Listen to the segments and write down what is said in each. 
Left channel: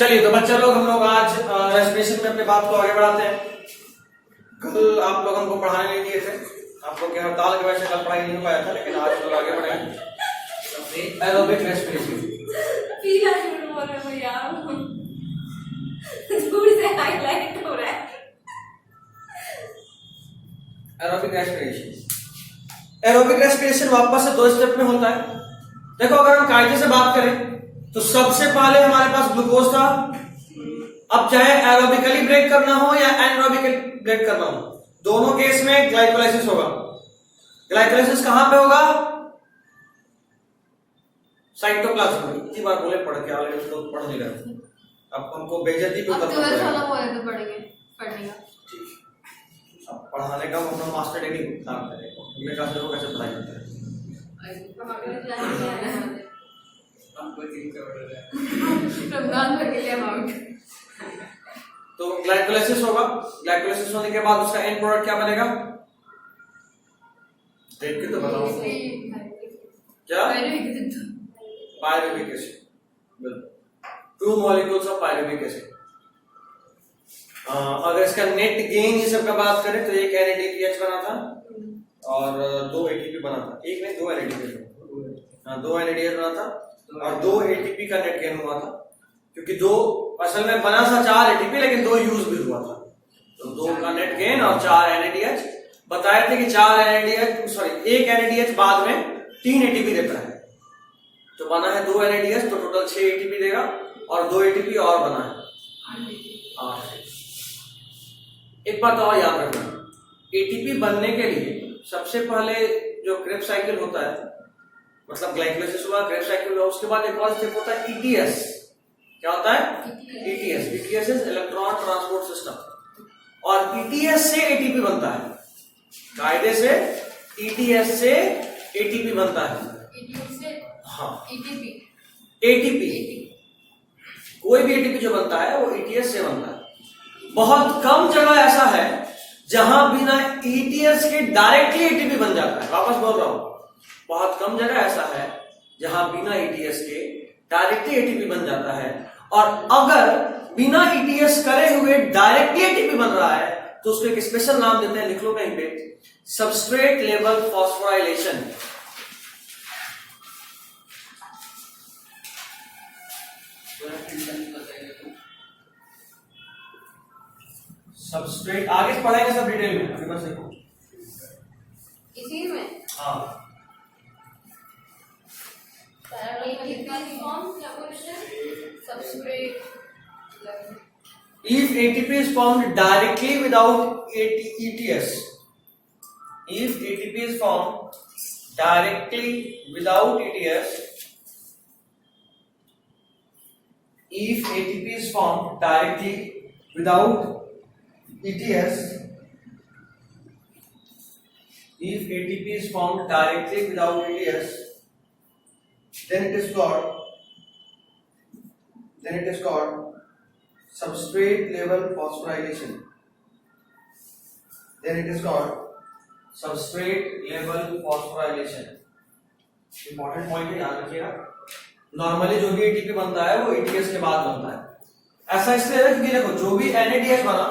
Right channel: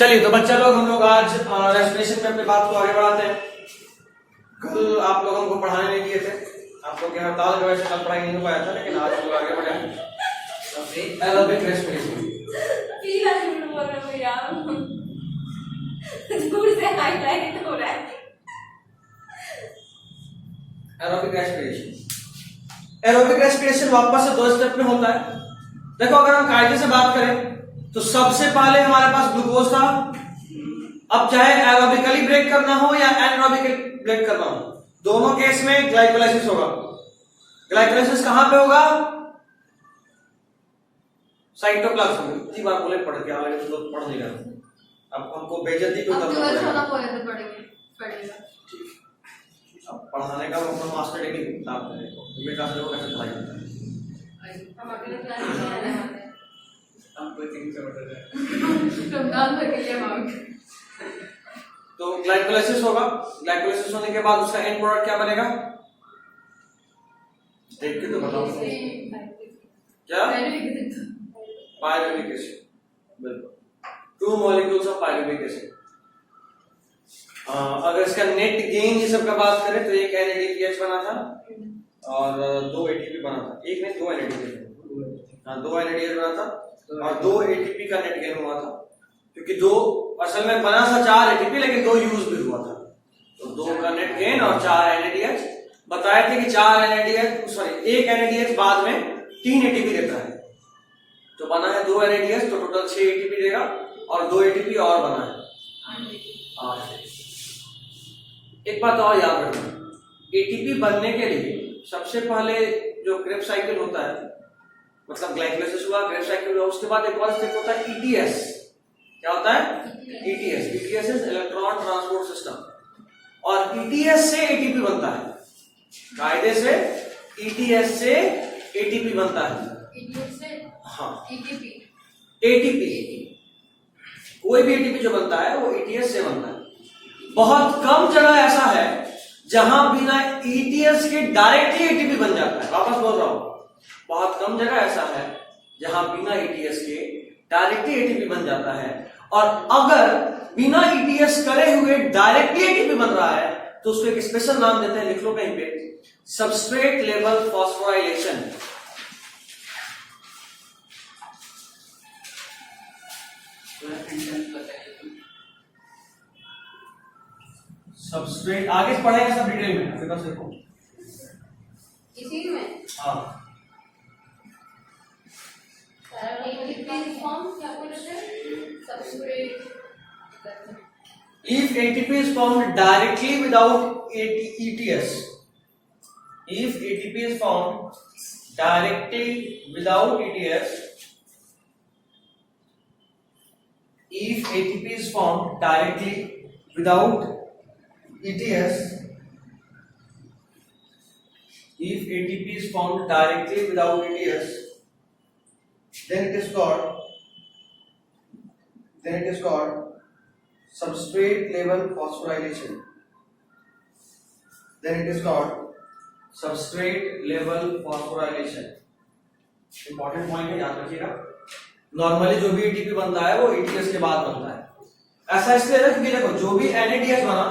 चलिए तो बच्चा लोग, हम लोग आज रेस्पिरेशन पे अपनी बात को आगे बढ़ाते हैं। कल आप लोगों को पढ़ाने नहीं दिए थे, आप लोग के हड़ताल की वजह से कल पढ़ाई नहीं हो पाया था, लेकिन आज हम लोग आगे बढ़े aerobic respiration. Aerobic respiration, aerobic respiration वापस से 2 स्टेप में होता है। देखो, अगर हम कायदे से बात करें तो सबसे पहले हमारे पास ग्लूकोज था। अब चाहे एरोबिकली ब्रेक करना हो या एनारोबिकली ब्रेक करना हो, दोनों केस में ग्लाइकोलाइसिस होगा। ग्लाइकोलाइसिस कहां पे होगा? साइटोप्लाज्म में। इतनी बार बोले पढ़ के, आगे तो पढ़ नहीं रहा। अब हमको बेइज्जती क्यों करना पड़ेगा? अब पढ़ाने का मतलब मास्टर डिग्री प्राप्त करने को, मैं कहा से कैसे पढ़ाई जाता है। तो ग्लाइकोलाइसिस होगा। ग्लाइकोलाइसिस होने के बाद उसका एंड प्रोडक्ट क्या बनेगा? देख के तो बताओ क्या? Pyruvic acid. बिल्कुल, 2 मॉलिक्यूल्स ऑफ पायरुविक एसिड। अगर इसका नेट गेन ये सब का बात करें तो एक NADPH बना था और 2 ATP बना था। एक नहीं, 2 NADPH, 2 NADH बना था और 2 ATP का नेट गेन हुआ था, क्योंकि 2 असल में बना था 4 ATP, लेकिन 2 यूज भी हुआ था। तो 2 का नेट गेन और 4 NADH। बताए थे कि 4 NADH, सॉरी 1 NADH बाद में 3 ATP देता है। तो बना है 2 NADH, तो टोटल 6 ATP देगा और 2 ATP और बना है 8। एक बात और याद रखना, ATP बनने के लिए सबसे पहले जो क्रेब्स साइकिल होता है, मतलब ग्लाइकोलाइसिस हुआ, क्रेब्स साइकिल हुआ, उसके बाद एक और स्टेप होता है ETS। क्या होता है? ETS। ETS is electron transport system. और ETS से ATP बनता है। कायदे से ETS से ATP बनता है। ETS से हाँ ATP कोई भी ATP जो बनता है वो ETS से बनता है। बहुत कम जगह ऐसा है जहां बिना ETS के डायरेक्टली ATP बन जाता है। वापस बोल रहा हूं, बहुत कम जगह ऐसा है जहां बिना ETS के डायरेक्टली ATP बन जाता है। और अगर बिना ETS करे हुए डायरेक्टली ATP बन रहा है तो उसको एक स्पेशल नाम देते हैं, लिख लो कहीं पे, सबस्ट्रेट लेवल फॉस्फोराइलेशन। सबस्ट्रेट आगे पढ़ेंगे सब डिटेल में, अभी बस देखो इसी में। हाँ, if ATP is formed directly without ETS, if ATP is formed directly without ETS, if ATP is formed directly without ETS, if ATP is formed directly without ETS, then it is called substrate level phosphorylation. Then it is called substrate level phosphorylation. Important point है, याद रखिएगा। Normally जो भी ATP बनता है वो ETS के बाद बनता है। ऐसा इसलिए है कि देखो, जो भी NADH बना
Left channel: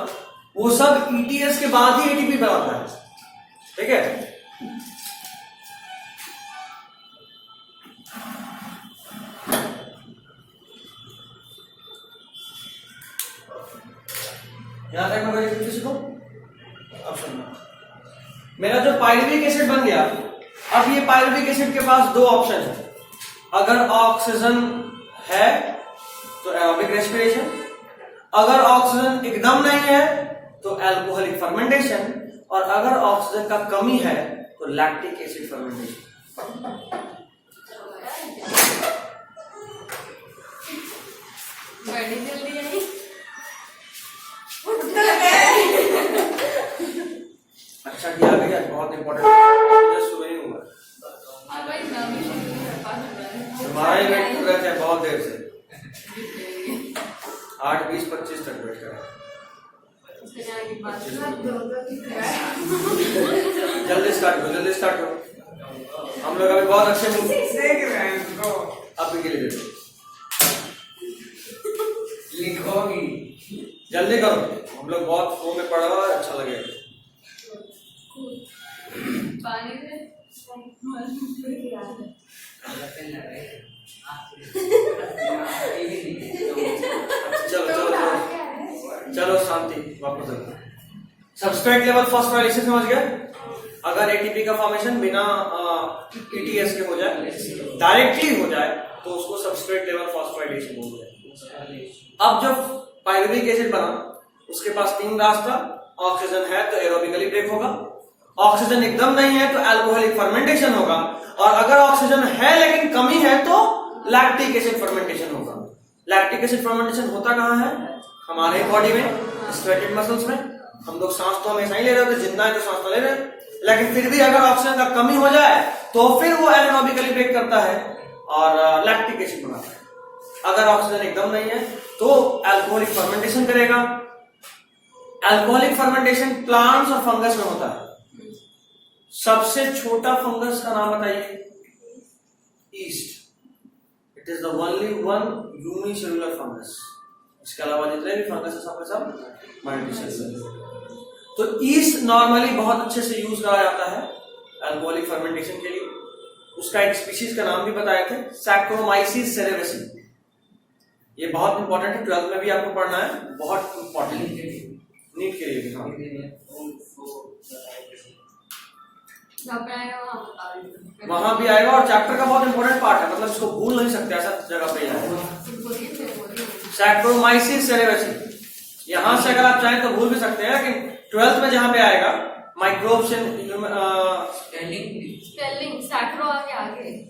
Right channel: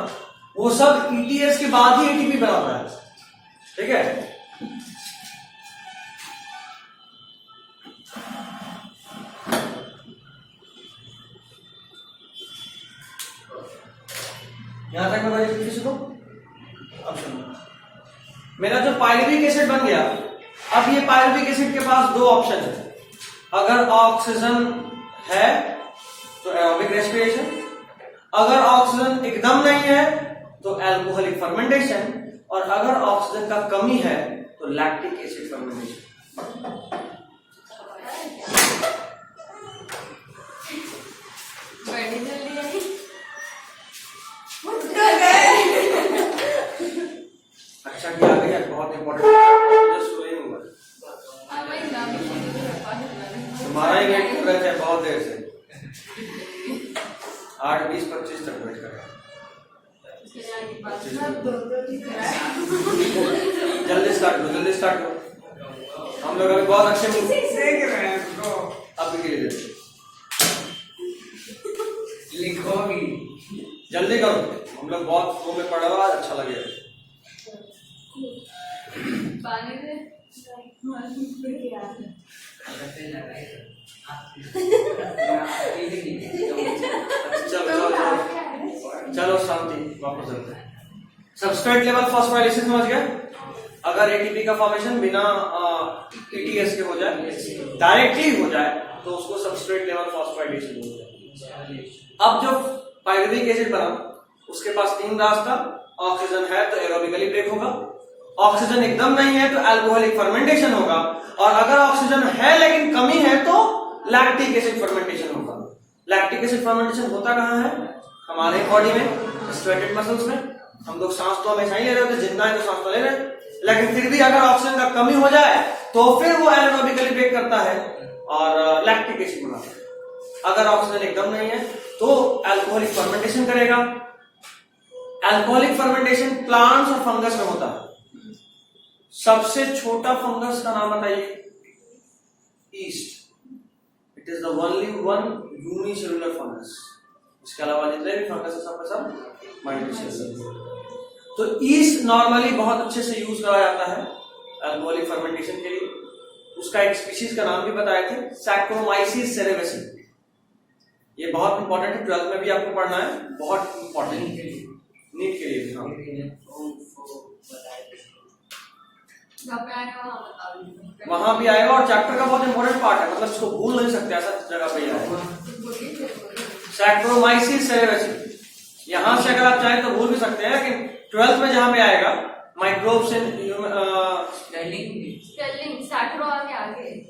वो सब ETS के बाद ही ATP बनाता है। ठीक है? यहां तक बताइए किसी को। अब सुनो, मेरा जो पायरुविक एसिड बन गया, अब ये पायरुविक एसिड के पास 2 ऑप्शन है। अगर ऑक्सीजन है तो एरोबिक रेस्पिरेशन, अगर ऑक्सीजन एकदम नहीं है तो अल्कोहलिक फर्मेंटेशन, और अगर ऑक्सीजन का कमी है तो लैक्टिक एसिड फर्मेंटेशन। अच्छा किया गया, बहुत इंपॉर्टेंट शुरू ही हुआ। तुम्हारा ही वेट कर रहे थे बहुत देर से, 8:20-25 तक वेट कर रहे हैं। जल्दी स्टार्ट करो। हम लोग अभी बहुत अच्छे अब भी गिरे लिखोगी। जल्दी करो, हम लोग बहुत फ्लो में पढ़ा हुआ है, अच्छा लगेगा। पानी से चलो शांति, वापस चलते हैं। सबस्ट्रेट लेवल फॉस्फोराइलेशन समझ गए? अगर एटीपी का फॉर्मेशन बिना एटीएस के हो जाए, डायरेक्टली हो जाए, तो उसको सबस्ट्रेट लेवल फॉस्फोराइलेशन बोलते हैं। अब जब पायरुविक एसिड बना, उसके पास तीन रास्ता, ऑक्सीजन है तो एरोबिकली ब्रेक होगा, ऑक्सीजन एकदम नहीं है तो अल्कोहलिक फर्मेंटेशन होगा, और अगर ऑक्सीजन है लेकिन कमी है तो लैक्टिक एसिड फर्मेंटेशन होगा। लैक्टिक एसिड फर्मेंटेशन होता कहाँ है? हमारे बॉडी में, स्वेटेड मसल्स में। हम लोग सांस तो हमेशा ही ले रहे होते, जिंदा है तो सांस तो ले रहे, लेकिन फिर भी अगर ऑक्सीजन का कमी हो जाए तो फिर वो एनारोबिकली ब्रेक करता है और लैक्टिक एसिड बनाता है। अगर ऑक्सीजन एकदम नहीं है तो अल्कोहलिक फर्मेंटेशन करेगा। अल्कोहलिक फर्मेंटेशन प्लांट्स और फंगस में होता है। सबसे छोटा फंगस का नाम बताइए? East. It is the only one unicellular fungus. इसके अलावा जितने भी फंगस है सब मल्टीसेलुलर। तो ईस्ट नॉर्मली बहुत अच्छे से यूज करा जाता है अल्कोहलिक फर्मेंटेशन के लिए। उसका एक स्पीशीज का नाम भी बताए थे, सैक्रोमाइसिस सेरेवेसी। ये बहुत इंपॉर्टेंट है, 12th में भी आपको पढ़ना है, बहुत इंपॉर्टेंट है, नीट के लिए भी। हाँ, वहां भी आएगा और चैप्टर का बहुत इंपॉर्टेंट पार्ट है, मतलब इसको भूल नहीं सकते, ऐसा जगह पे आएगा। सैक्रोमाइसिस सेरेवेसी, यहां से अगर आप चाहें तो भूल भी सकते हैं, लेकिन 12th में जहां पे आएगा माइक्रोब्स इन स्पेलिंग सैक्रो आगे आगे।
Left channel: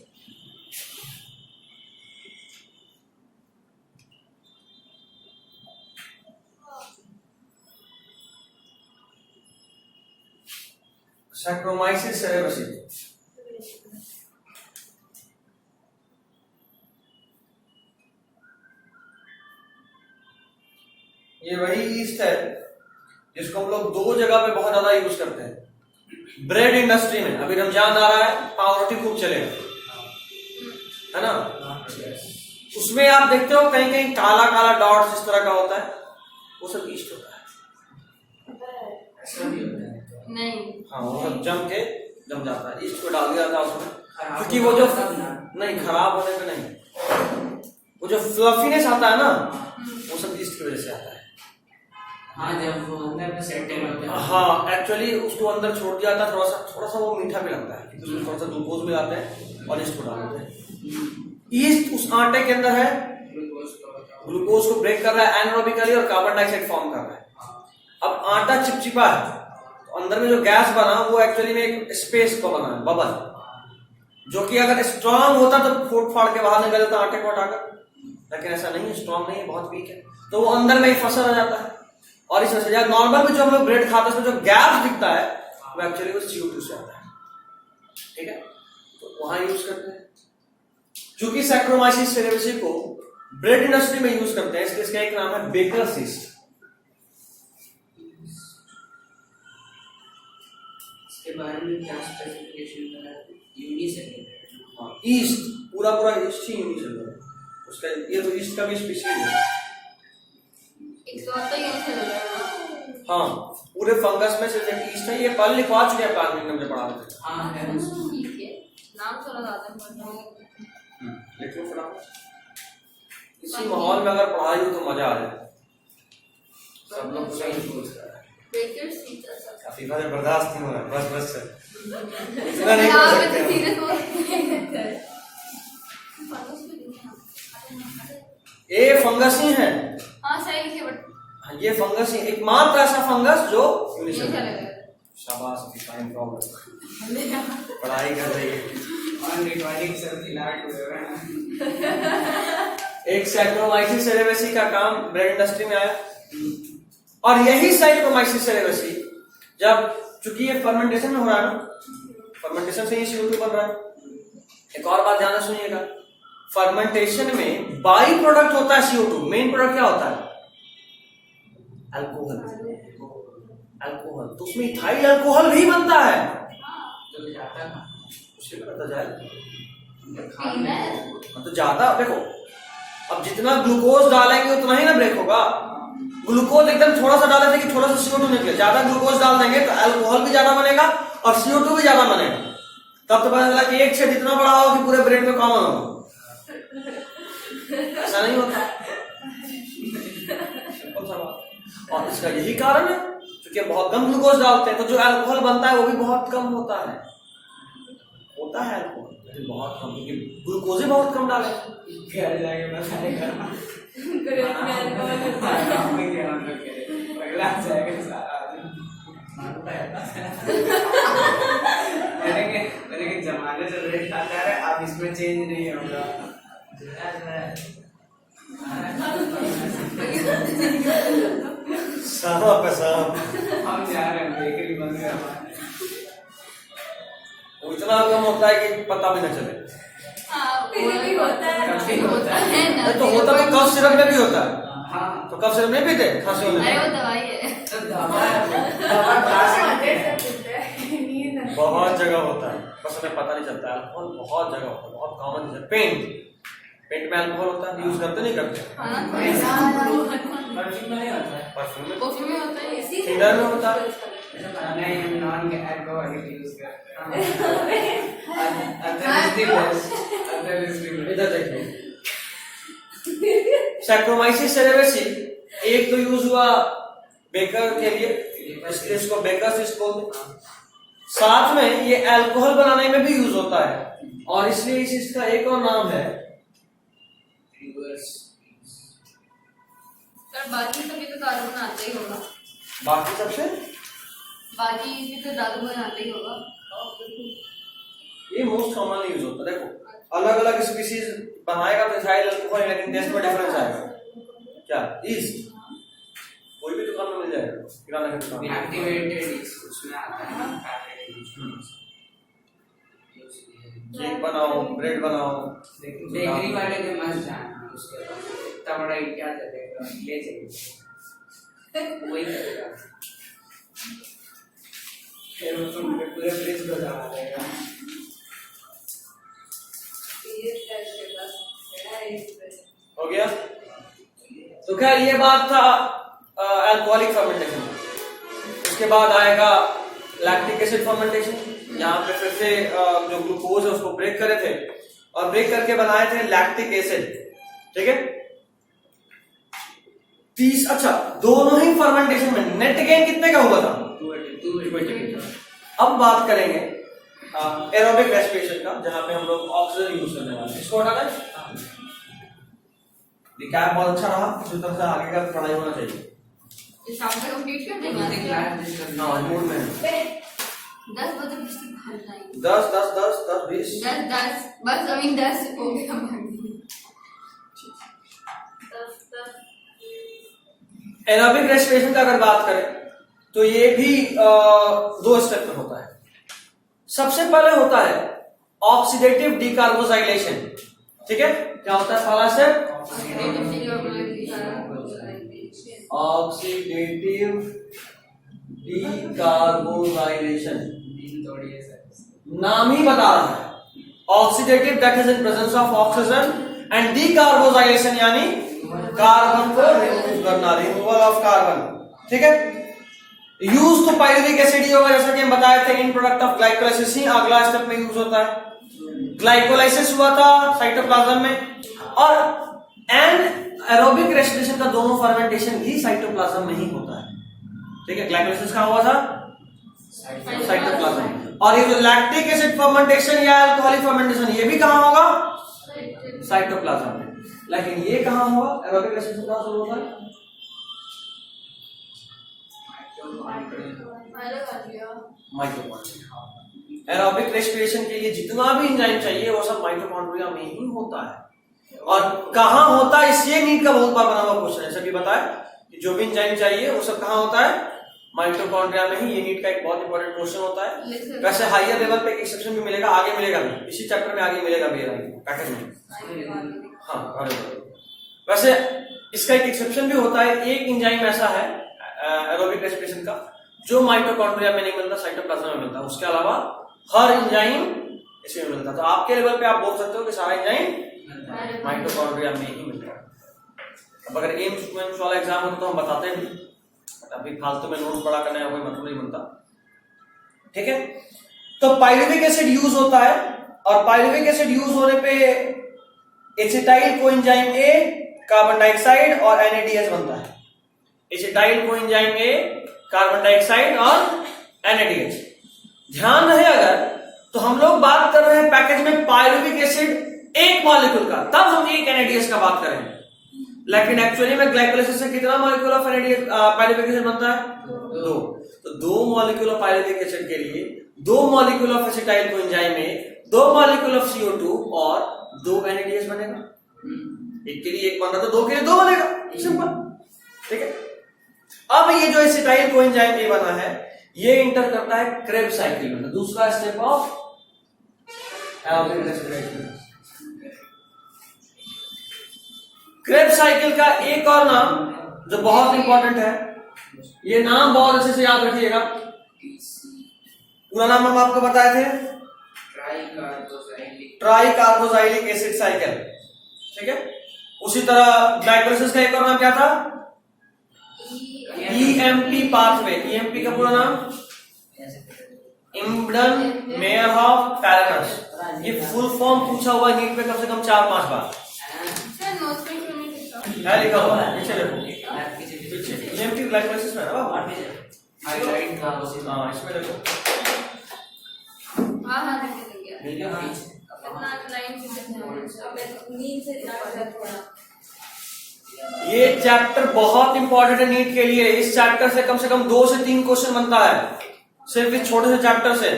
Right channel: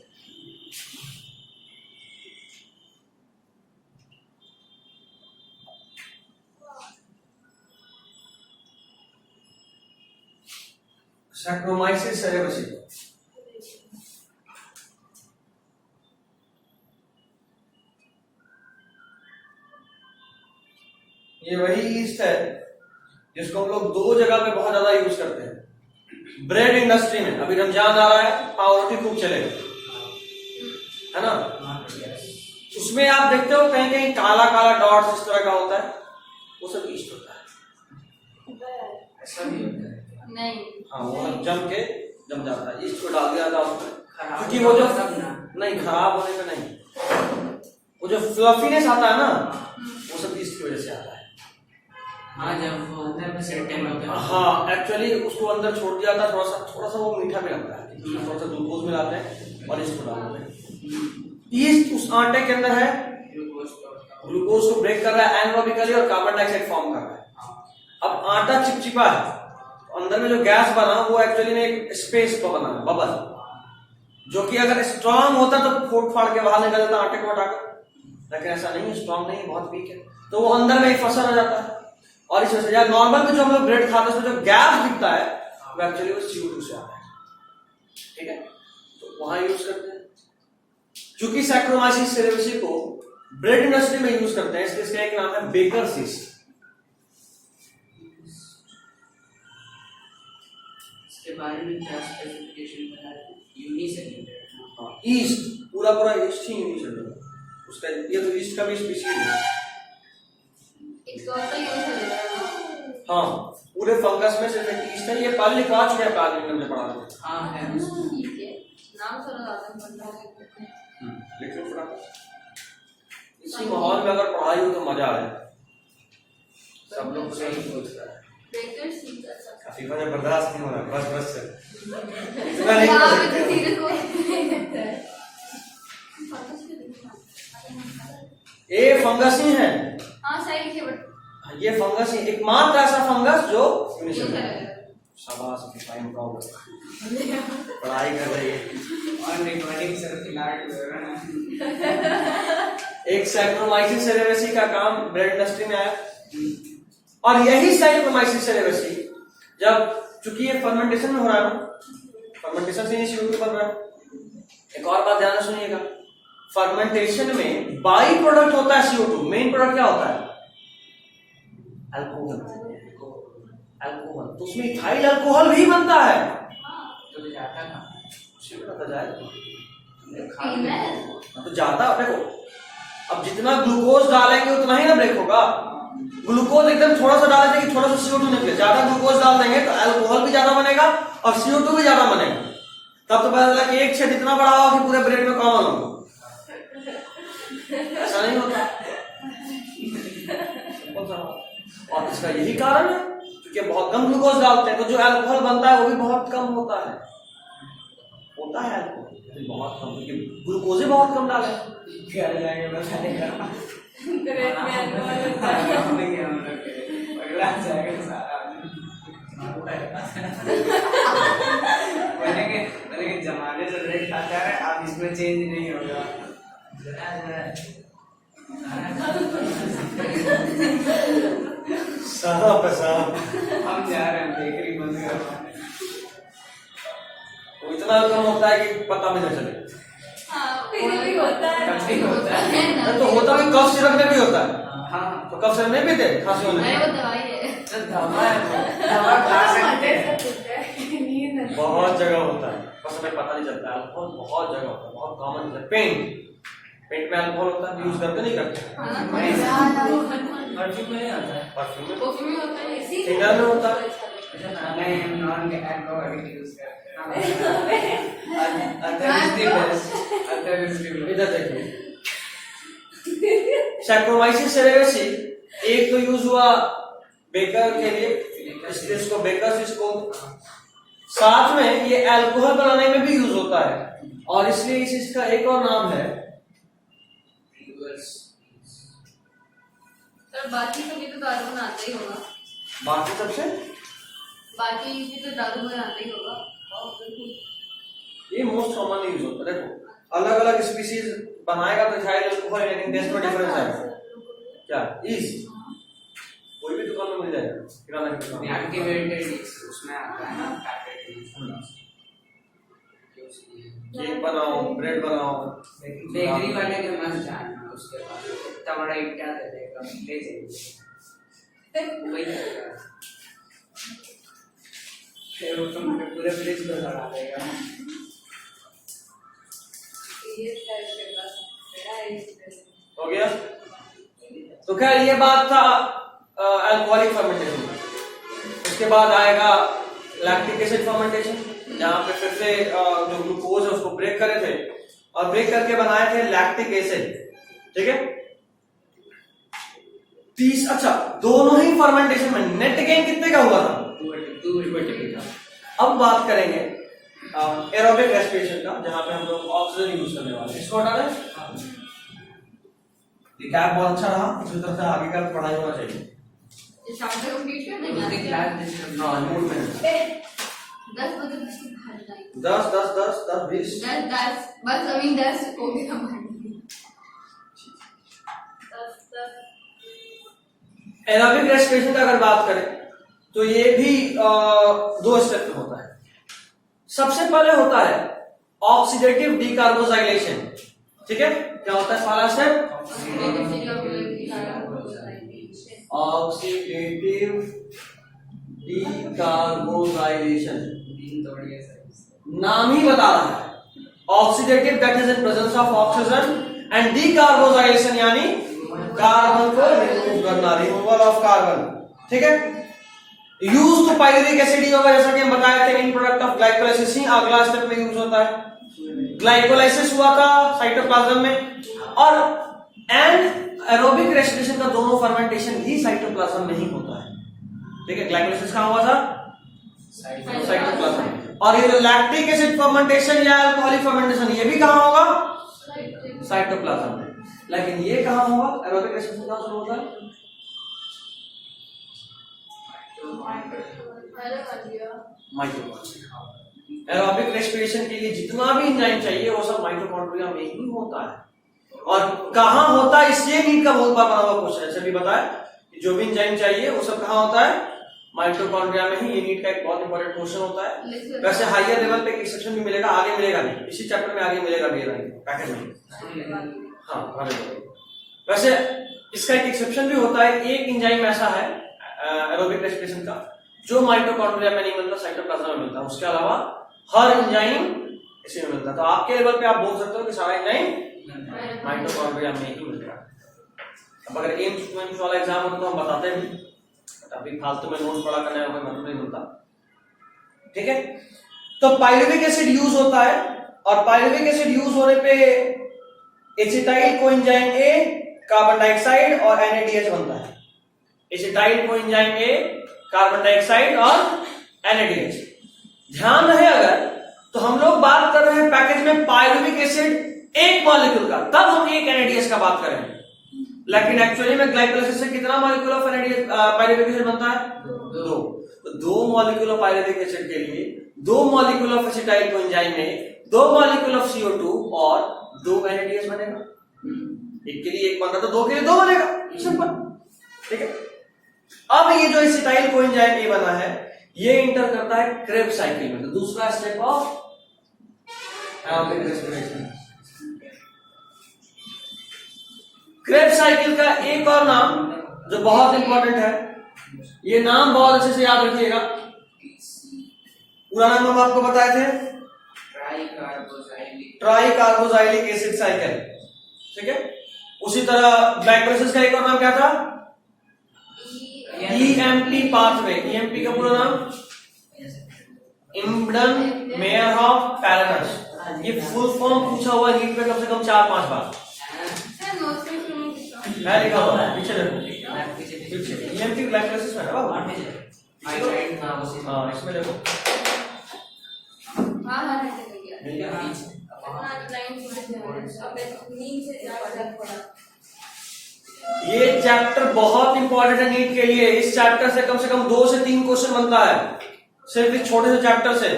सैक्रोमाइसिस सेरेवेसी। ये वही ईस्ट है जिसको हम लोग दो जगह पे बहुत ज्यादा यूज करते हैं। ब्रेड इंडस्ट्री में, अभी रमजान आ रहा है, पाव रोटी खूब चलेगा, है ना? उसमें आप देखते हो कहीं कहीं काला काला डॉट्स इस तरह का होता है, वो सब ईस्ट होता है। ऐसा भी होता है नहीं, हाँ, वो जम जाता है, ईस्ट को डाल दिया जाता है उसमें, क्योंकि वो जो नहीं खराब होने का नहीं, वो जो फ्लफीनेस आता है ना, वो सब ईस्ट की वजह से आता है। हाँ, जब वो अंदर में सेटल होते हैं। हाँ, एक्चुअली उसको अंदर छोड़ दिया था, थोड़ा सा वो मीठा भी लगता है, थोड़ा सा ग्लूकोज मिलाते हैं और इसको डालते हैं। ईस्ट उस आटे के अंदर है, ग्लूकोज को ब्रेक कर रहा है एनारोबिकली और कार्बन डाइऑक्साइड फॉर्म कर रहा है। अब आटा चिपचिपा है, तो अंदर में जो गैस बना वो एक्चुअली में एक स्पेस को बना, बबल, जो कि अगर स्ट्रांग होता तो फोड़ फाड़ के बाहर निकल जाता आटे को हटाकर, लेकिन ऐसा नहीं है, स्ट्रांग नहीं है, बहुत वीक है, तो वो अंदर में ही फंसा रह जाता है। और इस वजह से नॉर्मल में जो हम लोग ब्रेड खाते हैं उसमें जो गैस दिखता है वो एक्चुअली वो CO2 से आता है, ठीक है? तो वहां यूज करते हैं। चूंकि सैक्रोमाइसिस सेरेवेसी को ब्रेड इंडस्ट्री में यूज करते हैं, इसलिए इसका एक नाम है बेकर्स ईस्ट। इसके बारे में क्या स्पेसिफिकेशन बना है? यूनिसेलुलर। हाँ, ईस्ट पूरा ईस्ट ही यूनिसेलुलर है उसका। ये तो ईस्ट का भी स्पीशीज है। हाँ, पूरे फंगस में सिर्फ एक ईस्ट है, ये पहले 5 में प्लांट में पढ़ा रहे थे। हाँ है, ठीक है, नाम थोड़ा ज्यादा लिख लो फटाफट। इसी माहौल में अगर पढ़ाई हो तो मजा आ जाए, सब लोग सही बोलते हैं। काफी बर्दाश्त नहीं हो रहा, बस इतना नहीं बोल सकते। ये फंगस ही है। हाँ, सही लिखे, बट ये फंगस ही एकमात्र ऐसा फंगस जो यूनिसेलुलर है। शाबाश, डिफाइन प्रॉब्लम, पढ़ाई कर रही है और रिकॉर्डिंग सर फिलहाल हो रहा है। एक सैक्रोमाइसिस सेरेवेसी का काम ब्रेड इंडस्ट्री में आया, और यही सैक्रोमाइसिस सेरेवेसी जब, चूंकि ये फर्मेंटेशन में हो रहा है ना, फर्मेंटेशन से ही CO2 बन रहा है। एक और बात ध्यान से सुनिएगा, फर्मेंटेशन में बाई प्रोडक्ट होता है CO2, मेन प्रोडक्ट क्या होता है? अल्कोहल। अल्कोहल, तो उसमें इथाइल अल्कोहल भी बनता है। तो जाता था, उसी में पता जाए तो तो ज्यादा देखो, अब जितना ग्लूकोज डालेंगे उतना ही ना ब्रेक होगा। ग्लूकोज एकदम थोड़ा सा डाले थे कि थोड़ा सा CO2 निकले, ज्यादा ग्लूकोज डाल देंगे तो अल्कोहल भी ज्यादा बनेगा और CO2 भी ज्यादा बनेगा। तब तो पता चला कि एक छेद इतना बड़ा होगा कि पूरे ब्रेड में कॉमन होगा। ऐसा नहीं होता। और इसका यही कारण है क्योंकि बहुत कम ग्लूकोज डालते हैं तो जो अल्कोहल बनता है वो भी बहुत कम होता है अल्कोहल लेकिन बहुत कम, क्योंकि ग्लूकोज ही बहुत कम डाले। घर जाके बताएगा अगला जाएगा सारा मैंने जमाने से ब्रेड खाता है, अब इसमें चेंज नहीं होगा। हम जा रहे हैं बेकरी बंद करवा, वो इतना कम होता है कि पता भी न चले। भी होता है ना, तो होता तो कफ सिरप में भी होता है। हाँ तो कफ सिरप में भी थे खांसी होने अरे में। वो दवाई है। तो दवा खा सकते हैं। बहुत जगह होता है, बस हमें पता नहीं चलता। अल्कोहल बहुत जगह होता है, बहुत कॉमन है। पेंट में अल्कोहल होता है, यूज करते नहीं करते। परफ्यूम में नहीं होता है, परफ्यूम में परफ्यूम में होता है, इसी इधर में होता है। नहीं नॉन अल्कोहलिक यूज करते हैं। इधर देखिए, सैक्रोमाइसिस सेरेवेसी एक तो यूज हुआ बेकर के लिए, इसको बेकर बोलते हैं। साथ में ये अल्कोहल बनाने में भी यूज होता है और इसलिए इस चीज का एक और नाम है सर। बाकी सभी तो दारू बनाते ही होगा, बाकी सबसे बाकी भी तो दारू बनाते ही होगा। ये मोस्ट कॉमन यूज होता है। देखो अलग अलग स्पीसीज बनाएगा तो इथाइल अल्कोहल, लेकिन टेस्ट में डिफरेंस आएगा। क्या ईस्ट कोई भी दुकान में मिल जाएगा, किराना की दुकान में। एक्टिवेटेड उसमें आता है केक बनाओ, ब्रेड बनाओ, बेकरी वाले के मत जाना, उसके बाद इतना बड़ा इट्टा दे देगा, ले जाइए वही करेगा, फिर वो तुम्हारे पूरे फ्रिज को जला देगा। हो गया। तो खैर ये बात था अल्कोहलिक फर्मेंटेशन। उसके बाद आएगा लैक्टिक एसिड फर्मेंटेशन, जहां पे फिर से जो ग्लूकोज है उसको ब्रेक करे थे और ब्रेक करके बनाए थे लैक्टिक एसिड। ठीक है, अच्छा दोनों ही फर्मेंटेशन में नेट गेन कितने का हुआ था? 280 का। अब बात करेंगे एरोबिक रेस्पिरेशन का, जहां पे हम लोग ऑक्सीजन यूज करने वाले हैं। इसको हटा दें। रिकैप बहुत अच्छा रहा, उसी तरह से आगे का पढ़ाई होना चाहिए। इस शाम तक कंप्लीट कर देंगे। हाँ मूड में 10 बजे बस बाहर जाएंगे। 10 10 10 10 20 10 बस अभी 10 हो गया। एरोबिक रेस्पिरेशन का अगर बात करें तो ये भी 2 स्टेप में होता है। सबसे पहले होता है ऑक्सीडेटिव डीकार्बोजाइलेशन। ठीक है, क्या होता है पहला स्टेप? ऑक्सीडेटिव डीकार्बोजाइलेशन। नाम ही बता रहा है oxidative, that is in presence of oxygen, and decarboxylation यानी कार्बन को रिमूव करना, रिमूवल ऑफ कार्बन। ठीक है, यूज टू पाइरुविक एसिड ही होगा, जैसा कि हम बताए थे इन प्रोडक्ट ऑफ ग्लाइकोलाइसिस ही अगला स्टेप में यूज होता है। ग्लाइकोलाइसिस हुआ था साइटोप्लाज्म में, और एंड एरोबिक रेस्पिरेशन का दोनों फर्मेंटेशन ही साइटोप्लाज्म में ही होता है। ठीक है, ग्लाइकोलाइसिस कहां हुआ था? साइटोप्लाज्म। और ये जो लैक्टिक एसिड फर्मेंटेशन या अल्कोहलिक फर्मेंटेशन ये भी कहां होगा? साइटोप्लाज्म में। लेकिन ये कहां हुआ? एरोबिक रेस्पिरेशन कहां शुरू होता है? माइटोकॉन्ड्रिया। एरोबिक रेस्पिरेशन के लिए जितना भी एंजाइम चाहिए वो सब माइटोकॉन्ड्रिया में ही होता है। और कहां होता है इसलिए नीट का बहुत बार बना हुआ क्वेश्चन है। सभी बताया कि जो भी एंजाइम चाहिए वो सब कहां होता है? माइटोकॉन्ड्रिया में ही। ये नीट का एक बहुत इंपॉर्टेंट क्वेश्चन होता है। वैसे हायर लेवल पे एक्सेप्शन भी मिलेगा, आगे मिलेगा भी, इसी चैप्टर में आगे मिलेगा भी पैकेज में। हाँ, वैसे इसका एक एक्सेप्शन भी होता है। एक एंजाइम ऐसा है एरोबिक रेस्पिरेशन का जो माइटोकॉन्ड्रिया में नहीं मिलता, साइटोप्लाज्म में मिलता है। उसके अलावा हर एंजाइम इसमें मिलता है। तो आपके लेवल पे आप बोल सकते हो कि सारा एंजाइम माइटोकॉन्ड्रिया में ही मिलता है। अब अगर एम्स वाला एग्जाम होता तो हम बताते हैं भी, अभी फालतू में नोट्स पढ़ा करने का कोई मतलब नहीं बनता। ठीक है, तो पाइरुविक एसिड यूज होता है और पाइरुविक एसिड यूज होने पे एसिटाइल कोएंजाइम ए, कार्बन डाइऑक्साइड और NADH बनता है। एसिटाइल कोएंजाइम ए, कार्बन डाइऑक्साइड और NADH। ध्यान रहे अगर तो हम लोग बात कर रहे हैं पैकेज में पाइरुविक एसिड एक मॉलिक्यूल का, तब हम एक NADH का बात करें, लेकिन एक्चुअली में ग्लाइकोलाइसिस से कितना मॉलिक्यूल ऑफ पाइरुविक एसिड बनता है? 2। तो 2 मॉलिक्यूल ऑफ पाइरुविक एसिड के लिए 2 molecule of acetyl coenzyme A, 2 molecule of CO2 और 2 NADH बनेगा। एक के लिए एक बन रहा तो 2 के लिए 2 बनेगा, सिंपल। ठीक है, अब ये जो एसिटाइल कोएंजाइम ए बना है ये इंटर करता है क्रेब्स साइकिल में, तो दूसरा step of aerobic respiration. Krebs cycle का एक और नाम जो बहुत इंपॉर्टेंट है, ये नाम बहुत अच्छे से याद रखिएगा। पूरा नाम हम आपको बताए थे, ट्राई कार्बोजाइलिक एसिड साइकिल। ठीक है, उसी तरह ग्लाइकोलाइसिस का एक और नाम क्या था? EMP pathway. EMP का पूरा नाम इम्बडन मेयरहॉफ पैराडाइस। ये फुल फॉर्म पूछा हुआ नीट में कम से कम 4-5 बार है, लिखा हुआ है पीछे देखो। EMP ग्लाइकोलाइसिस है ना, इसमें देखो। ये चैप्टर बहुत इंपॉर्टेंट है नीट के लिए। इस चैप्टर से कम 2 से 3 क्वेश्चन बनता है, सिर्फ इस छोटे से चैप्टर से।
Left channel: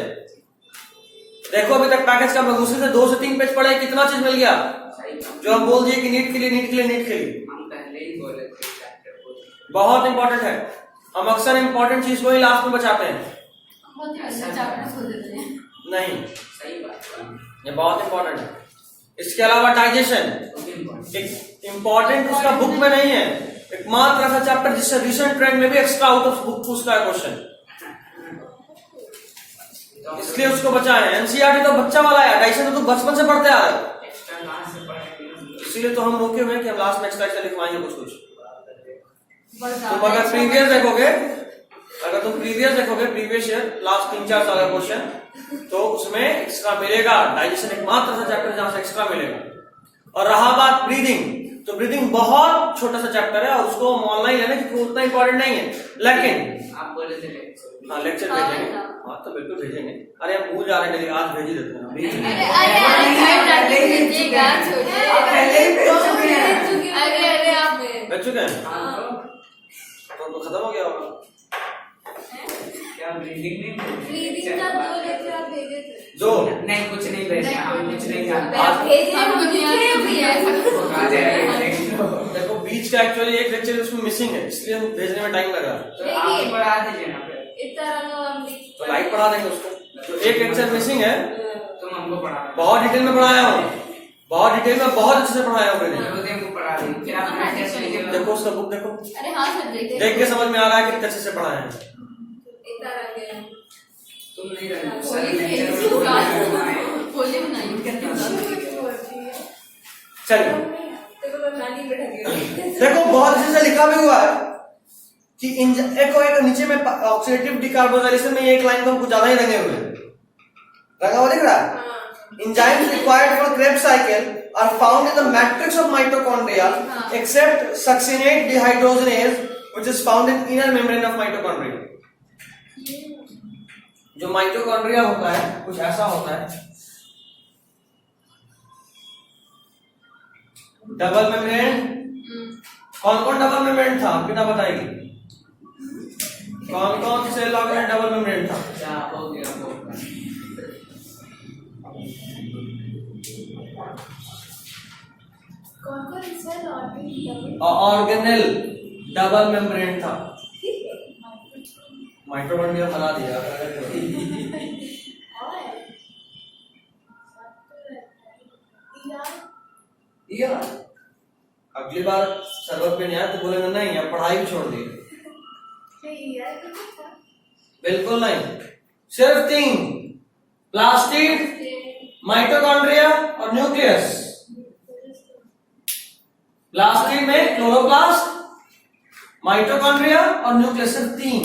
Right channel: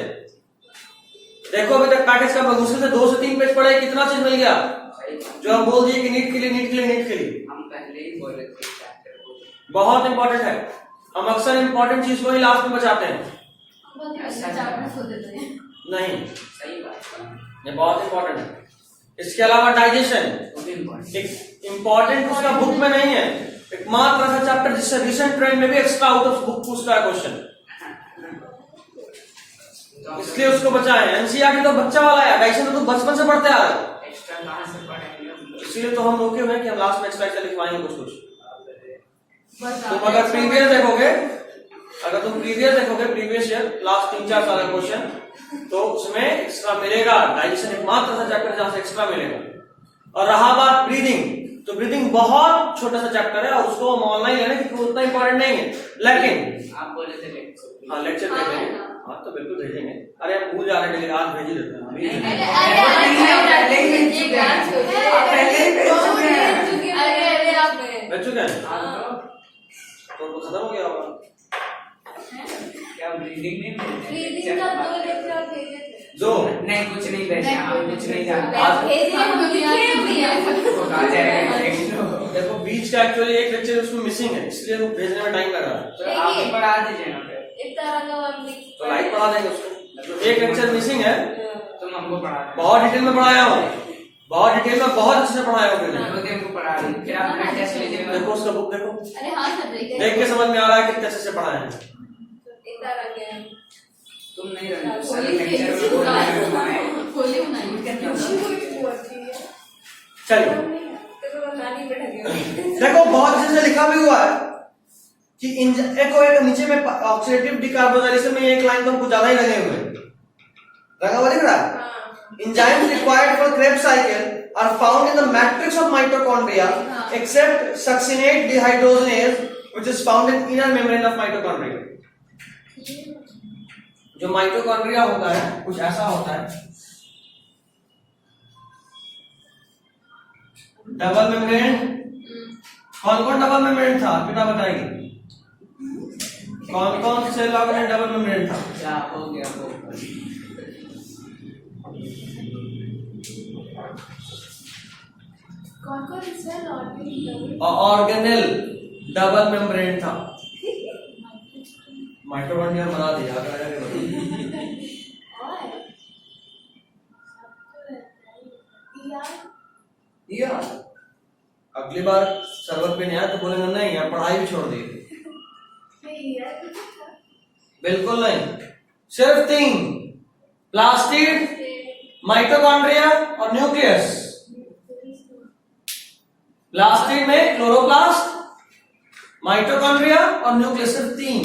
देखो अभी तक पैकेज का मुश्किल से 2 से 3 पेज पढ़े, कितना चीज मिल गया जो हम बोल दिए कि नीट के लिए हम पहले ही बोले थे चैप्टर को बहुत इंपॉर्टेंट है। हम अक्सर इंपॉर्टेंट चीज को ही लास्ट में बचाते हैं। नहीं, सही बात है, ये बहुत इंपॉर्टेंट है। इसके अलावा डाइजेशन इंपॉर्टेंट उसका बुक में नहीं है, एकमात्र ऐसा चैप्टर जिससे रिसेंट ट्रेंड में भी एक्स्ट्रा आउट ऑफ बुक पूछता है क्वेश्चन, इसलिए उसको बचाए। एनसीईआरटी तो बच्चा वाला है, डाइजेशन तो बचपन से पढ़ते आ रहे हैं, इसीलिए तो हम रोके हुए कि हम लास्ट में एक्स्ट्रा लिखवाएंगे कुछ। तुम अगर प्रीवियस देखोगे प्रीवियस ईयर लास्ट 3-4 साल का क्वेश्चन, तो उसमें एक्स्ट्रा मिलेगा। डाइजेशन एकमात्र ऐसा चैप्टर जहां से एक्स्ट्रा मिलेगा। और रहा बात ब्रीदिंग, तो ब्रीदिंग बहुत छोटा सा चैप्टर है और उसको हम ऑनलाइन लेना क्योंकि वो उतना इंपॉर्टेंट नहीं है, लेकिन आप बोले थे लेक्चर भेजेंगे। हाँ तो बिल्कुल भेजेंगे। अरे हम भूल जा रहे हैं, आज भेज ही देते हैं। भेज चुके हैं तो खत्म हो गया होगा। क्या ब्रीदिंग नहीं 2 नहीं, कुछ नहीं भेजा, हम कुछ नहीं जानते। देखो बीच का एक्चुअली एक लेक्चर उसमें मिसिंग है, इसलिए हम भेजने में टाइम लग रहा है। तो आप ही पढ़ा दीजिए ना फिर, तो लाइव पढ़ा देंगे उसको। तो एक लेक्चर मिसिंग है, तुम हमको पढ़ा दो। बहुत डिटेल में पढ़ाया हूँ, बहुत डिटेल में बहुत अच्छे से पढ़ाया हूँ मैंने। हमको पढ़ा दें, फिर आप टेस्ट ले लेंगे। देखो उसका बुक देखो, देख के समझ में आ रहा है कितने अच्छे से पढ़ाया है। तुम नहीं रहना सर, लेक्चर में चलिए देखो बहुत अच्छे से लिखा भी हुआ है कि एक नीचे में ऑक्सीडेटिव डिकार्बोनाइलेशन में एक लाइन तो हमको ज्यादा ही लगे हुए लगा हुआ दिख रहा है। Enzymes required for Krebs cycle are found in the matrix of mitochondria except succinate dehydrogenase which is found in inner membrane of mitochondria. जो माइटोकॉन्ड्रिया होता है कुछ ऐसा होता है, डबल मेम्ब्रेन। कौन कौन डबल मेम्ब्रेन था बेटा बताएगी, कौन कौन सेल ऑर्गेन डबल मेम्ब्रेन था? क्या हो गया वो कौन सेल ऑर्गेनेल डबल मेम्ब्रेन था। माइटोकॉन्ड्रिया बना दिया। अगली बार सर्वर पे नहीं आया तो बोलेंगे नहीं अब पढ़ाई भी छोड़ दी। बिल्कुल नहीं, सिर्फ 3 प्लास्टिड, माइटोकॉन्ड्रिया और न्यूक्लियस। प्लास्टिड में क्लोरोप्लास्ट माइटोकॉन्ड्रिया और न्यूक्लियस, सिर्फ 3।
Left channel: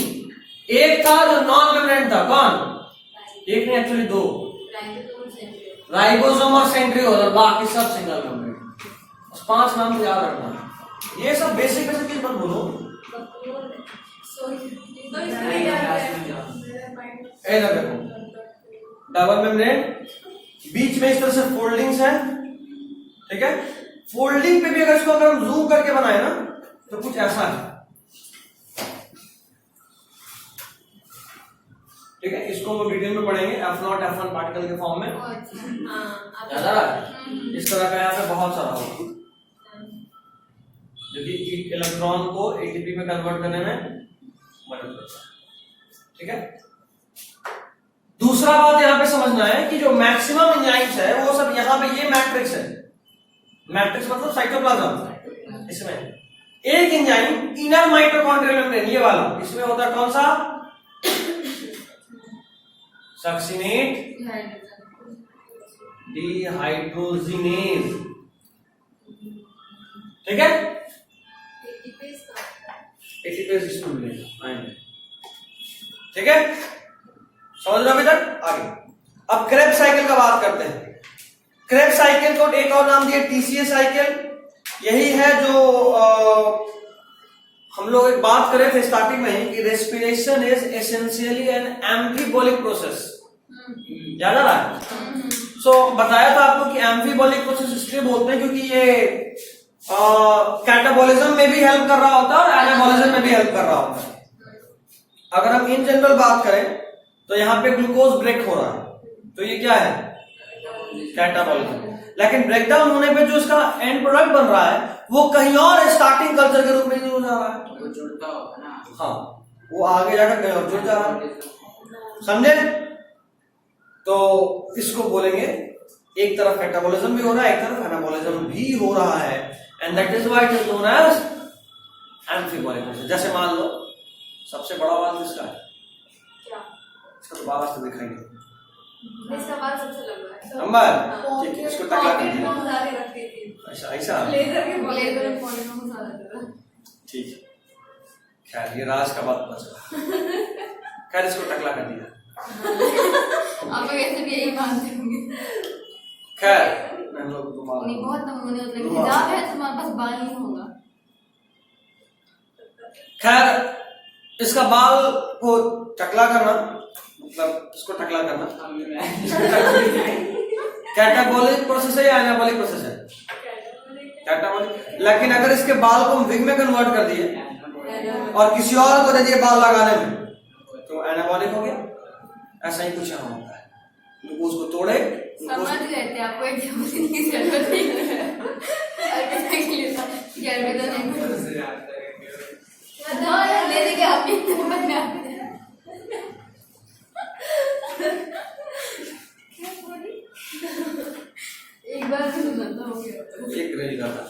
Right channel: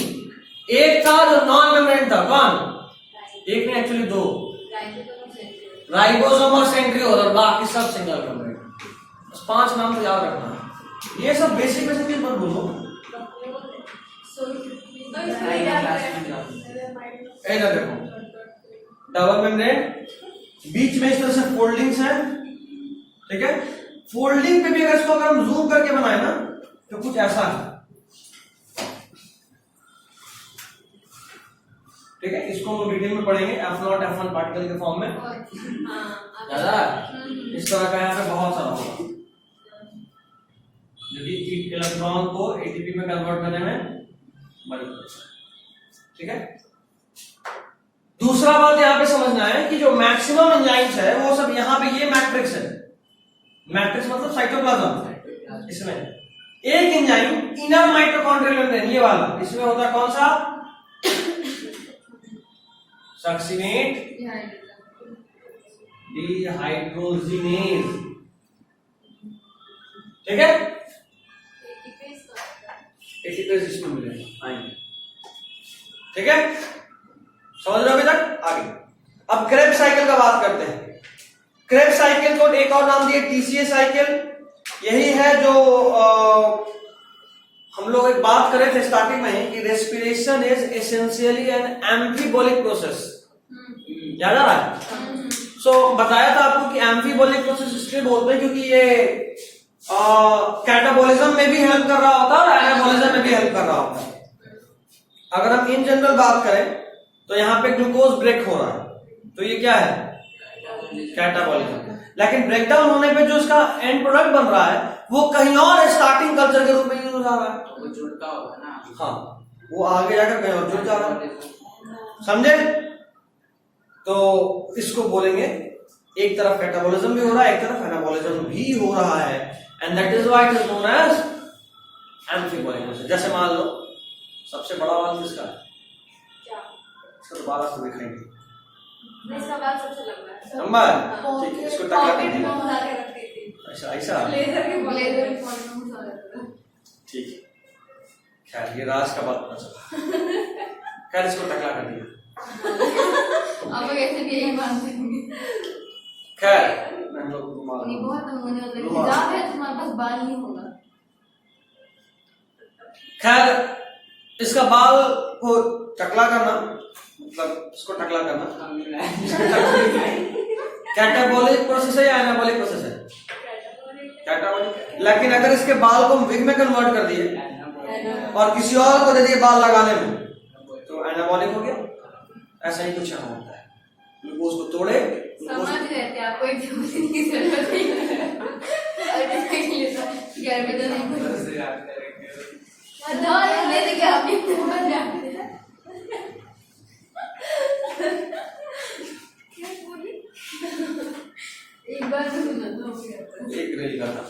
एक था जो नॉन मेम्ब्रेन था, कौन? एक नहीं, एक्चुअली 2, राइबोसोम और सेंट्रियोल, और बाकी सब सिंगल मेम्ब्रेन। बस 5 नाम याद रखना है। ये सब बेसिक चीज मत भूलो। इधर देखो, डबल मेम्ब्रेन, बीच में इस तरह से फोल्डिंग्स हैं, ठीक है। फोल्डिंग पे भी अगर इसको अगर हम जूम करके बनाए ना तो कुछ ऐसा है, ठीक है। इसको हम डिटेल में पढ़ेंगे, F0 F1 पार्टिकल के फॉर्म में। याद आ रहा है? इस तरह का यहाँ पे बहुत सारा होगा जो कि इलेक्ट्रॉन को एटीपी में कन्वर्ट करने में मदद करता है, ठीक है। दूसरा बात यहाँ पे समझना है कि जो मैक्सिमम एंजाइम्स है वो सब यहाँ पे, ये मैट्रिक्स है। मैट्रिक्स मतलब साइटोप्लाज्म। इसमें एक एंजाइम इनर माइटोकॉन्ड्रियल मेम्ब्रेन, ये वाला, इसमें होता है कौन सा? सक्सिनेट डिहाइड्रोजिनेज, ठीक है। एटीपेज इसमें मिलेगा, आएंगे, ठीक है। समझ रहे अभी तक? आगे अब क्रेब्स साइकिल का बात करते हैं। क्रेब्स साइकिल को एक और नाम दिया टीसीए साइकिल। यही है जो हम लोग एक बात करें थे स्टार्टिंग में ही कि respiration is essentially an amphibolic process. याद आ रहा है? सो बताया था आपको कि एम्फीबोलिक प्रोसेस इसलिए बोलते हैं क्योंकि ये कैटाबोलिज्म में भी हेल्प कर रहा होता है और एनाबोलिज्म में भी हेल्प कर रहा होता है। अगर हम इन जनरल बात करें तो यहाँ पे ग्लूकोज ब्रेक हो रहा है, तो ये क्या है? कैटाबोलिज्म। लेकिन ब्रेकडाउन होने पे जो इसका एंड प्रोडक्ट बन रहा है वो कहीं और स्टार्टिंग कल्चर के रूप में यूज हो जा रहा है, वो जुड़ता होगा ना। हाँ, वो आगे जाकर कहीं और जुड़ जा रहा है, समझे? तो इसको बोलेंगे एक तरफ कैटाबोलिज्म भी हो रहा है, एक तरफ एनाबोलिज्म भी हो रहा है, and that is why it is known as amphibolic process. जैसे मान लो सबसे बड़ा वाल किसका है? इसका तो बाल आज तो दिखाएंगे, इसका बाल सबसे लंबा है। लंबा है, ठीक है। इसको टकला कर दिया, ऐसा ऐसा, ठीक है। खैर ये राज का बात पता चला। खैर इसको टकला कर दिया। आप वैसे भी यही मानते होंगे। खैर हम लोग नहीं, बहुत नमूने होते हैं, हिजाब है तो तुम्हारे पास बाल नहीं होगा। खैर इसका बाल को टकला करना मतलब इसको टकला करना कैटाबोलिक प्रोसेस है या एनाबोलिक प्रोसेस है? कैटाबोलिक। लेकिन अगर इसके बाल को हम विग में कन्वर्ट कर दिए और किसी और को दे दिए बाल लगाने में तो एनाबोलिक हो गया। ऐसा ही कुछ यहाँ होता है, ग्लूकोज को तोड़े, समझ रहते आपको एक जरूरी की जरूरत नहीं है। एक बार तो सुना हो गया, एक रेल का था,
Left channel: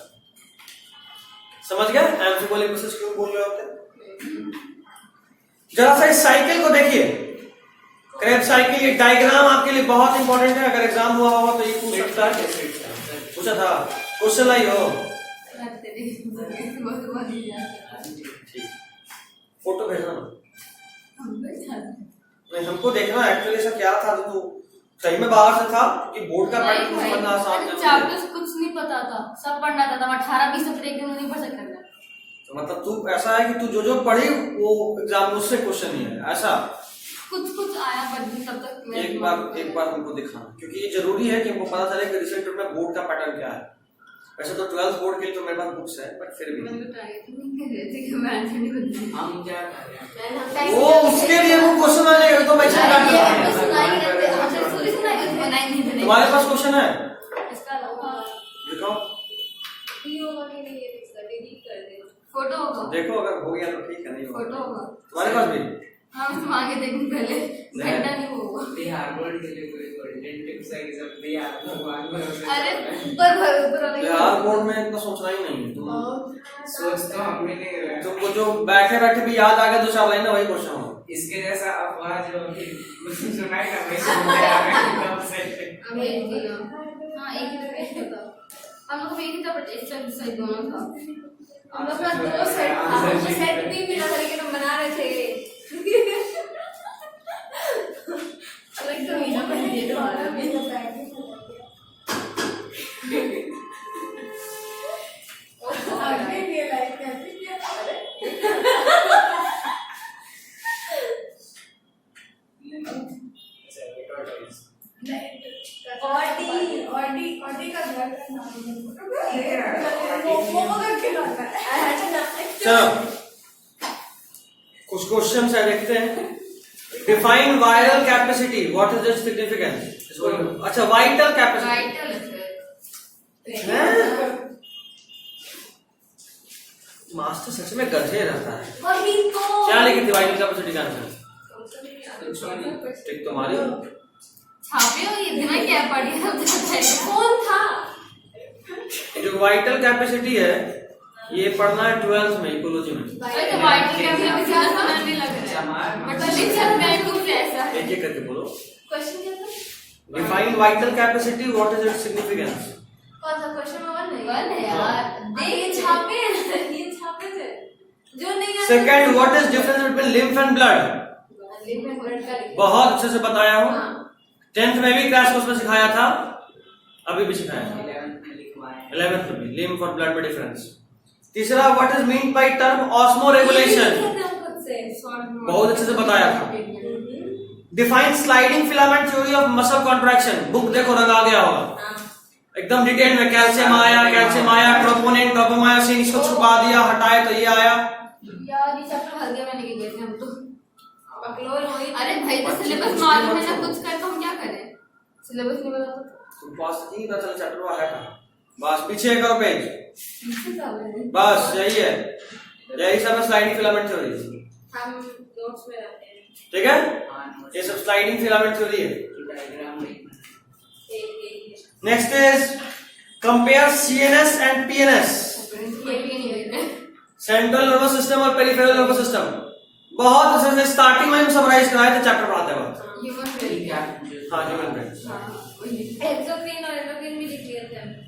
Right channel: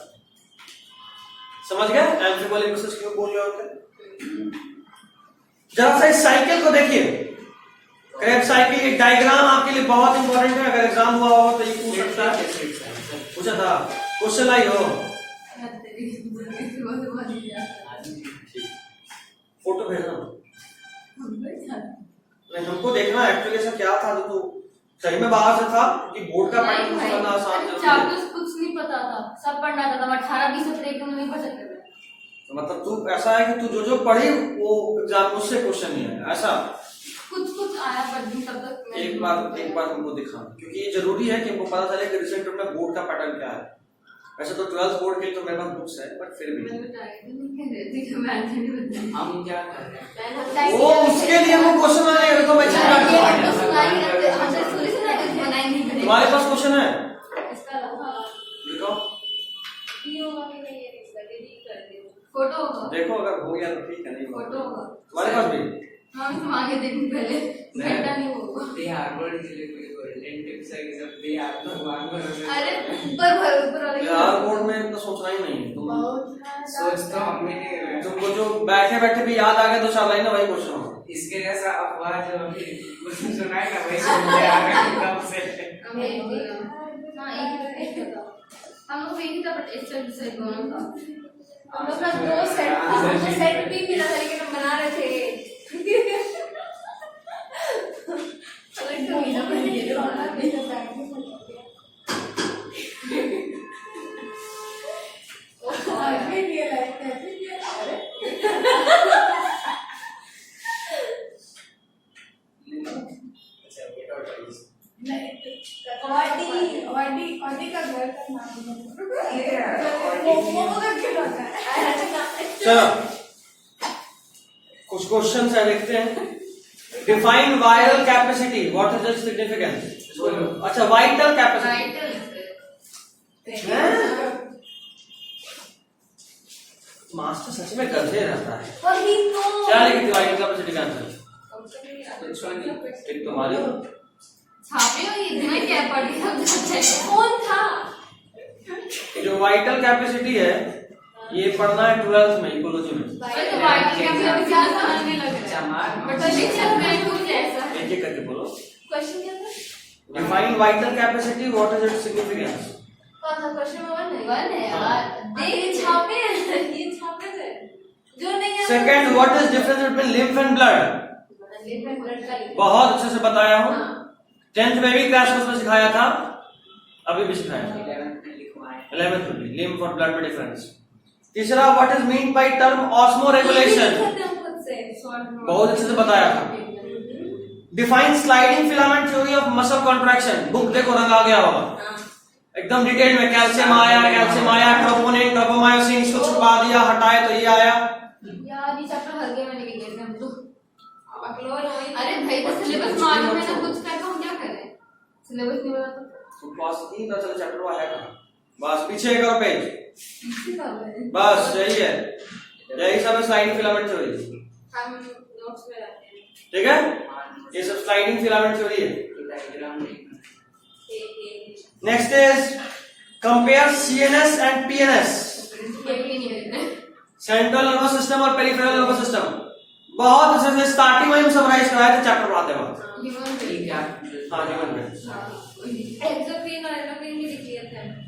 समझ गया? एम्फीबोलिक प्रोसेस क्यों बोल रहे होते हैं? जरा सा इस साइकिल को देखिए, क्रेब्स साइकिल। ये डायग्राम आपके लिए बहुत इंपॉर्टेंट है, अगर एग्जाम हुआ हो तो ये पूछ सकता है, पूछा था, क्वेश्चन आई हो। फोटो भेजना नहीं, हमको देखना एक्चुअली ऐसा क्या था जो सही में बाहर से था कि बोर्ड का पैटर्न समझना आसान था। चैप्टर्स कुछ नहीं पता था, सब पढ़ना था। 18-20 सब्जेक्ट एकदम नहीं पढ़ सकता था। तो मतलब तू ऐसा है कि तू जो जो पढ़ी वो एग्जाम उससे क्वेश्चन नहीं है ऐसा? कुछ आया पर तब तक एक बार हमको दिखाना, क्योंकि ये जरूरी है कि हमको पता चले कि रिसेंट में बोर्ड का पैटर्न क्या है। वैसे तो 12th बोर्ड के लिए तो मेरे पास बुक्स है, बट फिर भी हम क्या कर रहे हैं? वो उसके लिए वो क्वेश्चन आने तो मैं चेक कर तुम्हारे पास क्वेश्चन है दिखाओ, फोटो देखो अगर हो गया तो ठीक है, नहीं होगा फोटो तुम्हारे पास भी। हम तुम आगे देखने पहले घंटा नहीं होगा। बिहार बोर्ड के लिए कोई गोल्डन टिप्स है कि सब बिहार भगवान भरोसे। अरे ऊपर बिहार बोर्ड में इतना सोचना ही नहीं है, तुम सोच तो हमें नहीं रहे। तुमको जो बैठे बैठे भी याद आ गया 2-4 लाइन वही क्वेश्चन होगा। इसके जैसा अफवाह जो अभी कुछ सुनाई ना वही सुनते आ रहे हैं कब से। हाँ एक ही था, हम लोग एक ही था, बट एक साइड दोनों था। हम लोग का दो सेट था, हमको सेट भी मिला था लेकिन हम बना रहे थे। अलग तो मिला था ये तो वाला मेरा बैग में फंस गया। आगे ये लाइक कैसे किया? अरे ऑडी का घर का नाम वो करके लाता है। चलो कुछ क्वेश्चन है देखते हैं। Define viral capacity, what is its significance? अच्छा वाइटल कैपेसिटी, मास्टर सच में गधे रहता है। क्या लिखी थी वाइटल कैपेसिटी का आंसर? एक तुम्हारी छापे हो ये इतना क्या पढ़ी कौन था? जो वाइटल कैपेसिटी है ये पढ़ना है 12th में इकोलॉजी में। तो वाइटल कैपेसिटी क्या समझने लग रहा है बट लिखा मैं कुछ ऐसा है। एक एक करके बोलो। क्वेश्चन क्या था? Define vital capacity, what is its significance? कौन सा क्वेश्चन? वन है यार। ये छापे थे जो नहीं है। Second, what is difference between lymph and blood? Lymph and blood का बहुत अच्छे से बताया हूँ। हाँ। 10th में भी क्रैश कोर्स में सिखाया था, अभी भी सिखाया था। 11th में लिखवाया। 11th में भी लिम्फ और ब्लड में डिफरेंस। तीसरा, what is mean by term osmo regulation? बहुत अच्छे से बताया था। Define sliding filament theory of muscle contraction, book देखो रंग आ गया होगा एकदम डिटेल में। कैल्शियम आया, ट्रोपोनिन, ट्रोपोमायोसिन, इसको छुपा दिया, हटाए तो ये आया। यार ये चैप्टर हर गए में लेके गए थे हम तो। अरे भाई तो सिलेबस मालूम है ना कुछ कर तो हम क्या करें? सिलेबस नहीं पता तुम पास नहीं पता चला चैप्टर वो है कहाँ। बस पीछे करो पेज, तो बस यही है, यही सब है स्लाइडिंग फिलामेंट थ्योरी। हम नोट्स में रहते हैं। ठीक है, ये सब स्लाइडिंग फिलामेंट थ्योरी है। डायग्राम नहीं next is compare CNS and PNS, central nervous system और पेरिफेरल नर्वस सिस्टम। बहुत अच्छे से स्टार्टिंग में हम समराइज कराए थे चैप्टर पढ़ाते वक्त। हाँ ह्यूमन ब्रेन।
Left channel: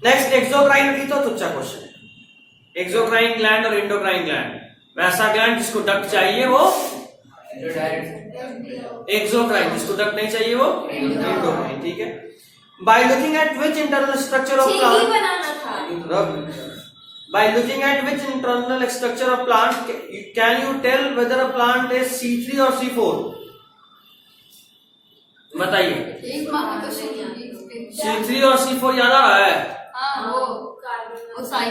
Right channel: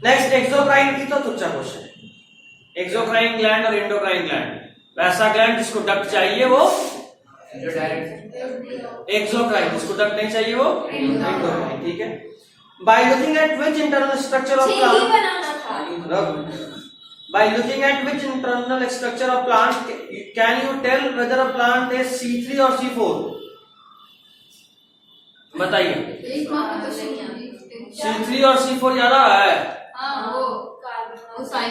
नेक्स्ट एक्सोक्राइन की तो तुच्चा क्वेश्चन। एक्सोक्राइन ग्लैंड और इंडोक्राइन ग्लैंड, वैसा ग्लैंड जिसको डक्ट चाहिए वो एक्सोक्राइन, जिसको डक्ट नहीं चाहिए वो इंडोक्राइन। ठीक है। By looking at which internal structure of plant, by looking at which internal structure of plant can you tell whether a plant is C3 or C4? बताइए। C3 और C4 याद आ रहा है?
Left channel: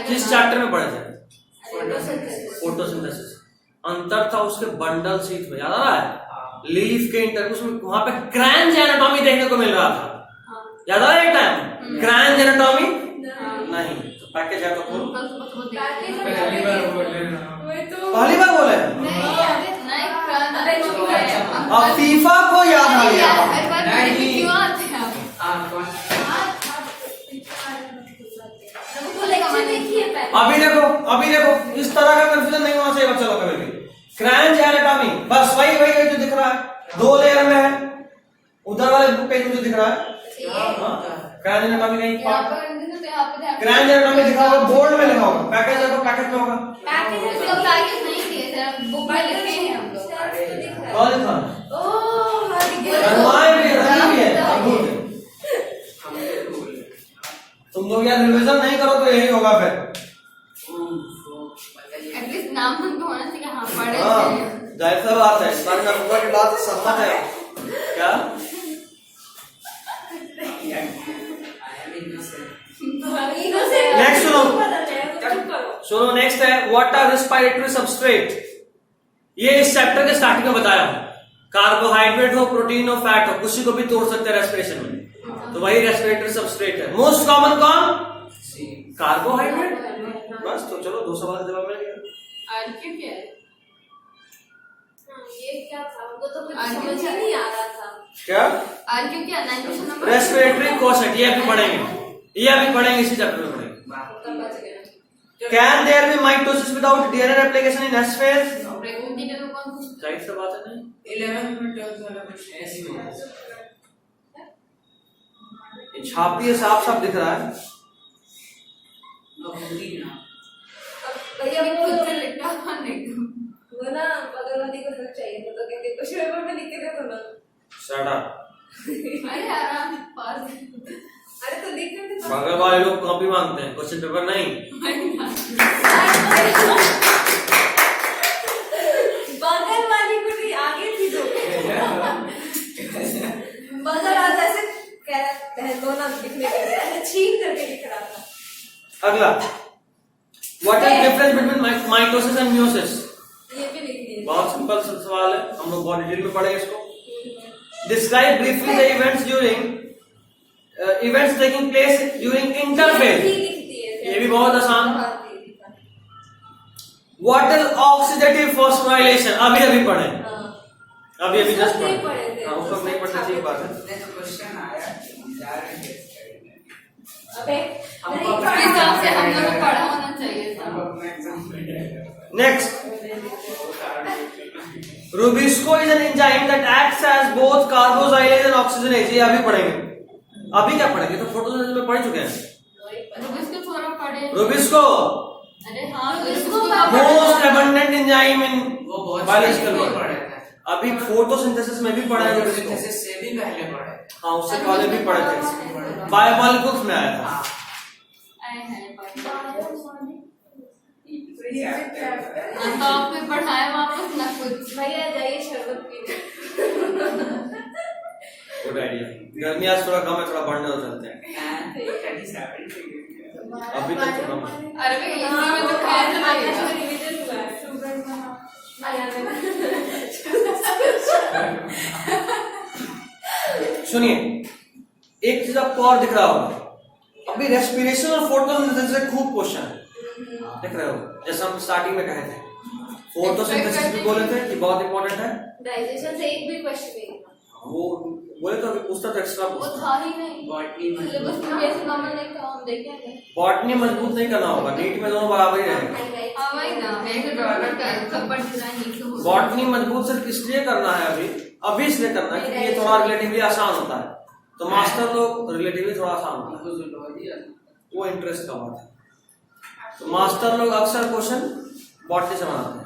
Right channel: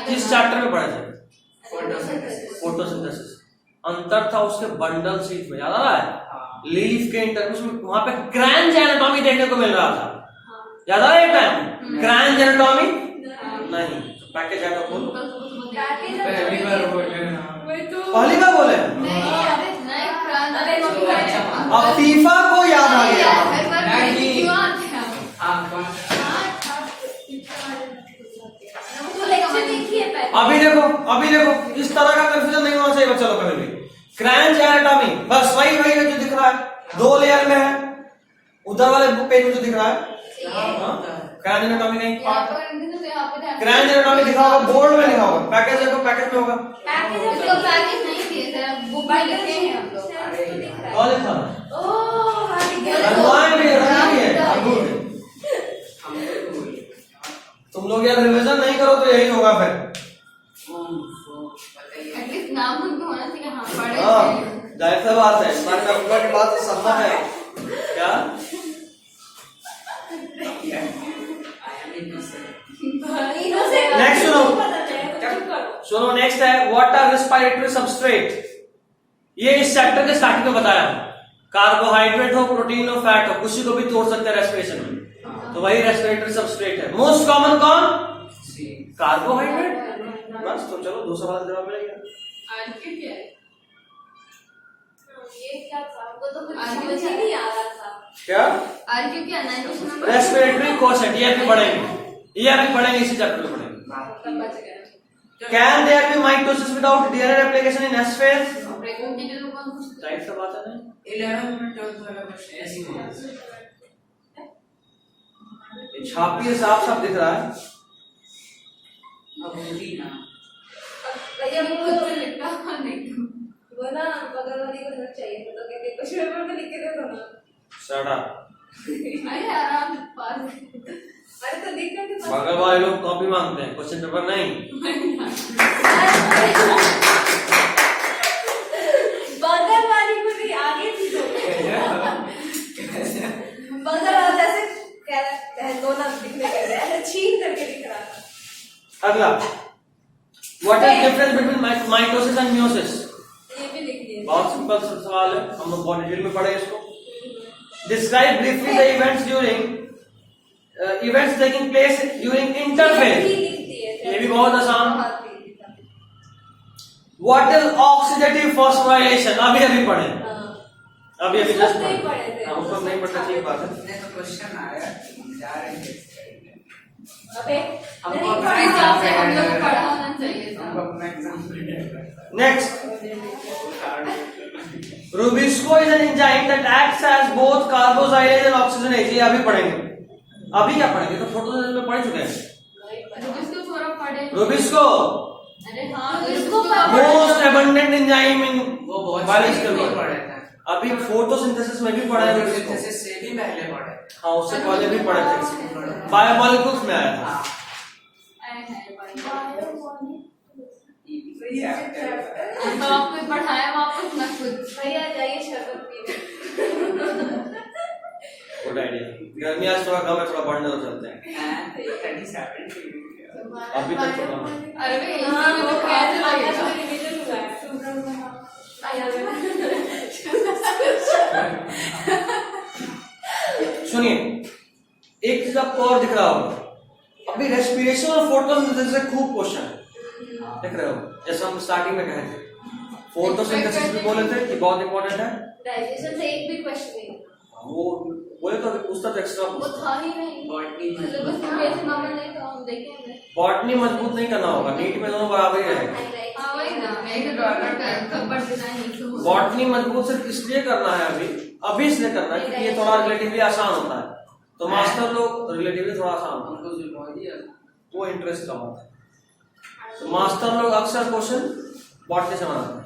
किस चैप्टर में पढ़े थे? फोटोसिंथेसिस। अंतर था उसके बंडल सीट में, याद आ रहा है? लीफ के इंटरव्यूज में वहां पे क्रैंच एनाटॉमी देखने को मिल रहा था, याद आ रहा है? एक टाइम क्रैंच एनाटॉमी नहीं, पैकेज है तो खोल। पहली बार बोले ना, पहली बार बोले अब फीफा को याद आ गया। अभी देखो इस तरह का कंफ्यूजन नहीं होना चाहिए बच्चा लोग कभी भी। क्रैंच एनाटॉमी बस वही जो दिख रहा है, 2 लेयर में है, उधर वाले बुक पेज में जो दिख रहा है क्रैंच एनाटॉमी नहीं। क्रैंच एनाटॉमी लिखा होगा, बोर्ड में लिखा होगा, पैकेज है तो पैकेज में होगा। कौन लिखा? हनुमान भी रही है। तुम लोग यार रिविजन नहीं करो तो यही होगा फिर। एटलीस्ट नाम तो होना चाहिए। हाँ पढ़े जाहिर सी बात है, इस बार नंबर की बात सम्मत है क्या? नेक्स्ट सुनो नेक्स्ट है व्हाट आर रेस्पिरेटरी सबस्ट्रेट। ये इस चैप्टर के स्टार्टिंग में बताया हूं। कार्बोहाइड्रेट हो, प्रोटीन हो, फैट हो, किसी को भी तोड़ सकते हैं रेस्पिरेशन में, तो वही रेस्पिरेटरी सबस्ट्रेट है। मोस्ट कॉमन कौन? कार्बोहाइड्रेट। बस तो चलो 2 सवाल का जवाब मिल गया। आरक्यू क्या है? ये क्या था? हमको तो कुछ समझ नहीं आ रहा था। क्या आरक्यू क्या? रेस्पिरेटरी कोशेट, ये भी पढ़ेंगे इसी चैप्टर में पढ़ेंगे। Can there be mitosis without DNA replication in S phase? Right से बात है नहीं। 11th में 12th वाला क्वेश्चन ऐसी में छापिए साफ साफ दिख रहा है। अब होगी ना भैया खुद से लिखा नहीं वो ना बगल वाली को हेल्प चाहिए था तो कहते क्वेश्चन पेपर में लिख के देखो ना। Shut up. अरे आराम पास अरे तो लिख के तो बगल वाले लोग कॉपी मांगते हैं, क्वेश्चन पेपर नहीं। बगल वाली को नहीं आगे थी तो बगल वाला ऐसे कह ना लिखने के लिए ऐसे छीन करके लिख रहा था। अगला, what is difference between mitosis and meiosis? ये भी लिख दिया। बहुत सिंपल सवाल है, हम लोग बहुत डिटेल में पढ़ेंगे इसको। Describe briefly the events taking place during interphase. ये भी बहुत आसान। What is oxidative phosphorylation? अभी पढ़े, अभी जस्ट पढ़े थे। उसको नहीं पढ़ने की बात है। तो क्वेश्चन आया, जा रहे हैं अबे हिसाब से हम लोग पढ़ा होना चाहिए था। हमको अपना exam next, rubisco is an enzyme that acts as both carboxylase and oxygenase. ये अभी पढ़ेंगे। अभी क्या पढ़ेंगे? तो फोटोसिंथेसिस में पढ़ चुके हैं। रूबिस्को पूरा पढ़े। रूबिस्को अरे हाँ रूबिस्को मोस्ट एबंडेंट एंजाइम इन वो बहुत बायोलॉजिकल पढ़े वर्क। था। अभी फोटोसिंथेसिस में भी पढ़ा है रूबिस्को। फोटोसिंथेसिस से भी पहले पढ़े। हाँ, उससे पहले भी पढ़े थे। बायोमॉलिक्यूल्स में आया था। तो आपने पढ़ाया वापस ना कुछ। भैया जाइए शरबत पीने। Good idea. गर्मी आज थोड़ा कम है, थोड़ा बढ़ने तो चलते हैं। अभी तक तो कम। अरे भाई इसी में तो कैसे लगेगा? रिवीजन हुआ है। सुनिए, एक चीज आपको और दिख रहा होगा, अभी रेस्पिरेशन और फोटोसिंथेसिस से खूब क्वेश्चन है, देख रहे हो? जैसे हम स्टार्टिंग में कहे थे, फोटोसिंथेसिस भी बोले थे कि बहुत इंपॉर्टेंट है। डाइजेशन से एक भी क्वेश्चन नहीं था। वो बोले तो अभी पूछता तो एक्स्ट्रा वो पूछता। था ही नहीं। बॉटनी में सिलेबस में कैसे मम्मा ने कहा हम देखेंगे। बॉटनी मजबूत नहीं करना होगा, नीट में दोनों बराबर ही रहेगा। हाँ वही ना, मैं तो कपड़ देना नहीं तो बॉटनी मजबूत सिर्फ इसलिए करना है अभी इसलिए करना है क्योंकि ये थोड़ा रिलेटिवली आसान होता है, तो मास्टर लोग रिलेटिवली थोड़ा आसान होता हमको जूलॉजी है, वो इंटरेस्ट का बात है। तो मास्टर लोग अक्सर क्वेश्चन बॉटनी से बनाते हैं,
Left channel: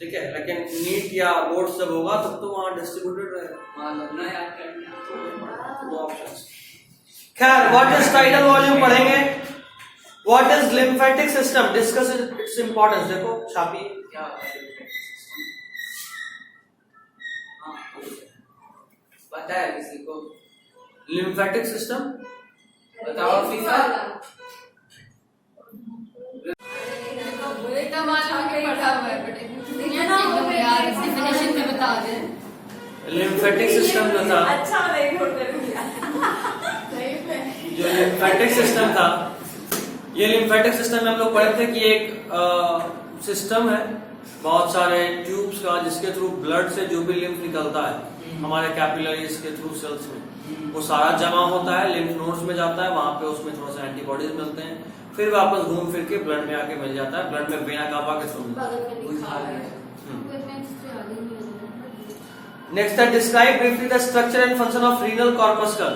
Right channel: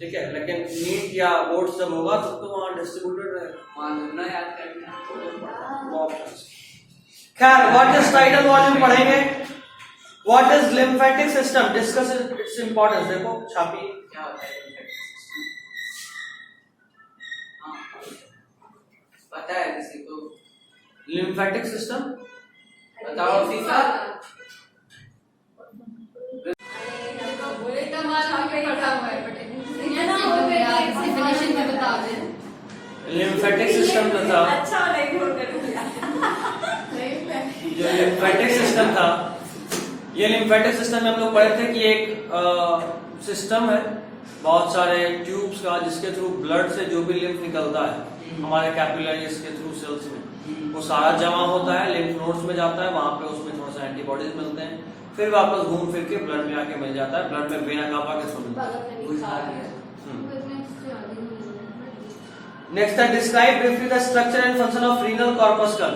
ठीक है। लेकिन नीट या बोर्ड जब होगा तब तो वहां डिस्ट्रीब्यूटेड रहेगा। खैर, व्हाट इज टाइटल वॉल्यूम पढ़ेंगे। What is lymphatic system, discuss its importance. देखो छापी क्या होता है पता है किसी को? लिम्फेटिक सिस्टम बताओ फीफा। लिम्फेटिक सिस्टम था, अच्छा नहीं होता जो लिम्फेटिक सिस्टम था, ये लिम्फेटिक सिस्टम में हम लोग पढ़े थे कि एक सिस्टम है बहुत सारे ट्यूब्स का, जिसके थ्रू ब्लड से जो भी लिम्फ निकलता है हमारे कैपिलरीज के थ्रू सेल्स में, वो सारा जमा होता है, लिम्फ नोड्स में जाता है, वहां पे उसमें थोड़ा सा एंटीबॉडीज मिलते हैं, फिर वापस घूम फिर के ब्लड में आके मिल जाता है। ब्लड में वेना कावा के थ्रू मिलता है। नेक्स्ट है describe briefly the structure and function of renal corpuscle.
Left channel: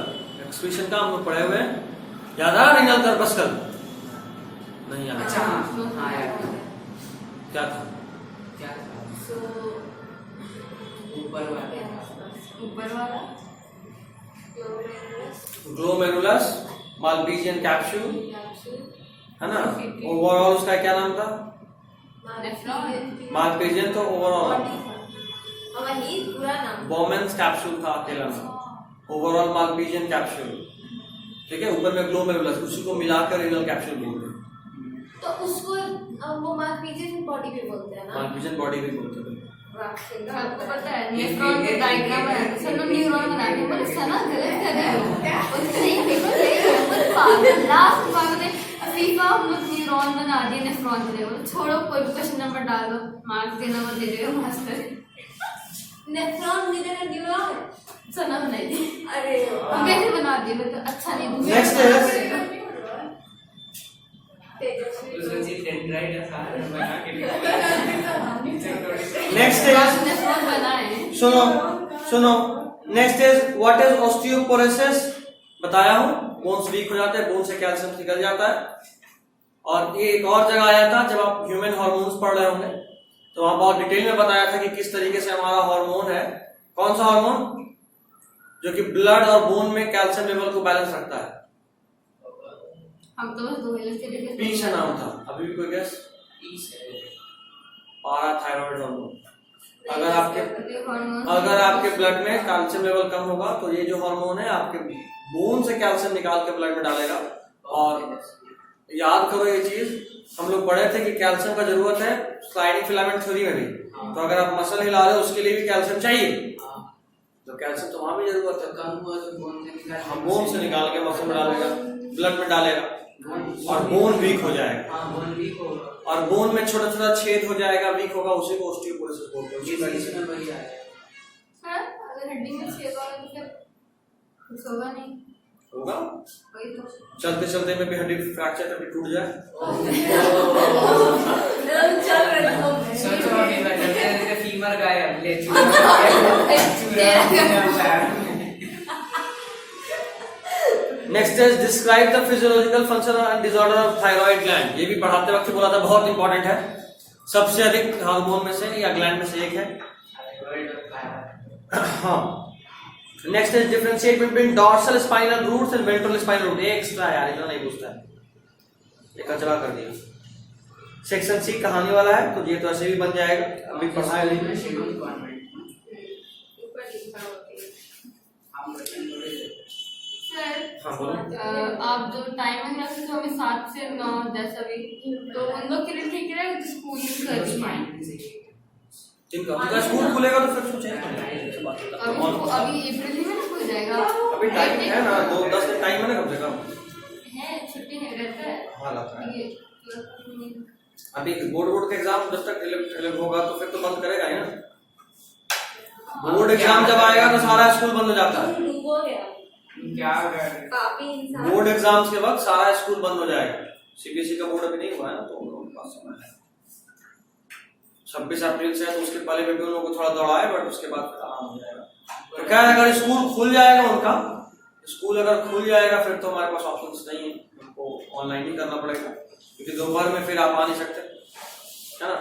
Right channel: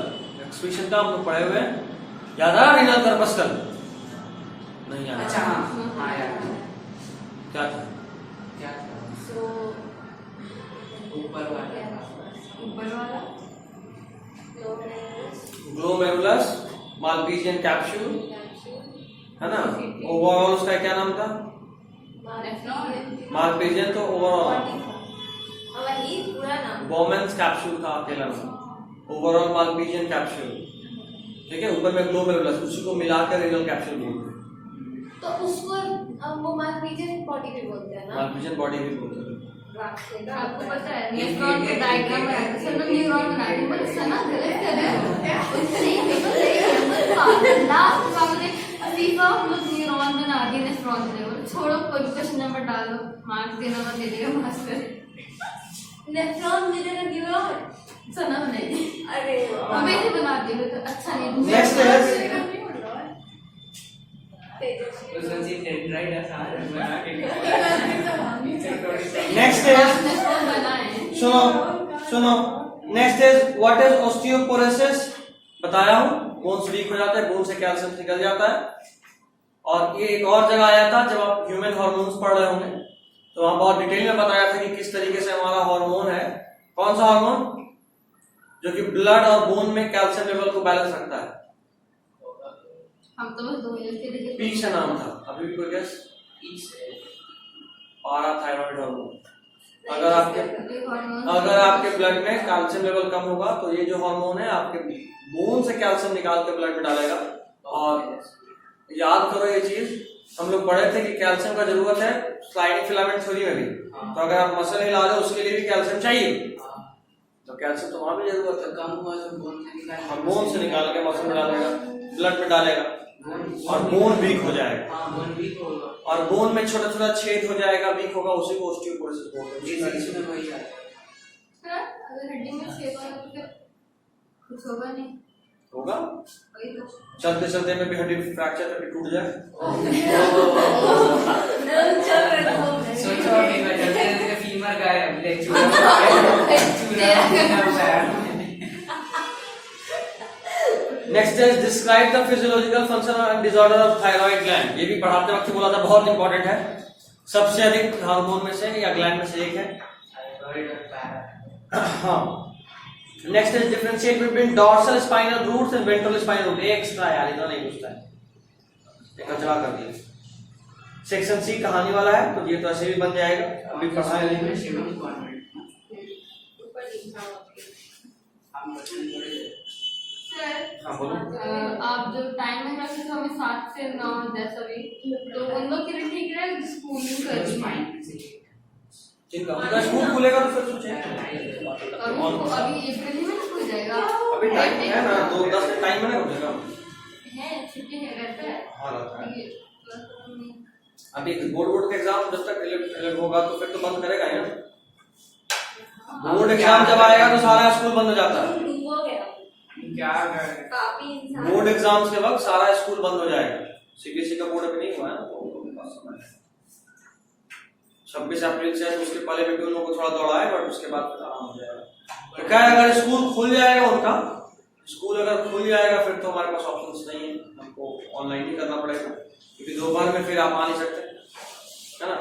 Excretion का हम लोग पढ़े हुए हैं, याद है रीनल कॉर्पस्कल? नहीं याद? अच्छा हाँ यार क्या था? क्या था? ऊपर वाला ग्लोमेरुलस माल्पीजियन कैप्सूल है ना। ओवरऑल उसका क्या नाम था? माल्पीजियन तो ओवरऑल, वही पूरा नाम बोमेंस कैप्सूल था अकेला नाम, ओवरऑल माल्पीजियन कैप्सूल, ठीक है। ऊपर में ग्लोमेरुलस, उसी को मिलाकर रीनल कैप्सूल बोलते हैं। तो उसको वो माल्पीजियन बॉडी भी बोलते हैं ना। माल्पीजियन बॉडी भी बोलते हैं। आपको पता है नेफ्रॉन के डायग्राम है, सना न्यूरॉन बना के पर सना गलत कर रहा है। नहीं बिल्कुल नहीं, लास्ट बार में फीफा हम लोग न्यूरॉन बना दिए नेफ्रॉन के लिए। छोड़ो कोई क्वेश्चन नंबर डालो, मार्क्स देना मत दे देगा मास्टर। नेफ्रॉन जिधर न्यूरॉन सना बनाई थी, अरे मैंने बना दिया तो अच्छा नहीं। नेक्स्ट है नेक्स्ट है सुनो next is what is osteoporosis. बताया हूं, बोन्स वीक हो जाता है, बोन से कैल्शियम निकल जाता है। और ये एक और जगह आया था जब आप ह्यूमन हार्मोन्स पढ़ रहे होंगे, तो वहां बहुत डिटेल में बताया था कि किस तरीके से हमारा हार्मोन है। कौन सा हार्मोन? जो कि ब्लड और बोन में कैल्शियम लेवल को बैलेंस रखता है। हम तो बस 2 मिनट के लिए पी से नाम था, अभी भी कोई गेस? पाराथायरॉइड हार्मोन। अगर आपके ब्लड में कैल्शियम लेवल कम होगा तो ये जो हार्मोन है आपके बोन से कैल्शियम निकाल के ब्लड में डालेगा। और याद करो ये चीज, हम लोग पढ़े थे कि कैल्शियम का जरूरत है स्लाइडिंग फिलामेंट थ्योरी में भी। तो अगर आप मसल हिला रहे हो उसके लिए भी कैल्शियम चाहिए, तो कैल्शियम तो वहां भी जरूरत है। कम हुआ तो बोन से निकाल के मसल में डालेगा, ब्लड में डालेगा और बोन वीक हो जाएगा। बोन वीक होगा और बोन में छोटा छोटा छेद हो जाएगा, वीक होगा, उसी को ऑस्टियोपोरोसिस बोलते हैं। में वही आया। सर अगर हड्डी में छेद होगा तो फिर कुछ होगा नहीं। होगा, वही तो चलते चलते में भी हड्डी फ्रैक्चर कभी टूट जाए। सोचो जल्दी फीमर गायब ले next is describe the physiological function and disorder of thyroid gland. ये भी पढ़ाते वक्त बोला था, बहुत इंपॉर्टेंट है। सबसे अधिक हार्मोन में से या ग्लैंड में से एक है। हाँ। Next is differentiate between dorsal spinal roots and ventral spinal root. Extra यार, इतना नहीं पूछता है, एक चला कर दिया। सेक्शन सी कहानी वाला है, तो ये तो ऐसे भी बन जाएगा, अभी पढ़ा है लेकिन। सर हाँ बोलो। आप जो टाइमिंग रखे थे हमें 7 से 9 10 अभी, तो उन लोग के लिए ठीक रहेगा जो स्कूल यूज कर रही है। ठीक है, उनका स्कूल खुलेगा तो फिर सोचेंगे। तो अभी अप्रैल में खुल जाएगा। अभी टाइम है ना, 2-10 दिन टाइम है ना, कम से कम है, छुट्टी है, रहता है। हाँ रहता है। ये अभी बोर्ड का एग्जाम जब तक अलग होगा तो फिर तो बंद करेगा ही ना। बोर्ड एग्जाम जब आएगा तो सारा स्कूल बंद हो जाता है। काफी इंसान बोर्ड एग्जाम्स के वक्त सारा स्कूल बंद हो जाएगा। सीबीएसई का बोर्ड अभी नहीं हुआ है ना, तो उनके पास समय है। 26 अप्रैल से, तो उसके पहले भी उन लोगों को थोड़ा दौड़ा है, बट उसके बाद आराम हो जाएगा। तो क्या अगर स्कूल खुल जाएगा उनका, स्कूल अगर खुल जाएगा फिर तो हमारे पास ऑप्शंस नहीं है, हमको ऑनलाइन ही करना पड़ेगा, क्योंकि दोपहर में फिर आप आ नहीं सकते, है ना।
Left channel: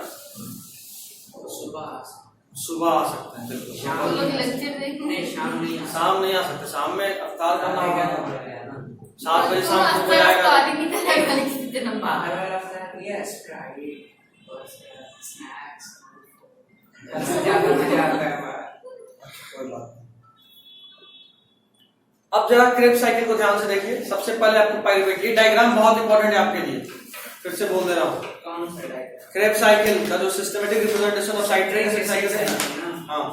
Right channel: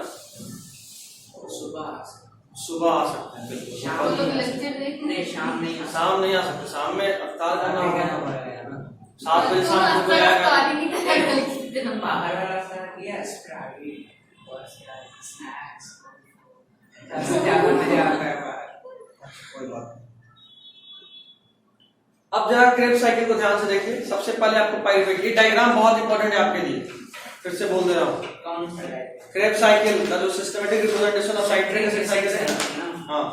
सुबह आ सकते हैं, बिल्कुल। हम लोग लेक्चर देखेंगे। शाम नहीं शाम नहीं आ सकते, शाम में अफ्तार करना होगा। 7 बजे तो शाम को आपका जाएगा। कार्य नहीं करेगा लेक्चर देना। बाहर वाला sir yes private bus snacks ज्यादा मजा आता है बाहर। कोई बात नहीं। अब जरा क्रेब साइकिल को ध्यान से देखिए। सबसे पहले आपको पाइरुवेट, ये डायग्राम बहुत इंपॉर्टेंट है आपके लिए, फिर से बोल दे रहा हूँ। कौन सा है? क्रेब साइकिल का जो systematic representation of citric acid cycle है ना, हाँ,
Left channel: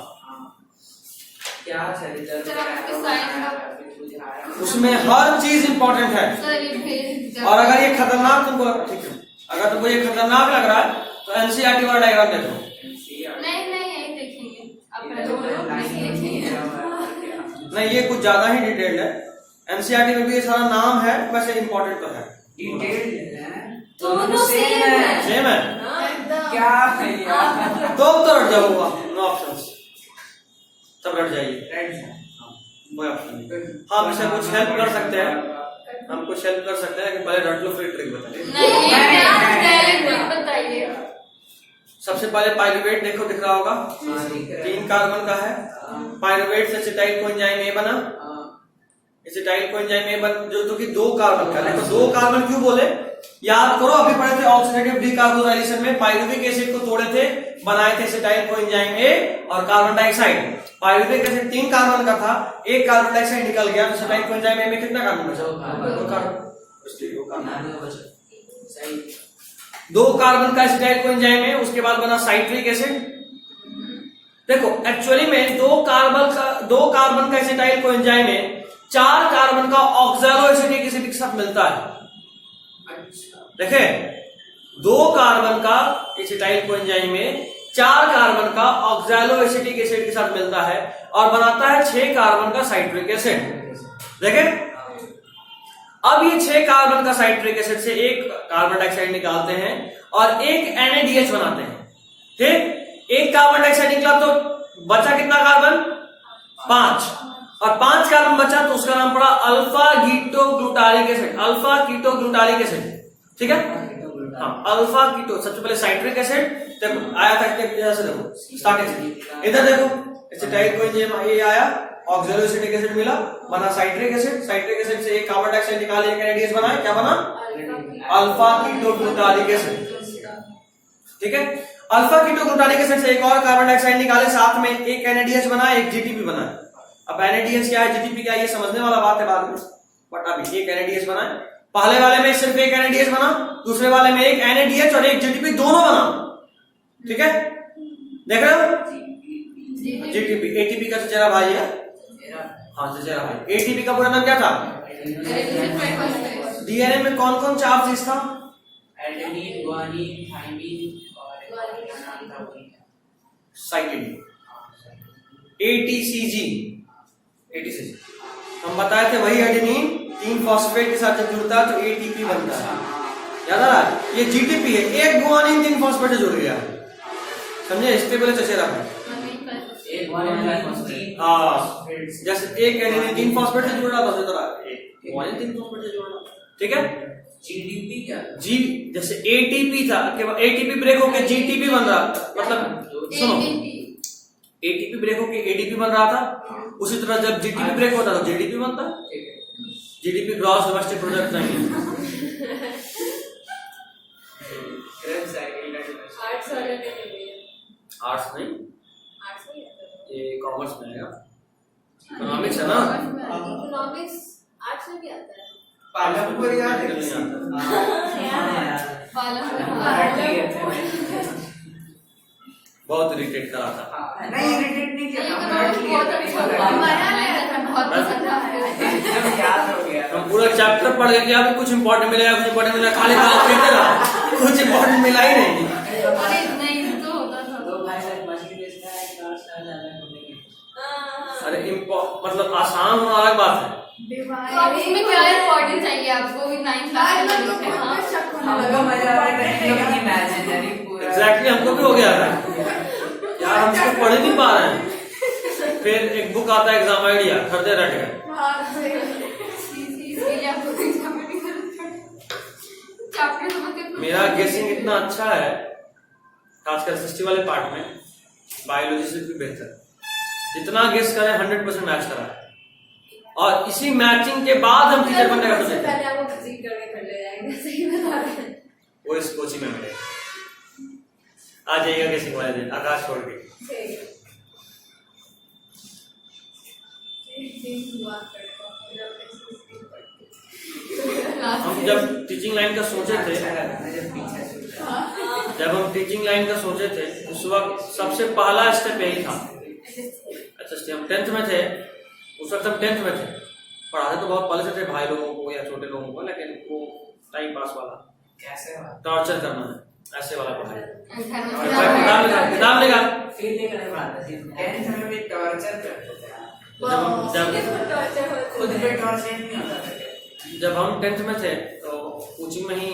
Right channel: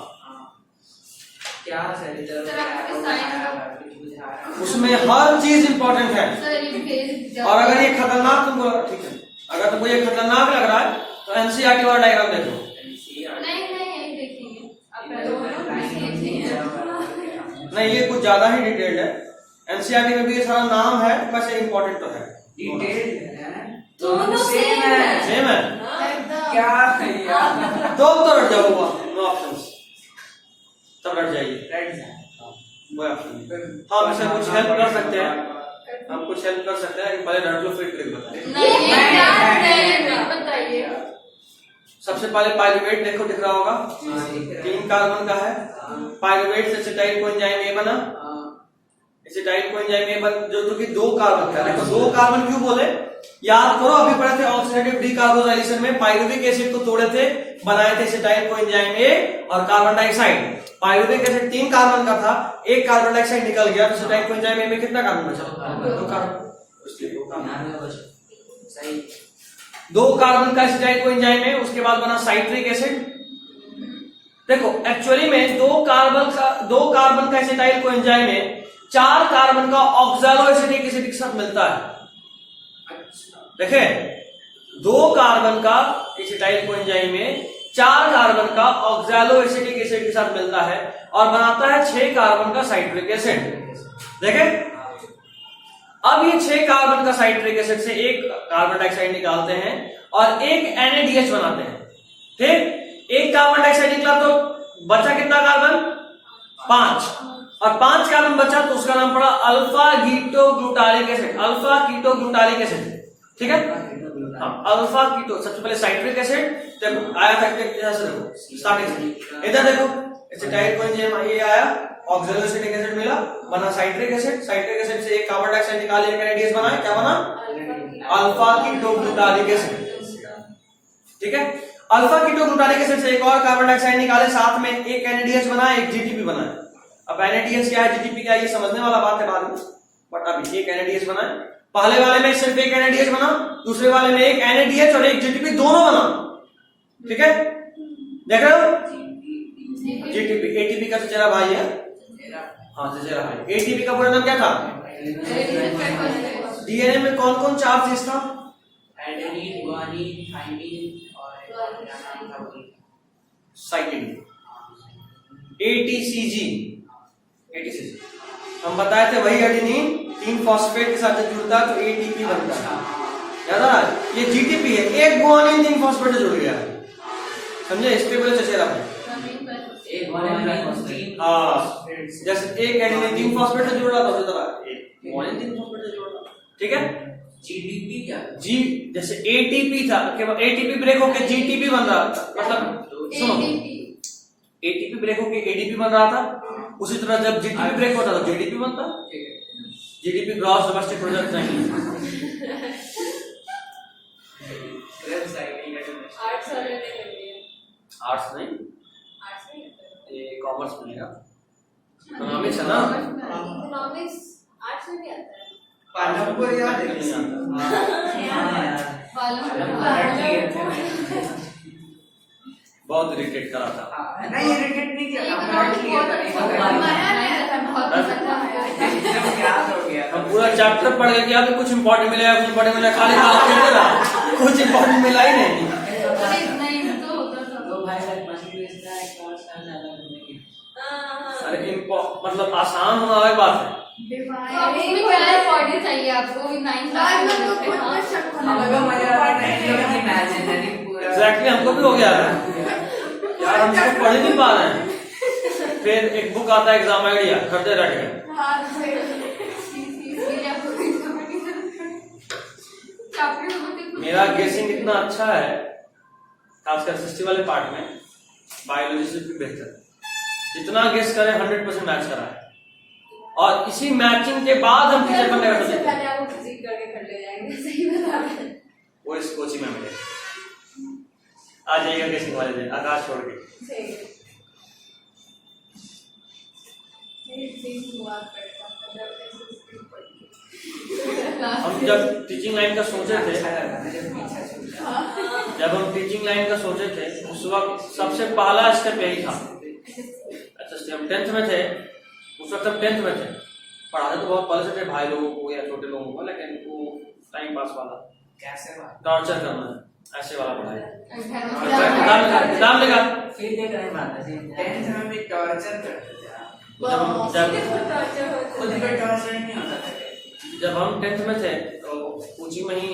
क्या सर इधर सर, आपके साइन उसमें हर चीज इंपॉर्टेंट है। सर ये भेज और अगर ये खतरनाक तुमको लग रहा है, ठीक है, अगर तुमको ये खतरनाक लग रहा है तो एनसीईआरटी वाला डायग्राम देखो। नहीं यही देखेंगे आप देखेंगे। नहीं, ये कुछ ज्यादा ही डिटेल्ड है। एनसीईआरटी में भी ये सारा नाम है, वैसे इंपॉर्टेंट तो है। डिटेल है, दोनों सेम है। सेम है, क्या भैया तो रट जाओ, नो ऑप्शंस, तब रट जाइए। कोई ऑप्शन नहीं। हाँ, वैसे कुछ हेल्प कर सकते हैं, हम कुछ हेल्प कर सकते हैं, लेकिन पहले रट लो फिर ट्रिक बताइए। नहीं बताइए। सबसे पहले पाइरुवेट देखो, दिख रहा होगा, 3 कार्बन का है। पाइरुवेट से एसिटाइल कोएंजाइम ए बना, एसिटाइल कोएंजाइम ए बन जो कि 2 कार्बन का है। तो 2 कार्बन क्यों बोले, याद करो, अभी पढ़े थे ऑक्सीडेटिव डीकार्बोनाइलेशन में पाइरुविक एसिड को तोड़े थे, बनाए थे एसिटाइल कोएंजाइम ए और carbon dioxide. Pyruvic acid 3 carbon का था, 1 कार्बन डाइऑक्साइड निकल गया, तो एसिटाइल कोएंजाइम ए में कितना कार्बन बचा? 2 कार्बन, इसलिए 2 कार्बन सही। 2 कार्बन का एसिटाइल कोएंजाइम है, उसके बाद बना साइट्रिक एसिड। देखो एक्चुअली में 2 कार्बन का एसिटाइल कोएंजाइम में 4 कार्बन का ऑक्सैलो एसिटिक एसिड के साथ मिलता है। देखें, 2 कार्बन का एसिटाइल कोएंजाइम में 4 कार्बन का ऑक्सैलो एसिटिक एसिड के साथ मिलता है और बनाता है 6 कार्बन का साइट्रिक एसिड। देखें, अब ये 6 कार्बन का साइट्रिक एसिड से 1 कार्बन डाइऑक्साइड निकालते हैं और 1 NaDH बनाते हैं। ठीक, 1 कार्बन डाइऑक्साइड निकला तो बचा कितना कार्बन? 5, और 5 कार्बन बचा तो उसका नाम पड़ा alpha ketoglutaric acid. Alpha ketoglutaric acid, ठीक है। हाँ, अल्फा कीटो सबसे पहले साइट्रिक एसिड, तब आया था जैसे देखो स्टार्टिंग इधर देखो एसिटाइल कोएंजाइम ये आया, ऑक्सैलोएसिटिक एसिड मिला, बना साइट्रिक एसिड, साइट्रिक एसिड से एक कार्बन डाइऑक्साइड निकाल एक NADH बना, क्या बना? Alpha ketoglutaric acid. ठीक है, अल्फा कीटोग्लूटारिक एसिड से एक और कार्बन डाइऑक्साइड निकाले, साथ में एक NADH बना, एक GTP बना। अब NADH क्या है, GTP क्या है, ये समझने वाला बात है बाद में, बट अभी एक NADH बना है। पहले वाले में सिर्फ एक NADH बना, दूसरे वाले में एक NADH और एक GTP दोनों बना। ठीक है, देख रहे हो? GTP ATP का चचेरा भाई है, हाँ चचेरा भाई। ATP का पूरा नाम क्या था? DNA में कौन कौन 4 चीज था? एडेनिन, गुआनिन, थाइमिन और क्या नाम था वो? साइटिन। ATCG हम बताए थे, वही एडेनिन 3 फॉस्फेट के साथ जब जुड़ता है तो ATP बनता है, याद है? ये GTP है, एक गुआनिन 3 फॉस्फेट से जुड़ गया है, समझे? इसके बोले चचेरा भाई। एक गुआनिन हाँ, जैसे एक एडेनिन 3 फॉस्फेट से जुड़ रहा था उसी तरह एक गुआनिन 3 फॉस्फेट से जुड़ रहा। ठीक है, GDP क्या? जी जैसे ATP था, ATP ब्रेक होकर GTP बन रहा था, मतलब सुनो, ATP ब्रेक होकर ADP बन रहा था, उसी तरह जब GTP ब्रेक होता था JDP बनता। GDP ग्रॉस डोमेस्टिक प्रोडक्ट नहीं, आर्ट्स नहीं, ये कॉमर्स में है, इकोनॉमिक्स है ना। इकोनॉमिक्स आर्ट्स में भी आता है। पालमपुर यार बहुत इरिटेट कर रहा था। नहीं इरिटेट नहीं किया हम पूरा चैप्टर पढ़ गए, आपको कुछ इंपॉर्टेंट मिलेगा, कुछ इंपॉर्टेंट मिला, खाली कुछ इंपॉर्टेंट मिला ही नहीं। अरे मतलब आसान होना अलग बात है। चाहिए आपको एग्जैक्टली हमको भी हो गया था यार, हम इसको पढ़ नहीं पा रहे हैं। फिर एक बुक आता है एग्जाम आइडिया, खरीदे रह गए। मेरा गेसिंग इतना अच्छा है, खासकर हिस्ट्री वाले पार्ट में, बायोलॉजी से भी बेहतर। जितना गेस करें 100% मैच करा है, और इसी मैचिंग के बाद हम टीचर बनने का सोचते हैं। वो इस कोचिंग में मिले, आ जाइएगा गेसिंग वाले दिन, आकाश छोड़ के। हम जब टीचिंग लाइन का सोचे थे, उस वक्त सबसे पहला स्टेप यही था। अच्छा, हम 10th में थे, उस वक्त हम 10th में थे, पढ़ाते तो बहुत पहले से थे भाई लोगों को या छोटे लोगों को, लेकिन वो टाइम पास वाला, कैसे टॉर्चर करना है, ऐसे वाला पढ़ाई। फिर देख रहे हैं 10th में भी टॉर्चर करते थे, खुद पे टॉर्चर नहीं होता था। जब हम 10th में थे तो कोचिंग में ही,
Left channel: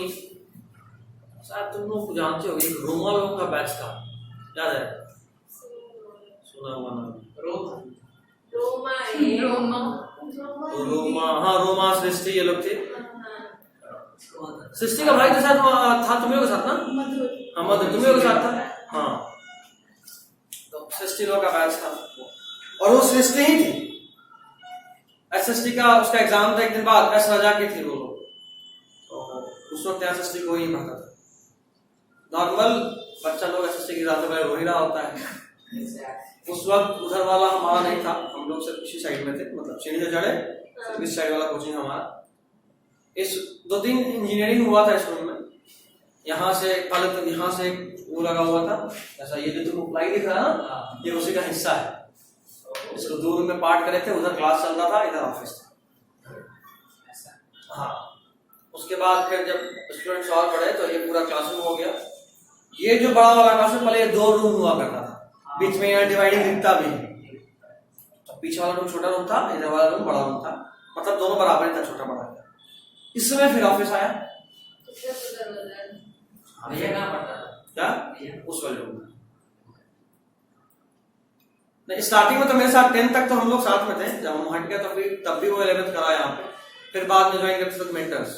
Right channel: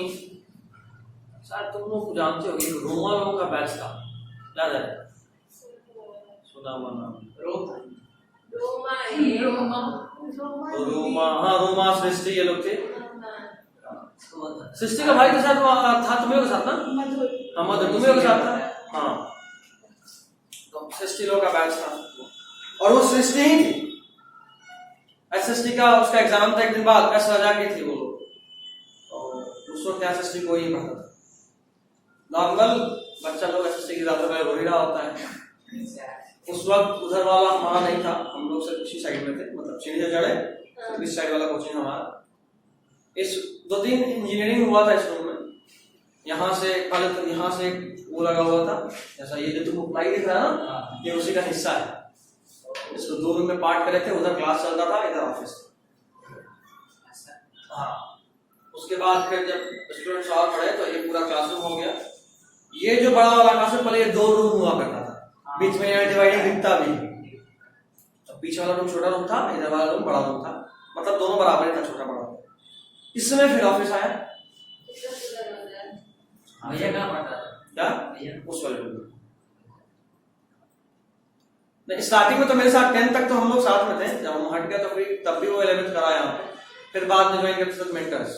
शायद तुम लोग जानते हो, एक रोमा लोगों का बैच था, याद है? सुना हुआ नाम, रोमा सृष्टि, ये लोग थे। सृष्टि का भाई के साथ था, तुम्हें के साथ ना? मधुर तुम्हें के साथ था। हाँ, तो सृष्टि लोग का बैच था, और वो सृष्टि ही थी। SST का उसका एग्जाम था एक दिन बाद, S राजा की थी वो, तो उस वक्त SST को ही पढ़ता था। नॉर्मल बच्चा लोग SST की ज्यादा में रो ही रहा होता है। उस वक्त उधर वाला हमारा नहीं था, हम लोग सिर्फ उसी साइड में थे, मतलब सीढ़ी से चढ़े इस साइड वाला कोचिंग हमारा। इस 2 दिन इंजीनियरिंग हुआ था इस रूम में, यहाँ से पहले तो यहाँ से वो लगा हुआ था, जैसा ये जो तुम प्लाई दिख रहा है ना, ये उसी का हिस्सा है। इसको 2 रूम में पार्ट करे थे, उधर क्लास चल रहा था, इधर ऑफिस था। हाँ, उसके बाद फिर जब स्टूडेंट्स और पढ़े तो ये पूरा क्लासरूम हो गया। ये जो बड़ा वाला क्लासरूम, पहले ये 2 रूम हुआ करता था, बीच में यहाँ डिवाइडिंग दिखता भी, तो पीछे वाला रूम छोटा रूम था, इधर वाला रूम बड़ा रूम था, मतलब दोनों बराबर था, छोटा बड़ा था। इस समय फिर ऑफिस आया। भैया कहाँ पढ़ता था? क्या? उस वाले रूम में नहीं, स्टार्टिंग में तो मेरे साथ 10th तक तो हम लोग साथ में थे, जब हम हट गया तो फिर तब भी वो 11th करा यहाँ पे, फिर बाद में ज्वाइन करते थे मेंटर्स,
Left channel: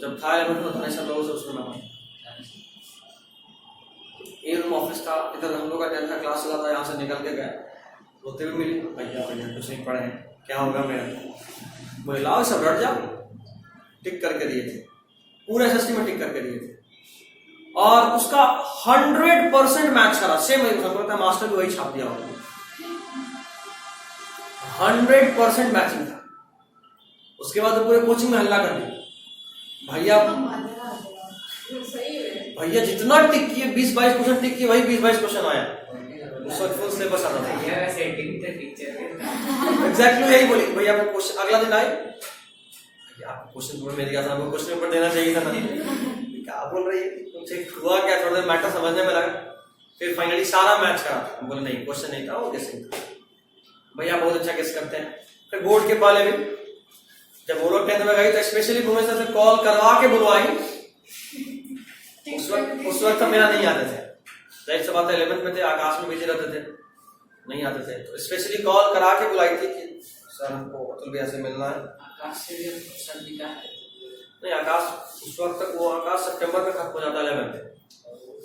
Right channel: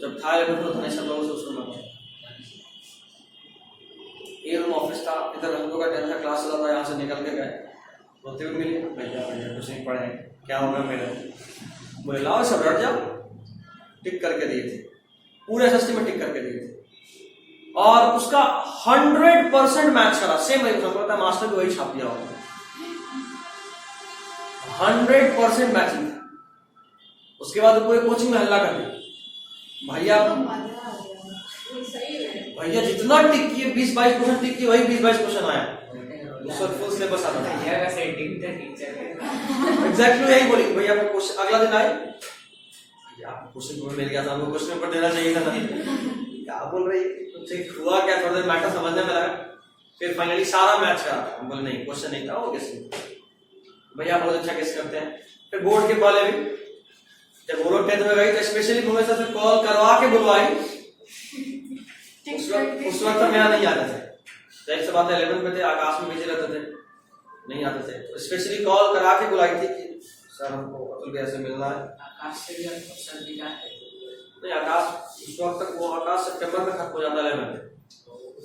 जब था 11th में था लोगों से उसको मैं एक रूम ऑफिस था, इधर हम लोग का 10th का क्लास चला था, यहाँ से निकल के गए, रोते हुए मिले, भैया भैया कुछ नहीं पढ़े, क्या होगा मेरा, बोले लाओ सब रट जाओ, टिक करके दिए थे, पूरे एसएससी में टिक करके दिए थे, और उसका 100% मैच करा, सेम हमको लगता है मास्टर भी वही छाप दिया होगा, 100% मैचिंग था। उसके बाद पूरे कोचिंग में हल्ला कर दिया, भैया जितना टिक किए 20-22 क्वेश्चन टिक किए, वही 20-22 क्वेश्चन आया, उस वक्त फुल सिलेबस आता था। एग्जैक्टली यही बोली, भैया मैं क्वेश्चन अगला दिन आए, भैया क्वेश्चन तुम्हें मिल गया था, हमको क्वेश्चन पेपर देना चाहिए था ना, क्या बोल रही तुमसे हुआ क्या, थोड़ा देर मैटर समझने में लगा, फिर फाइनली सारा मैच करा, हम बोले नहीं क्वेश्चन नहीं था, वो गेसिंग था, भैया बहुत अच्छा गेस करते हैं। फिर बोर्ड के पहले भी जब वो लोग 10th में गई तो स्पेशली भुवनेश्वर से कॉल करवा के बुलवाई, उस वक्त मेरा नहीं आता था, जाहिर सी बात है 11th में थे, आकाश में भेजे रहते थे, नहीं आते थे, तो स्पेशली कॉल करा के बुलाई थी कि सर हमको अतुल भैया से मिलना है। आकाश से नहीं आकाश उस वक्त तक, वो आकाश सितंबर में खत्म हो जाता है 11th,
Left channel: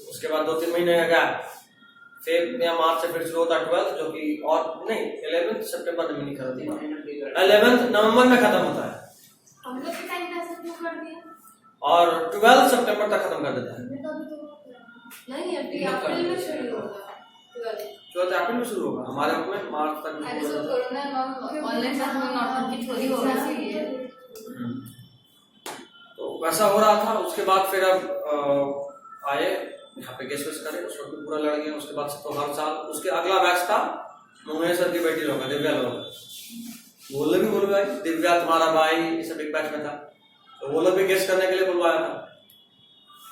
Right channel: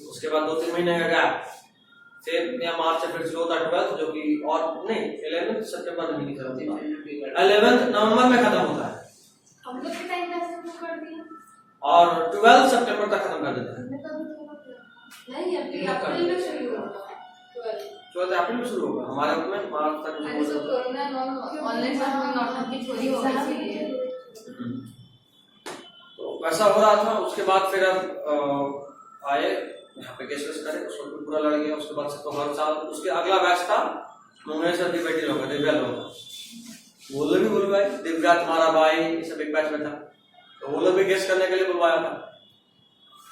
उसके बाद 2-3 महीने का गैप, फिर या मार्च से फिर शुरू होता है 12th, जो कि और नहीं 11th सितंबर में नहीं खत्म होती, 11th नवंबर में खत्म होता है, हम लोग के टाइम कैसे शुरू कर दिया, और 12 सितंबर तक खत्म कर देता है। नहीं अभी अप्रैल में शुरू होगा, 12 अप्रैल में शुरू होगा, हमारे में मार्च तक अरे तो कोरोना ऑनलाइन क्लास में नोटबुक चोरी हो गई थी, तो वैसा हो रहा था। उसके बाद फिर अब आए यहाँ पे गेस्ट वेस्ट करे, उस वक्त पूरा लड़ गया। उसके बाद तो हर साल उसके अगला बैच था मंगेश सर की बेटी लोग, दिव्या लोग, वो लोग भी बोल गए दिव्या तुम्हारा भाई, ये सब एक बैच में था, तो वो लोग भी गेस्ट करने के लिए बुलवाया था,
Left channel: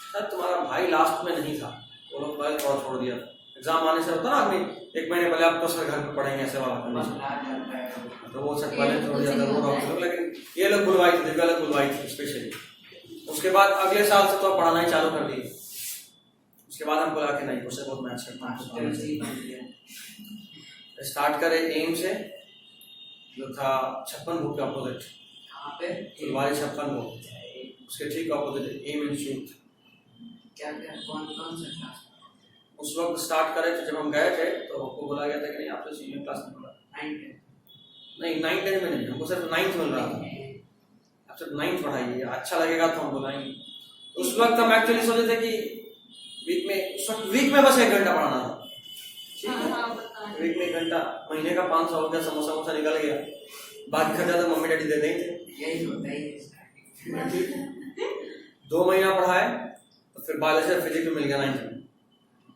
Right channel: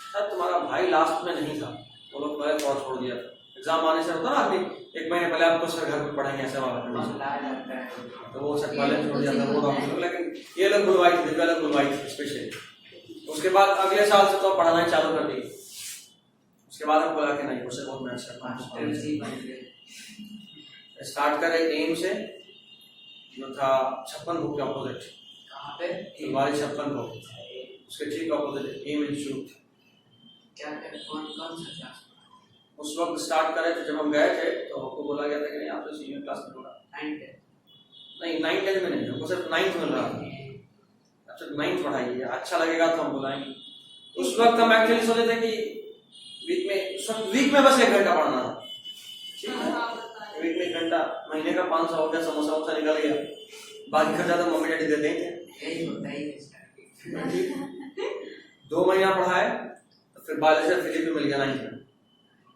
सर तुम्हारा भाई लास्ट में नहीं था, वो लोग पहले थोड़ा छोड़ दिया, एग्जाम आने से होता ना आदमी 1 महीने पहले आपको सर घर पे पढ़ेंगे ऐसे वाला करना, तो वो सब पहले छोड़ दिया था वो डॉक्टर, लेकिन ये लोग बुलवाई थी, दिव्या लोग बुलवाई थी स्पेशली। उसके बाद अगले साल से तो पढ़ाना ही चालू कर दी, उसके बाद हमको लगा कि नहीं मुझसे बहुत मैच करना है, स्टार्ट करे एम से, जो था 56 भोग के अपोजिट, कहाँ पे, फुलवारी 56 भोग, उसके ठीक अपोजिट एम इंस्टीट्यूट। क्या कौन सा क्लास उस वक्त स्टार्ट करे थे, जब हम गए थे तो हमको बोला गया था कि नहीं आप तो सीनियर क्लास में होगा, 9th नहीं 9th में नहीं, हमको सिर्फ 9th मिल रहा था, अब सिर्फ 9th पढ़ाइए, अच्छा लगेगा तो हम बुलाएंगे। उस वक्त हम एक्चुअली सोचे थे कि वीक में बस 1 घंटा पढ़ना था, ठीक है, वीक में 1 घंटा, महीने का 500 हो गया, समोसा वोसा निकल गया, बाकी खर्चा तो मम्मी डैडी दे देंगे, यही होता है। 2 महीना पढ़ाए तो फिर बायोलॉजी और फिजिक्स में मिल गया 9th में,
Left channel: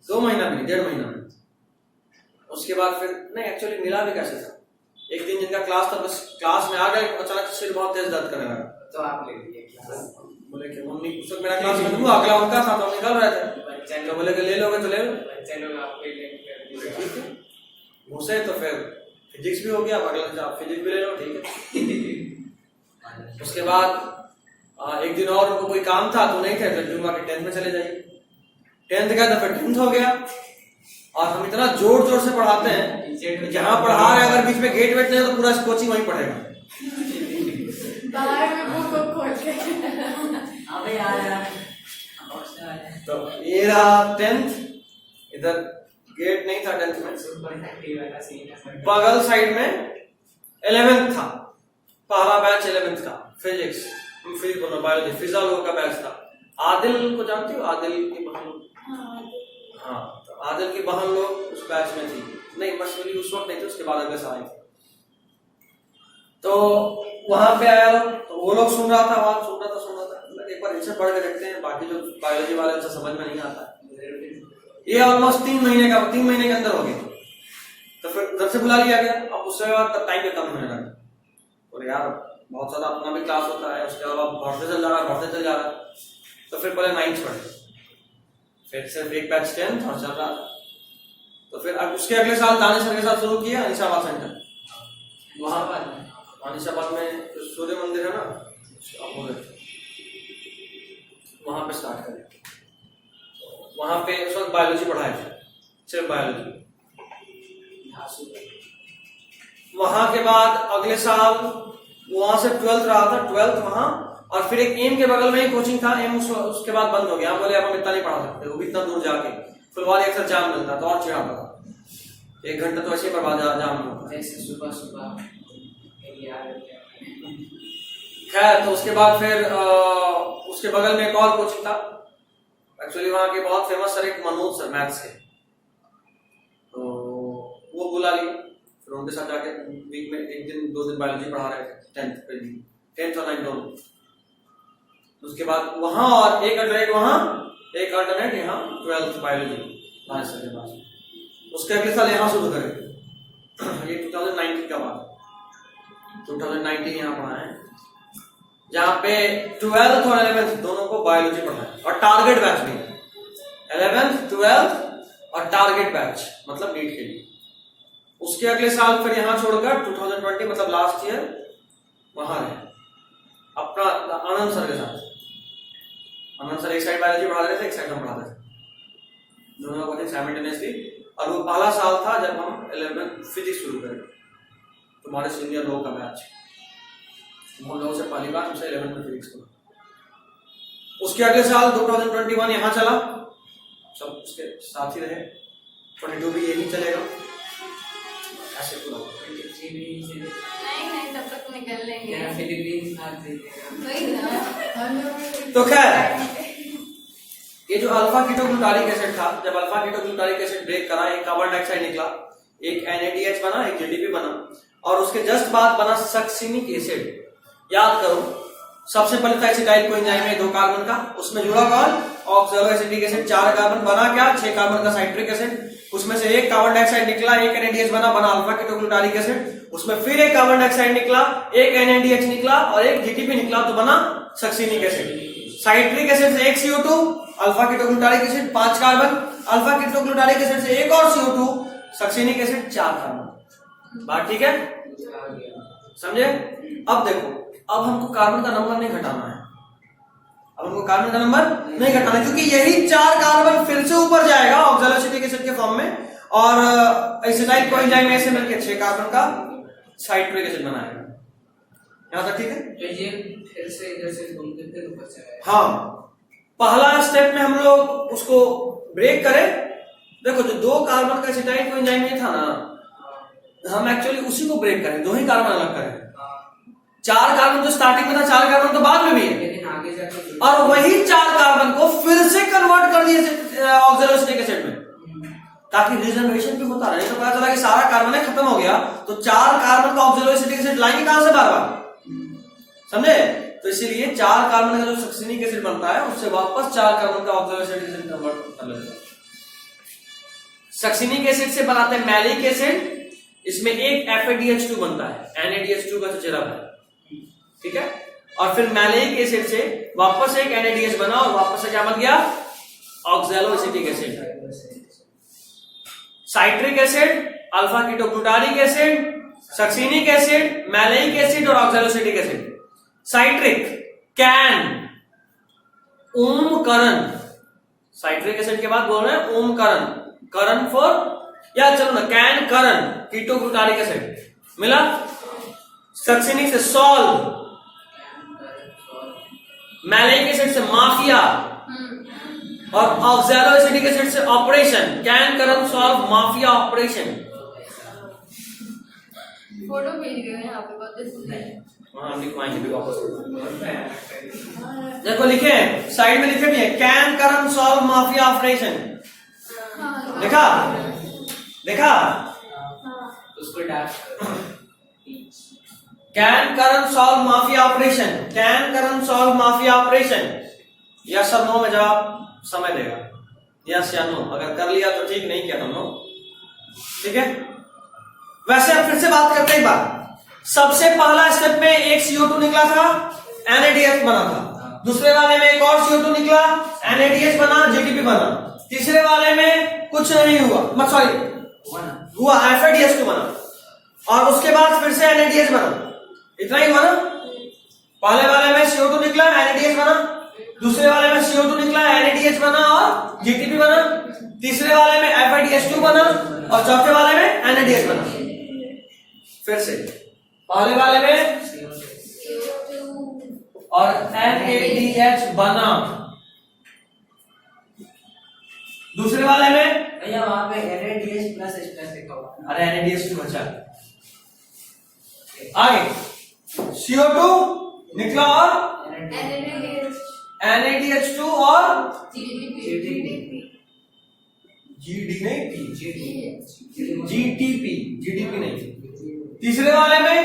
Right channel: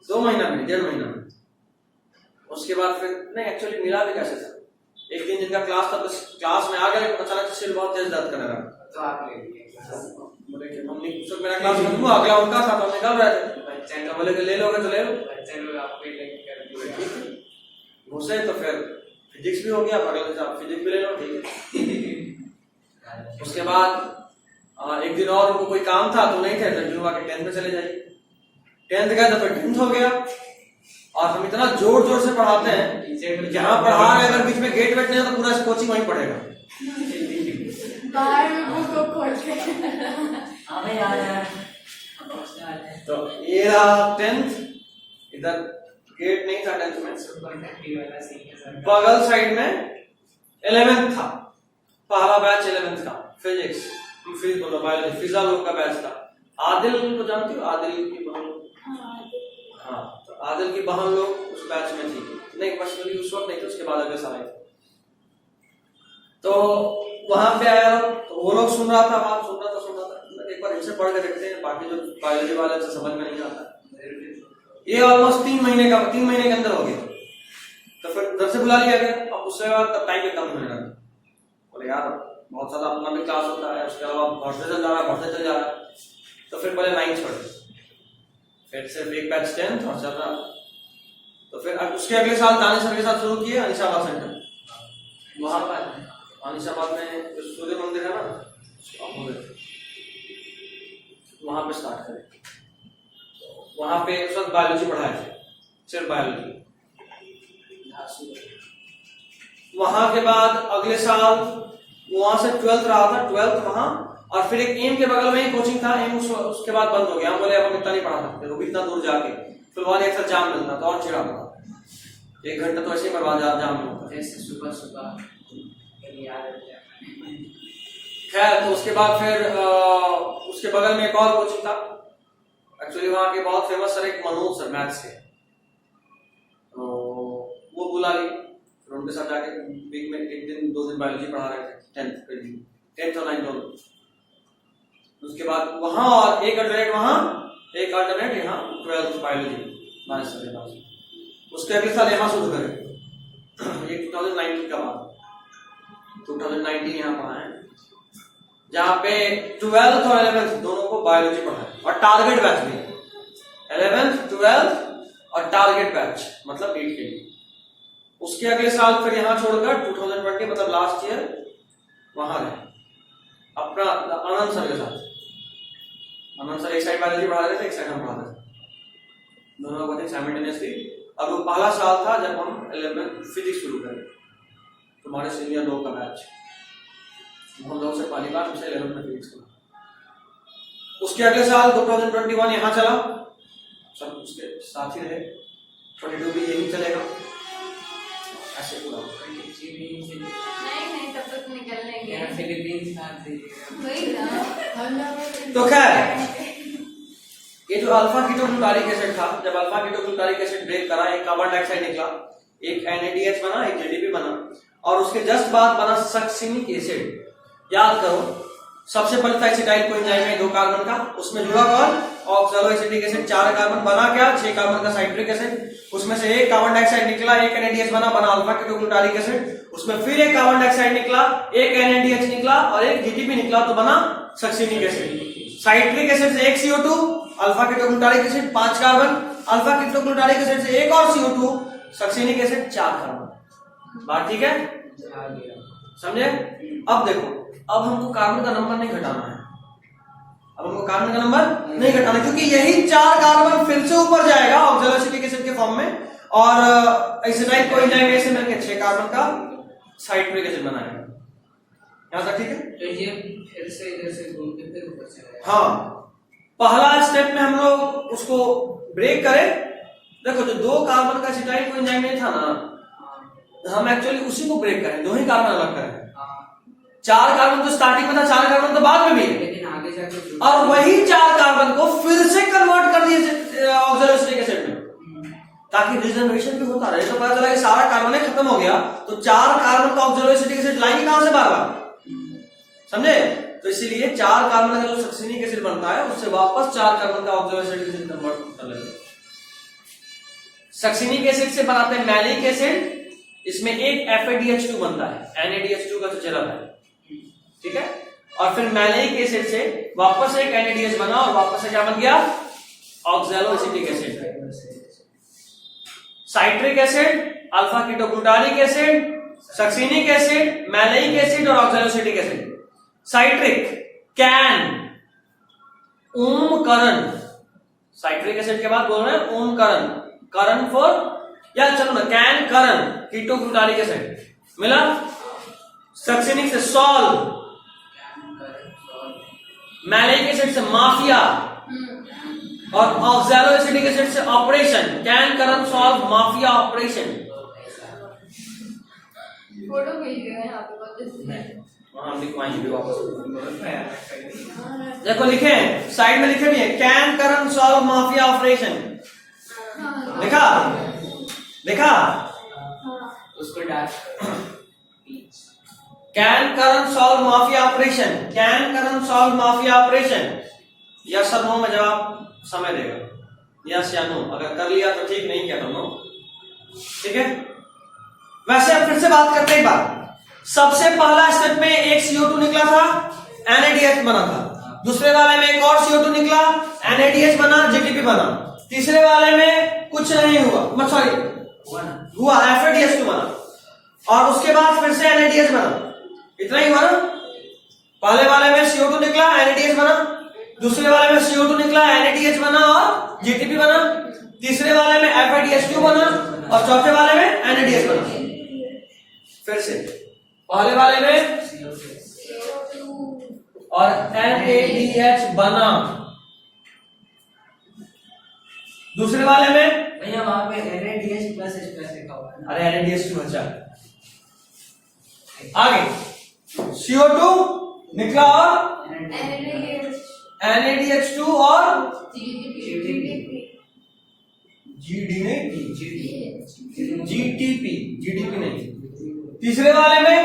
2 महीना में, 1.5 महीना में। उसके बाद फिर नहीं एक्चुअली मिला भी कैसे था, एक दिन जिनका क्लास था, बस क्लास में आ गए, अचानक सिर बहुत तेज दर्द करने लगा, तो आप ले लीजिए क्लास, बोले कि मम्मी सब मेरा क्लास में दूंगा, अगला उनका था तो निकल रहे थे, बच्चे तो बोले कि ले लोगे तो ले लो, बच्चे लोग आपको ही लेके कर दिए, घुसे तो फिर फिजिक्स भी हो गया, अगले दिन आप फिजिक्स भी ले लो, ठीक है। उसके बाद एक दिन और उनको कोई काम था तो नहीं थे, तो जुम्मा के 10th में चले जाइए, 10th गए तो फिर 10th हो गया, और हम इतना जोर जोर से पढ़ाते हैं, जहाँ पढ़ा रहे अगर बीच में गेट वेट नहीं तो पूरा कोचिंग वहीं पढ़ेगा, बाहर में वो खोल के अबे यार तो ये रहा 10th, इधर गेट नहीं था 10th में, सुपर फैक्ट्री वाला सीन है सर, बगल साइड में 11th था, पहला बैच 11th था, फिजिक्स बायोलॉजी, फिजा लोग का बैच था, आदिल को जानती हो, आदिल की बहन, हाँ तो आदिल की बहन लोग उस बैच में थी, नहीं पर्सनली उस वक्त नहीं थे, उसके बाद अगले साल थे, तो वहां पे आया तो वो लोग सुन रहा था, वहां सुन रहा था, एक बार इनसे पढ़ के देखते हैं, बाकी जो बायोलॉजी वाले उसे समझ में नहीं आता, ये ऑलमोस्ट 3 महीने के अंदर हो गया, तो फिर घर से बुला लिया गया। अब उसके बाद तब टाइम कम होने लगा, बोले यार बहुत ज्यादा अपना भी क्लास होता है, उसके अलावा बढ़ते चल जा रहा है, तो फिर पहले 9th पढ़े, फिर सिर्फ एक बैच 10th और ज्यादा, तो फिर उसके अगले साल दानिश सर के साथ शुरू किया अनिशाबाद सेंटर, वहां अनिशाबाद में सूर्य मंदिर है ना, वहां पे स्टार्ट करें, वहां पे उस वक्त बायोलॉजी पढ़ाए थे, सिर्फ बायोलॉजी। वहां के बाद अगले साल वहां से 12th रहा था, 12th वहां और फिर एक एम के बगल में ही कोचिंग था, एम उसके बाद बंद हो गया। हम बोले अब हम इतना नहीं पढ़ा सकते, वो भी इतना दूर जाके फुलवारी अक्सर जाम मिलता तो और चिढ़ा पड़ा, 1 घंटा तो ऐसे ही बर्बाद जाम में होता। जैसे सुबह सुबह खैर तो उसके बाद फिर उसके बगल में एक और कोचिंग था, एक्चुअली वहां के बहुत फेमस सर एक मनोज सर मैथ्स के, तो वो बुला लिए, फिर उनके साथ जाके वीक में 1 दिन 2 दिन बायोलॉजी पढ़ा रहे थे, 10th और 9th दोनों। उसके बाद वहां और एक अल्टरनेट वहां, एक अल्टरनेट यहाँ 12th बायोलॉजी मानस सर के पास। उसके अगले साल यहाँ शुरू करें, ये 2019 का बात, 2019 यहाँ पढ़ा है, जहाँ पे 12th और 11th दोनों को बायोलॉजी पढ़ाए और टारगेट बैच भी, 11th 12th और टारगेट बैच मतलब नीट के लिए। उसके अगले साल फिर यहाँ छोड़कर 2020 मतलब लास्ट ईयर वहां रहे अपना आनंद सर के साथ। आनंद सर एक साइड बायोलॉजी पढ़ा रहे थे, एक साइड हम पढ़ा रहे थे, दोनों को साइमल्टेनियसली। और वो पहला साल था जब हम 11th फिजिक्स शुरू करें, तुम्हारे सीनियर लोग का बैच, हम लोग से पहली बार हमसे 11th में फिजिक्स को। उसके अगले साल 2021 यहाँ चला, सब उसके साथ ही रहे, 22 भी यही चलेगा, ऐसे पूरा नहीं तब तक निकल लेंगे वही ना। तो खैर ये जो अल्फा कीटोग्लूटारिक एसिड था, जब अल्फा कीटोग्लूटारिक एसिड ब्रेक करा, एक कार्बन डाइऑक्साइड निकला, एक NADH बना, एक JDP बना, और उसके जस्ट बाद बना सक्सिनिक एसिड। याद करो, सबसे पहले था एसिटाइल कोएंजाइम में 2 कार्बन का, उसमें जुड़ा कौन, ऑक्सैलोएसिटिक एसिड, 4 कार्बन बना क्या, 6 कार्बन का साइट्रिक एसिड, उसमें से एक कार्बन डाइऑक्साइड निकला, एक NADH बना अल्फा कीटोग्लूटारिक एसिड, उसमें फिर एक कार्बन डाइऑक्साइड निकला, एक NADH निकला और एक JDP निकला, तो बना सक्सिनिक एसिड। साइट्रिक एसिड से एक CO2, alpha ketoglutaric acid 5 carbon, alpha ketoglutaric acid से एक और CO2, सक्सिनिक एसिड 4 कार्बन। बात ठीक है, समझे? अब देखो, अब हमको कार्बन का नंबर नहीं घटाना है, अब हमको कार्बन का नंबर नहीं घटाना है, क्योंकि यही 4 कार्बन फिर से ऊपर जाएगा ऑक्सैलोएसिटिक एसिड के फॉर्म में, और एसिटाइल कोएंजाइम से मिलकर 6 कार्बन का साइट्रिक एसिड बनाएगा। यहां तक ठीक है? तो ये फिर से इधर से घूम के फिर ऊपर चला। हाँ, पहला स्टेप में हम लोग उसको ब्रेक करें। देखो जो 2 कार्बन का एसिटाइल कोएंजाइम नहीं था ना, हम एक्चुअली उसी को ब्रेक करें, 2 ही कार्बन अलग करें। 4 कार्बन तो स्टार्टिंग में था, 4 कार्बन तो बाद में भी है, लेकिन आगे जाके और वही 4 कार्बन को फिर से कन्वर्ट कर दिए ऑक्सैलोएसिटिक एसिड में, ताकि रिजर्वेशन भी होता रहे। तो पता चला कि सारा कार्बन खत्म हो गया, तो 4 कार्बन का ऑक्सैलोएसिटिक एसिड लाएंगे कहां से बार बार, समझे? तो इसीलिए 4 कार्बन का जो सक्सिनिक एसिड बनता है उससे वापस 4 कार्बन का ऑक्सैलोएसिटिक एसिड कन्वर्ट कर लेते हैं। सक्सिनिक एसिड से बनाते हैं मैलिक एसिड, इसमें एक FADH2 बनता है, NADH2 का तो चला है, ठीक है? और फिर मैलिक एसिड से वापस एक NADH बना और वापस से क्या बन गया, oxaloacetic acid. Citric acid, alpha ketoglutaric acid, succinic acid, malic acid और oxaloacetic acid. Citric can, Omkaran, citric acid के बाद बोल रहे हैं ओमकरण, करण फॉर, या चलो ना, कैन करण, कीटोग्लूटारिक एसिड मिला। सक्सिनिक से सॉल्व, मैलिक एसिड से माफिया, और ऑक्सैलोएसिटिक एसिड से operation, can Karan solve mafia operation. Photo भेज रहे हैं यहाँ पे देखो लिखे साइड में, लिखे भी है can Karan solve mafia operation, देखा देखा, उसको डाल can Karan solve mafia operation, can Karan solve mafia operation. Yes और नो में जवाब समय देगा, यस या नो, अगर कर लिया तो ठीक, नहीं किया तो नो, ठीक है? वैसे अब फिर से बात करते हैं एक बार। सबसे पहला स्टेप में एक CO2 निकला था, NADH बना था, दूसरे वाले में एक और CO2 निकला, NADH बना, JDP बना, तीसरे वाले में कुछ नहीं हुआ, सॉरी हुआ FADH2 बना, और उसके बाद फिर से NADH बना, इतना ही बना। पहले वाले में CO2 निकला, NADH बना, दूसरे वाले में CO2 निकला, NADH बना और JDP बना, तीसरे वाले में FADH2 बना और चौथे वाले में NADH बना। फिर से पहले वाले में और NADH बना। दूसरे वाले में भैया वहां पे NADH प्लस H प्लस लिखा हुआ है ना। अरे NADH2 बचा। आगे CO2 निकला और NADH2 और GD नहीं GTP नहीं। तीसरे वाले में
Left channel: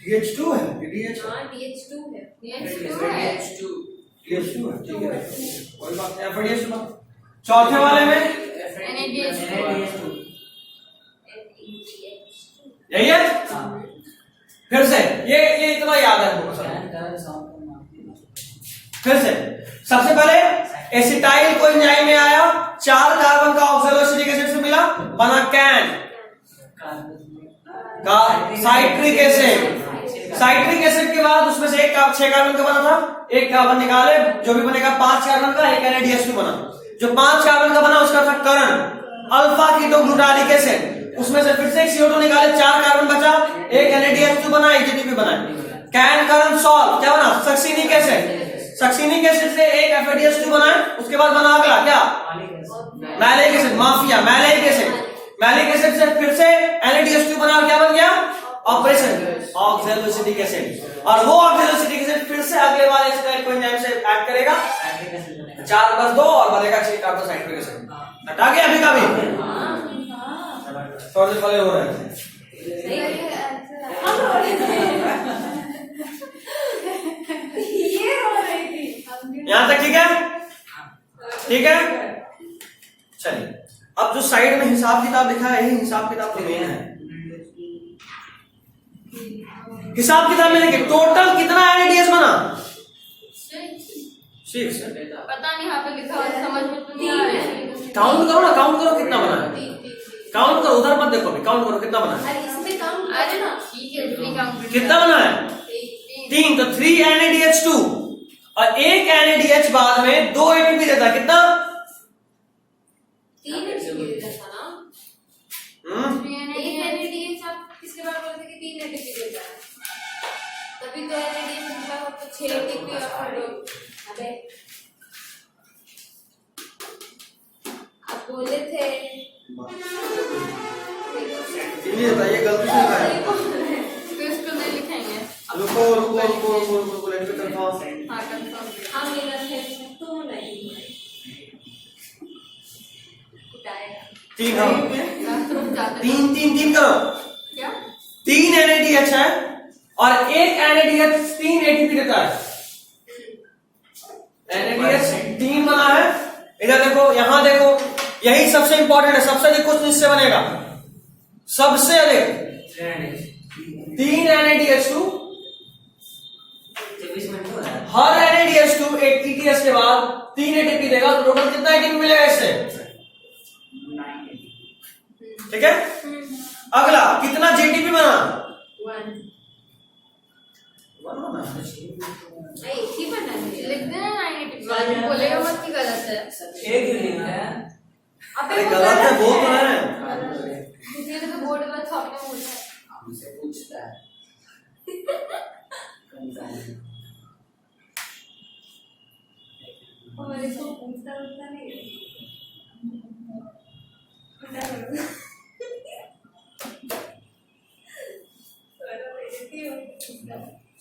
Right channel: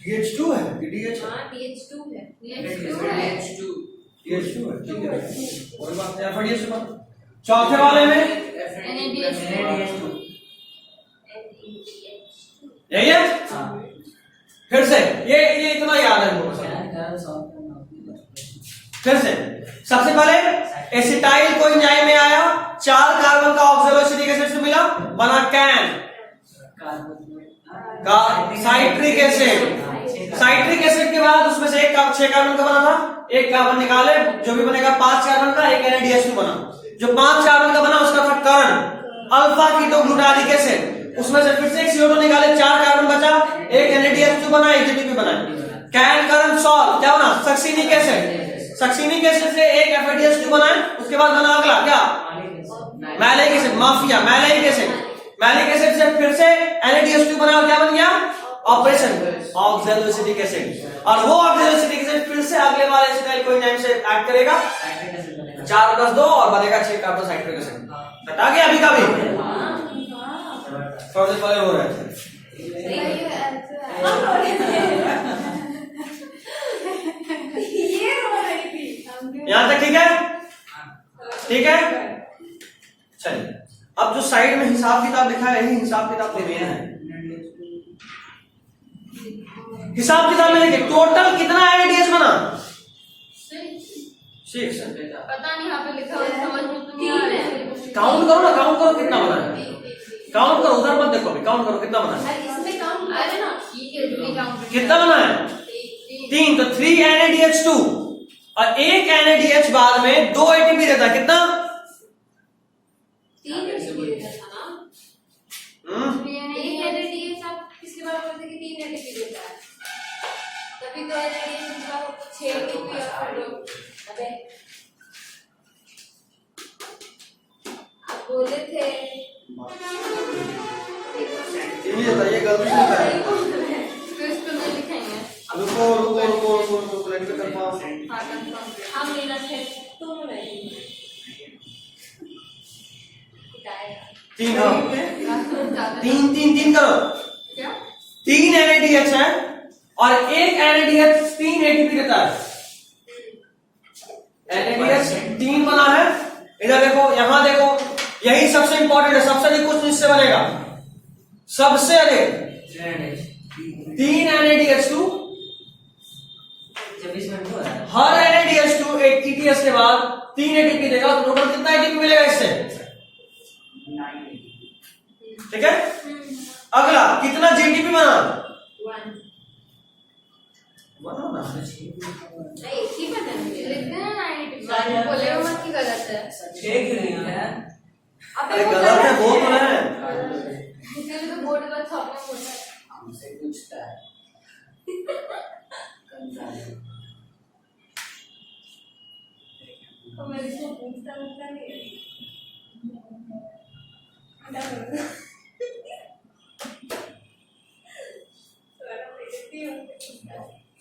DH2 है DH DH2 है ठीक है कोई बात नहीं FADH2 बना। चौथे वाले में NADH2 यही है। फिर से ये इतना याद है मुझे। फिर से सबसे पहले एसिटाइल को एंजाइम में आया, 4 कार्बन का ऑक्सोलोसिटिक एसिड से मिला, बना कैन का साइट्रिक एसिड। साइट्रिक एसिड के बाद उसमें से 6 कार्बन का बना था, 1 कार्बन निकाले, जो भी बनेगा 5 कार्बन का, एक NADH2 बना। जो 5 कार्बन का बना उसका था कर्ण अल्फा कीटोग्लूटारिक एसिड। उसमें से फिर से एक CO2 निकाले, 4 कार्बन बचा, एक NADH2 बना, एक GTP बना। कैन कर्ण सॉल्ट क्या बना? Succinic acid. सक्सिनिक एसिड से एक FADH2 बना है। उसके बाद बना अगला क्या? Malic acid. माफिया मैलिक एसिड। मैलिक एसिड से फिर से NADH2 बना, क्या बन गया? Operation oxaloacetic acid. और वो ऑक्सैलोसिटिक एसिड फिर से अगले वाले एसिटाइल को एंजाइम से ऐड करेगा, 4+2 और बनेगा 6 कार्बन साइट्रिक एसिड। हटा गया अभी का भी थोड़ा सा पहले हो रहा है। यहां तक ठीक है? ठीक है चलिए, अब जो साइड में हिसाब किताब लिखा है, यही हिसाब किताब तो मेन है। हिसाब किताब में देखिए टोटल कितना NADH बना? 6। पता नहीं यहाँ पे लिखा हुआ समझ में तो नहीं आ रहा है। काउंट करो ना, काउंट करो कितना बना है। काउंट करो, उधर मत देखो, काउंट करो कितना बना है। इसमें काउंट अरे ना ठीक है कितना बना है? 3। तो 3 NADH2 और 1 NADH बाद में 2 ATP देता कितना? 3 देता था ना। NADH आप पिछली बार बोलते कि 3 ATP देता है, तभी तो NADH का आपको 6 ATP और अबे आप बोले थे ये बताइए गलती से लिखा है। इसको नहीं लिखेंगे। रुको लेट पे कंफर्म। हाँ कंफर्म हम लेना थे तुम नहीं 3 हाँ 3 करो। क्या 3 NADH है और 1 NADH 3 ATP देता है। NADH 3 बना है। इधर देखो, यहां देखो, यही सबसे इंपॉर्टेंट है। सबसे अधिक कुछ इससे बनेगा, सबसे अधिक 3 NADH2। हर NADH2 एक TTS के बाद 3 ATP देगा, तो टोटल कितना ATP मिलेगा इससे? 9 ठीक है। अगला कितना GTP बना? 1 बना एक ही बना है, लिख देना 9 बोले मत की गलत है। 6 क्यों लिखा है? अरे गलत है वो तो है। किसी ने तो बोर्ड पर छापना होता है। हमसे पूछता है हमारे को पूछता नहीं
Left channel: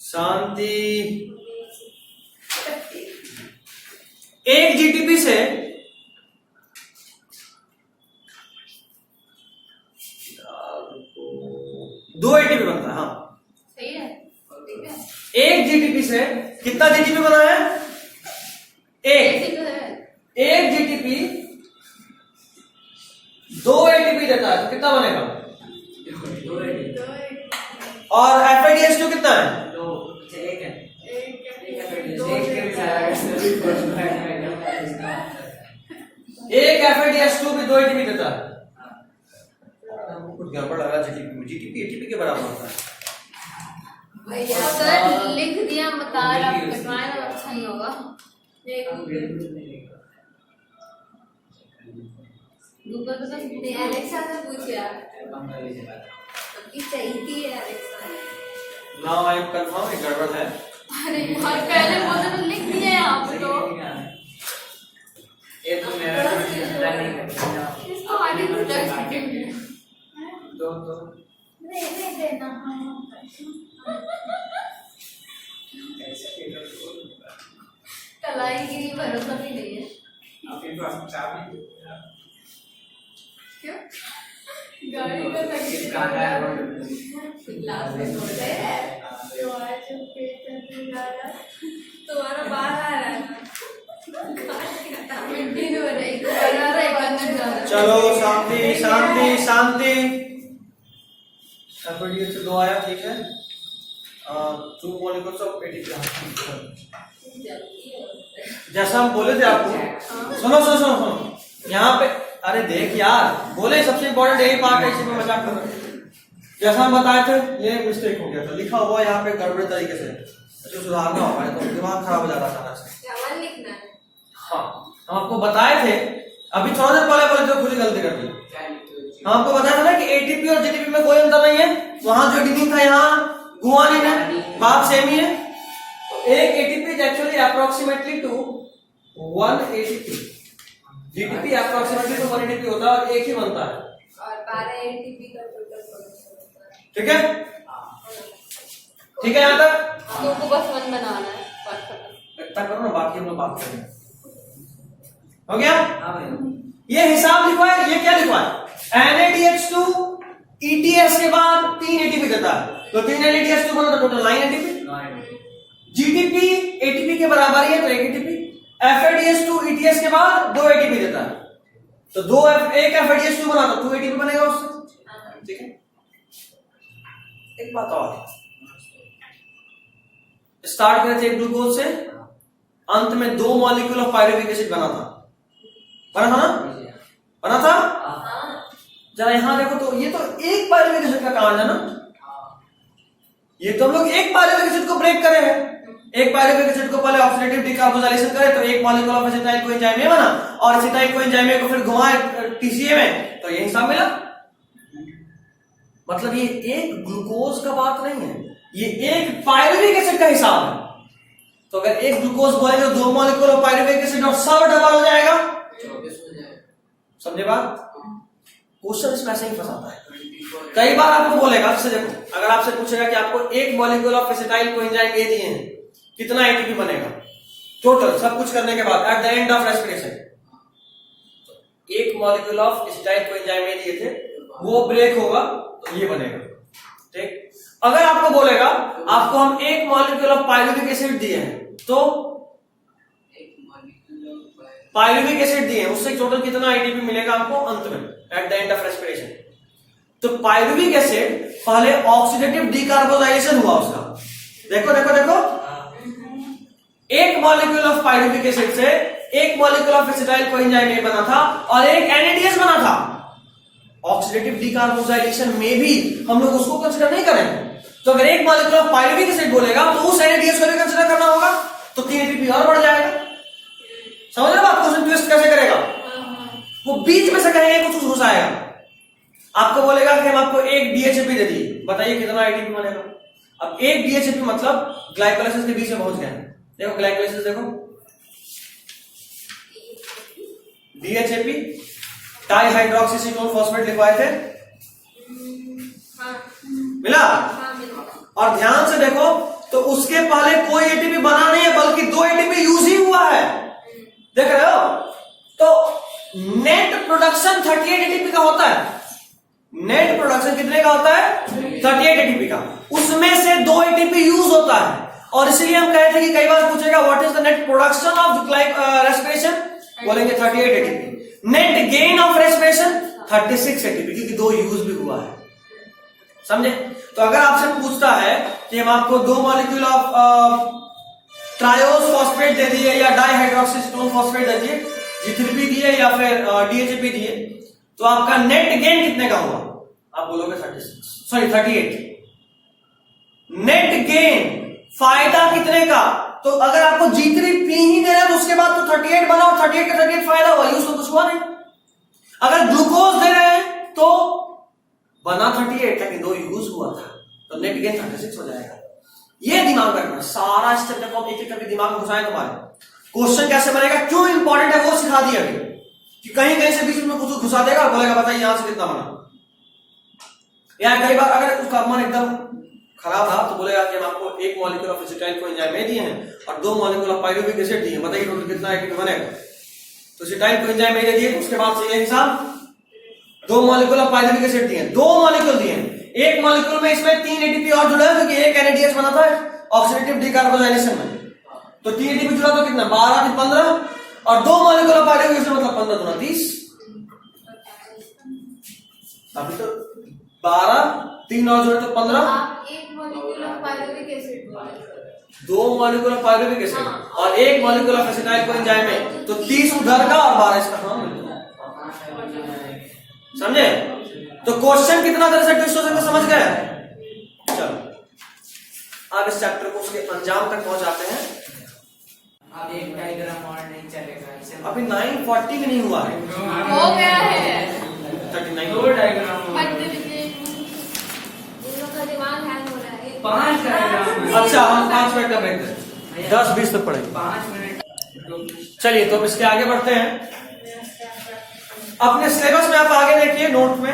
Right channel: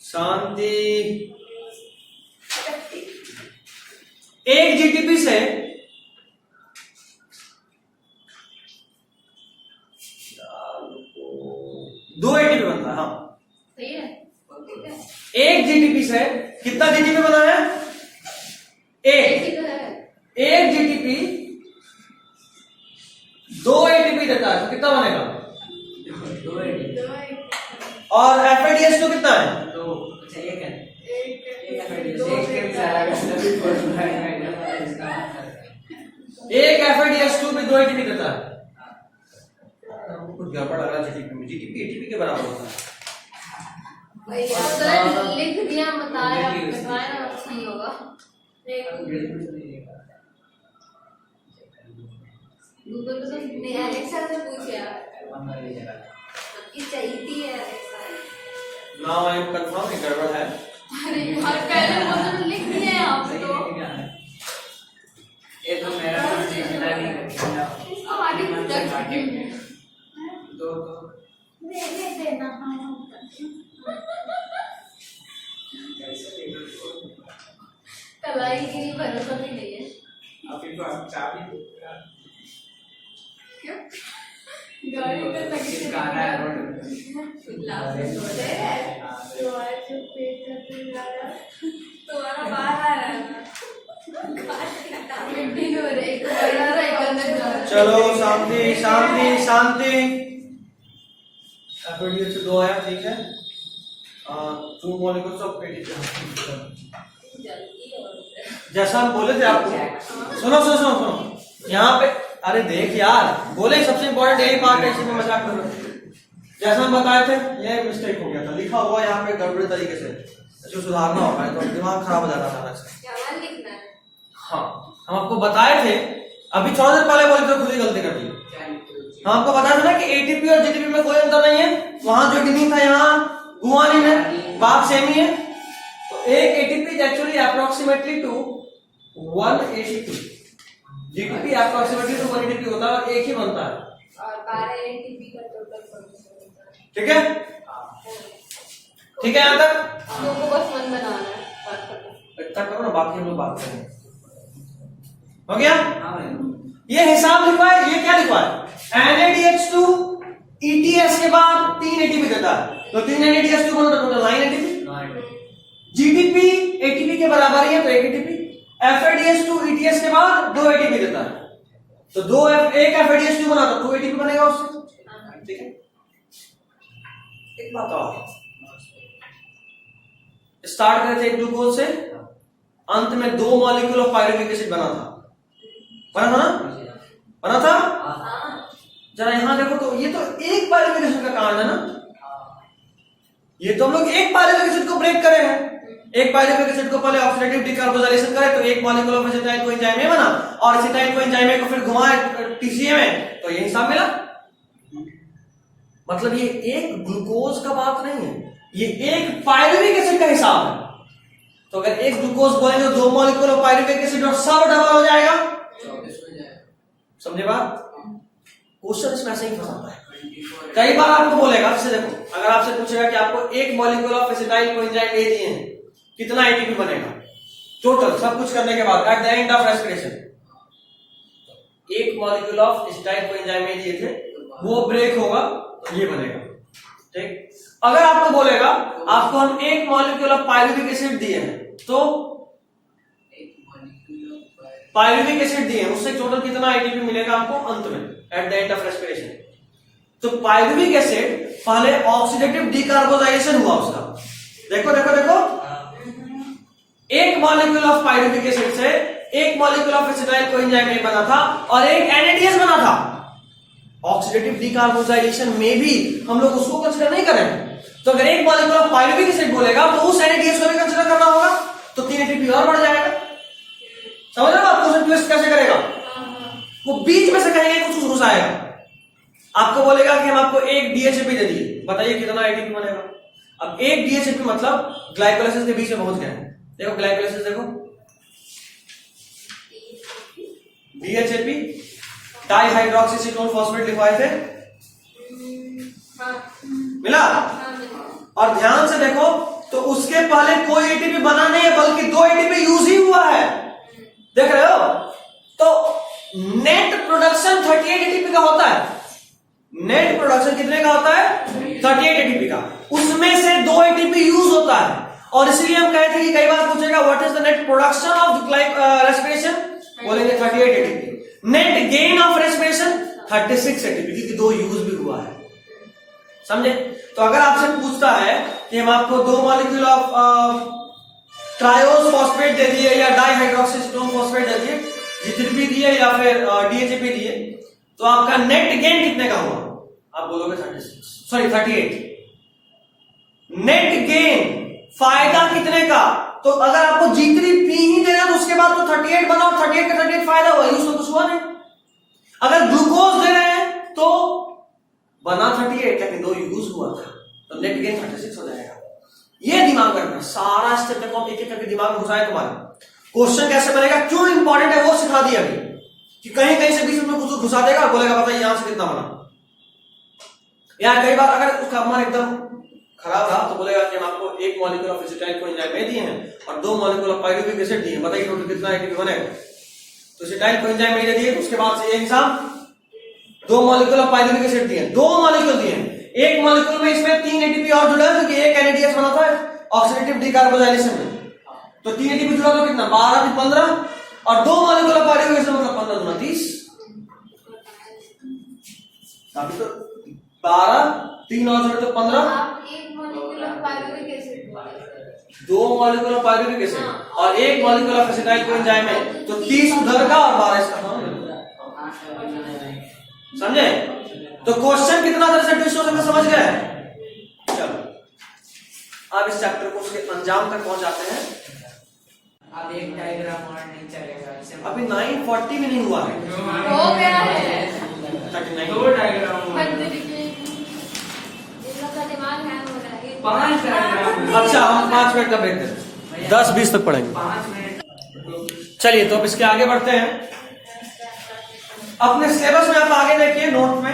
शांति। 1 GTP से 2 ATP बनता है। हाँ सही है ठीक है। 1 GTP से कितना GTP बना है? 1 GTP 2 ATP देता है, तो कितना बनेगा? 2 ATP और FADH2 कितना है? 2 अच्छा 1 है। एक FADH2 भी 2 ATP देता है। कुछ गड़बड़ लगा GTP में। GTP ATP के बराबर होता है। सर लिख दिया बता रहा हूँ, कटवाए ना अच्छा ही होगा। गूगल पे तो नहीं, एलेक्सा से पूछ यार कि चाहिए थी Alexa. Now I am confirm ये गड़बड़ है। अरे यार पहले बोला तो लिख दिया यहाँ पे तो। ये तो मेरा चिंता नहीं करता। इसको आगे कुछ कर सकते हैं। दो नहीं देना हाँ कैसे कलाई गिरी भरोसा भी नहीं है। अभी तो चाबी क्यों? गाड़ी में लगी थी। गाना है रोड ग्लास में तोड़ दे। तुम्हारा बाहर आ रहा है मिट्टी में भरे एक बड़ा सा एक अंदर जा रहा है। चलो शांति शांति शांति। एफएडीएच से 2 आया, ठीक है। 2 मॉलिक्यूल्स ऑफ एटीपी। जैसा हम बोले थे आपको, सुनो सुनो सुनो सुनो यहाँ पे, अरे देख यार, बोले सबसे इम्पोर्टेंट यही पार्ट है, इसमें मजाक कर रहा हूं। जैसा हम बताए थे, ये मिस्टेक हो गया था, लिखा हुआ यहाँ पे गड़बड़ तरीके से, जो सुधारना होगा, तो दिमाग खराब हो जाता था अचानक से। क्या लिखना है? हाँ, हम आपको बताए थे, अभी थोड़ा देर पहले बोले थे, खुद ही गलती कर दी। हम आपको बताया था ना कि एटीपी और जीटीपी में कोई अंतर नहीं है, वहां जो एटीपी था यहाँ गुआनिन है, बात सेम ही है। तो एक ATP is actually approximately two 1 ATP, GTP approximately two 1 ATP होता है और एक ही बनता है। और 12 एटीपी का टोटल फंक्शन होता है। ठीक है, ठीक है यहाँ तक हमको बस मन बनाना है, बात करना। इतना करो ना, बाकी हम लोग बात करें। हो गया? हाँ भाई, ये हिसाब लिखवा है, ये क्या लिखवा है? NADH2 ETS के बाद 3 एटीपी देता है, तो 3 NADH2 बना टोटल 9 एटीपी। GTP ATP के बराबर ही है, तो 1 एटीपी। FADH2 ETS के बाद 2 एटीपी देता है, तो 1 FADH2 बना तो 2 एटीपी बनेगा उससे। ठीक है, एक बात और, स्टार्ट करते थे एक ग्लूकोज से, अंत में 2 मॉलिक्यूल ऑफ पायरुविक एसिड बना था ना, बना था। जरा यहां देखो तो, ये तो एक पायरुविक एसिड का कांड है ना, ये तो हम लोग एक पायरुविक एसिड को ब्रेक करे हैं। एक पायरुविक एसिड को पहले ऑक्सीडेटिव डिकार्बोजाइलेशन करे तो एक मॉलिक्यूल ऑफ एसिटाइल कोएंजाइम ए बना, और एसिटाइल कोएंजाइम ए को फिर घुमाए टीसीए में, तो ये हिसाब मिला। मतलब ये एक ग्लूकोज का बात नहीं है, ये एक पायरुविक एसिड का हिसाब है। तो अगर एक ग्लूकोज बोलेंगे तो 2 मॉलिक्यूल ऑफ पायरुविक एसिड और सब डबल हो जाएगा। 24 हो जाए। समझे बात? क्वेश्चन इसमें ऐसे ही फंसाता है। कई बार आपको बोलेगा, आपसे देखो, अगर आपसे पूछेगा कि आपको एक molecule of acetyl coenzyme A दिए हैं, कितना एटीपी बनेगा टोटल सब कुछ करने के बाद at the end of respiration, एक molecule of acetyl coenzyme A दिए थे, वो ब्रेक होगा तो ये बनेगा। ठीक, अगर आपको बोलेगा आपको हम एक मॉलिक्यूल ऑफ पायरुविक एसिड दिए हैं, तो एक मॉलिक्यूल ऑफ पायरुविक एसिड दिए, उससे टोटल कितना एटीपी मिलेगा आपको अंत में eight the end of respiration. तो पायरुविक एसिड पहले ऑक्सीडेटिव डिकार्बोजाइलेशन हुआ उसका, देखो देखो देखो, एक मॉलिक्यूल ऑफ पायरुविक एसिड से एक मॉलिक्यूल ऑफ एसिटाइल कोएंजाइम ए बना था और एक NADH बना था। ऑक्सीडेटिव डिकार्बोजाइलेशन में भी हम लोग उसको कंसीडर नहीं करें, तो अगर एक मॉलिक्यूल ऑफ पायरुविक एसिड बोलेगा तो उस NADH को भी कंसीडर करना होगा, तो 3 एटीपी और बढ़ जाएगा। समझ रहे हो आप? क्वेश्चन ट्विस्ट कैसे करेगा? वो बीच में से कहेंगे कुछ घुस आएगा। आपको बोलेगा कि हम आपको एक DHAP दे दिए, बताइए कितना एटीपी बनेगा। अब एक DHAP मतलब ग्लाइकोलाइसिस के बीच में पहुंच गए। देखो ग्लाइकोलाइसिस देखो, DHAP डाइहाइड्रोक्सीसीटोन फॉस्फेट लिखवाए थे, मिला? और ध्यान से देखो तो उसके पहले कोई एटीपी बना नहीं है, बल्कि 2 एटीपी यूज ही हुआ है। देख रहे हो? तो नेट प्रोडक्शन 38 एटीपी का होता है। नेट प्रोडक्शन कितने का होता है? 38 एटीपी का। उसमें से 2 एटीपी यूज होता है, और इसलिए हम कहे थे कि कई बार पूछेगा what is the net production of respiration, बोलेंगे 38 ATP. Net gain of respiration 36 ATP, क्योंकि 2 यूज भी हुआ है। समझे? तो अगर आपसे पूछता है कि हम आपको 2 मॉलिक्यूल ऑफ ट्रायोस फॉस्फेट दे दिए या डाइहाइड्रोक्सीटोन फॉस्फेट दे दिए, G3P दिए या फिर DHAP दिए, तो आपका नेट गेन कितने का हुआ? आप बोलोगे 38। नेट गेन फायदा कितने का? तो अगर आपको G3P ही दे रहे हैं तो उसके बाद तो 38 बना, और 38 का 38 फायदा हुआ, यूज तो कुछ हुआ नहीं। अगर ग्लूकोज दे रहे हैं तो बना 38, लेकिन 2 यूज हुआ था, तो नेट गेन 36 हो जाएगा। ये दिमाग में रखना, सारा स्टेप तक हम एक एक करके दिमाग में घुसाएं तुम्हारे। क्वेश्चन कैसे बनेगा, क्यों इंपॉर्टेंट है वो सिखा दिया अभी, कि कहीं कहीं से बीच में कुछ घुसा देगा, बोलेगा बताइए यहां से कितना बना। या कई बार अगर उसका मन एकदम खराब रहा तो बोलेगा कि हम आपको 1 मॉलिक्यूल ऑफ एसिटाइल कोएंजाइम में दिए हैं और 2 मॉलिक्यूल ऑफ पाइरुविक एसिड दिए हैं, बताइए टोटल कितना एटीपी बनेगा। तो एसिटाइल कोएंजाइम में दिए, उसके बाद से ये हिसाब 2 मॉलिक्यूल ऑफ पाइरुविक एसिड दिए, 2 मॉलिक्यूल दिए, 1 मॉलिक्यूल में इसमें 3 एटीपी और जुड़ा है क्योंकि 1 NADH बना था ऑक्सीडेटिव डिकार्बोजाइलेशन में, तो 3 एटीपी जुड़ा तो कितना 12 से 15 और 2 मॉलिक्यूल ऑफ पाइरुविक एसिड मतलब 15 दूना 30, अभी तो 12 3 और जुड़े तो 15, आप 1 मॉलिक्यूल ऑफ पाइरुविक एसिड बोले, 2 मॉलिक्यूल ऑफ पाइरुविक एसिड और 1 मॉलिक्यूल ऑफ एसिटाइल कोएंजाइम में, तो 30 उधर का और 12 इसका। समझे? तो क्वेश्चन कितना तरह से ट्विस्ट हो सकता है, समझ गए? चलो अब इस चैप्टर को उसके अंजाम तक पहुंच जाते हैं। अब एक डायग्राम और नहीं चलेगा, अभी 9:40 में नहीं हुआ है, हो गया है 39 दो डायग्राम इन लोग का दिमाग हैंग हो रहा है। 5 डायग्राम। अच्छा हम 5 मिनट का ब्रेक दें, 10-20 तक पढ़ेंगे। 5 मिनट। चलिए तो इसके आगे बढ़ते हैं। अपने सिलेबस में आप आगे देखिए नोट में,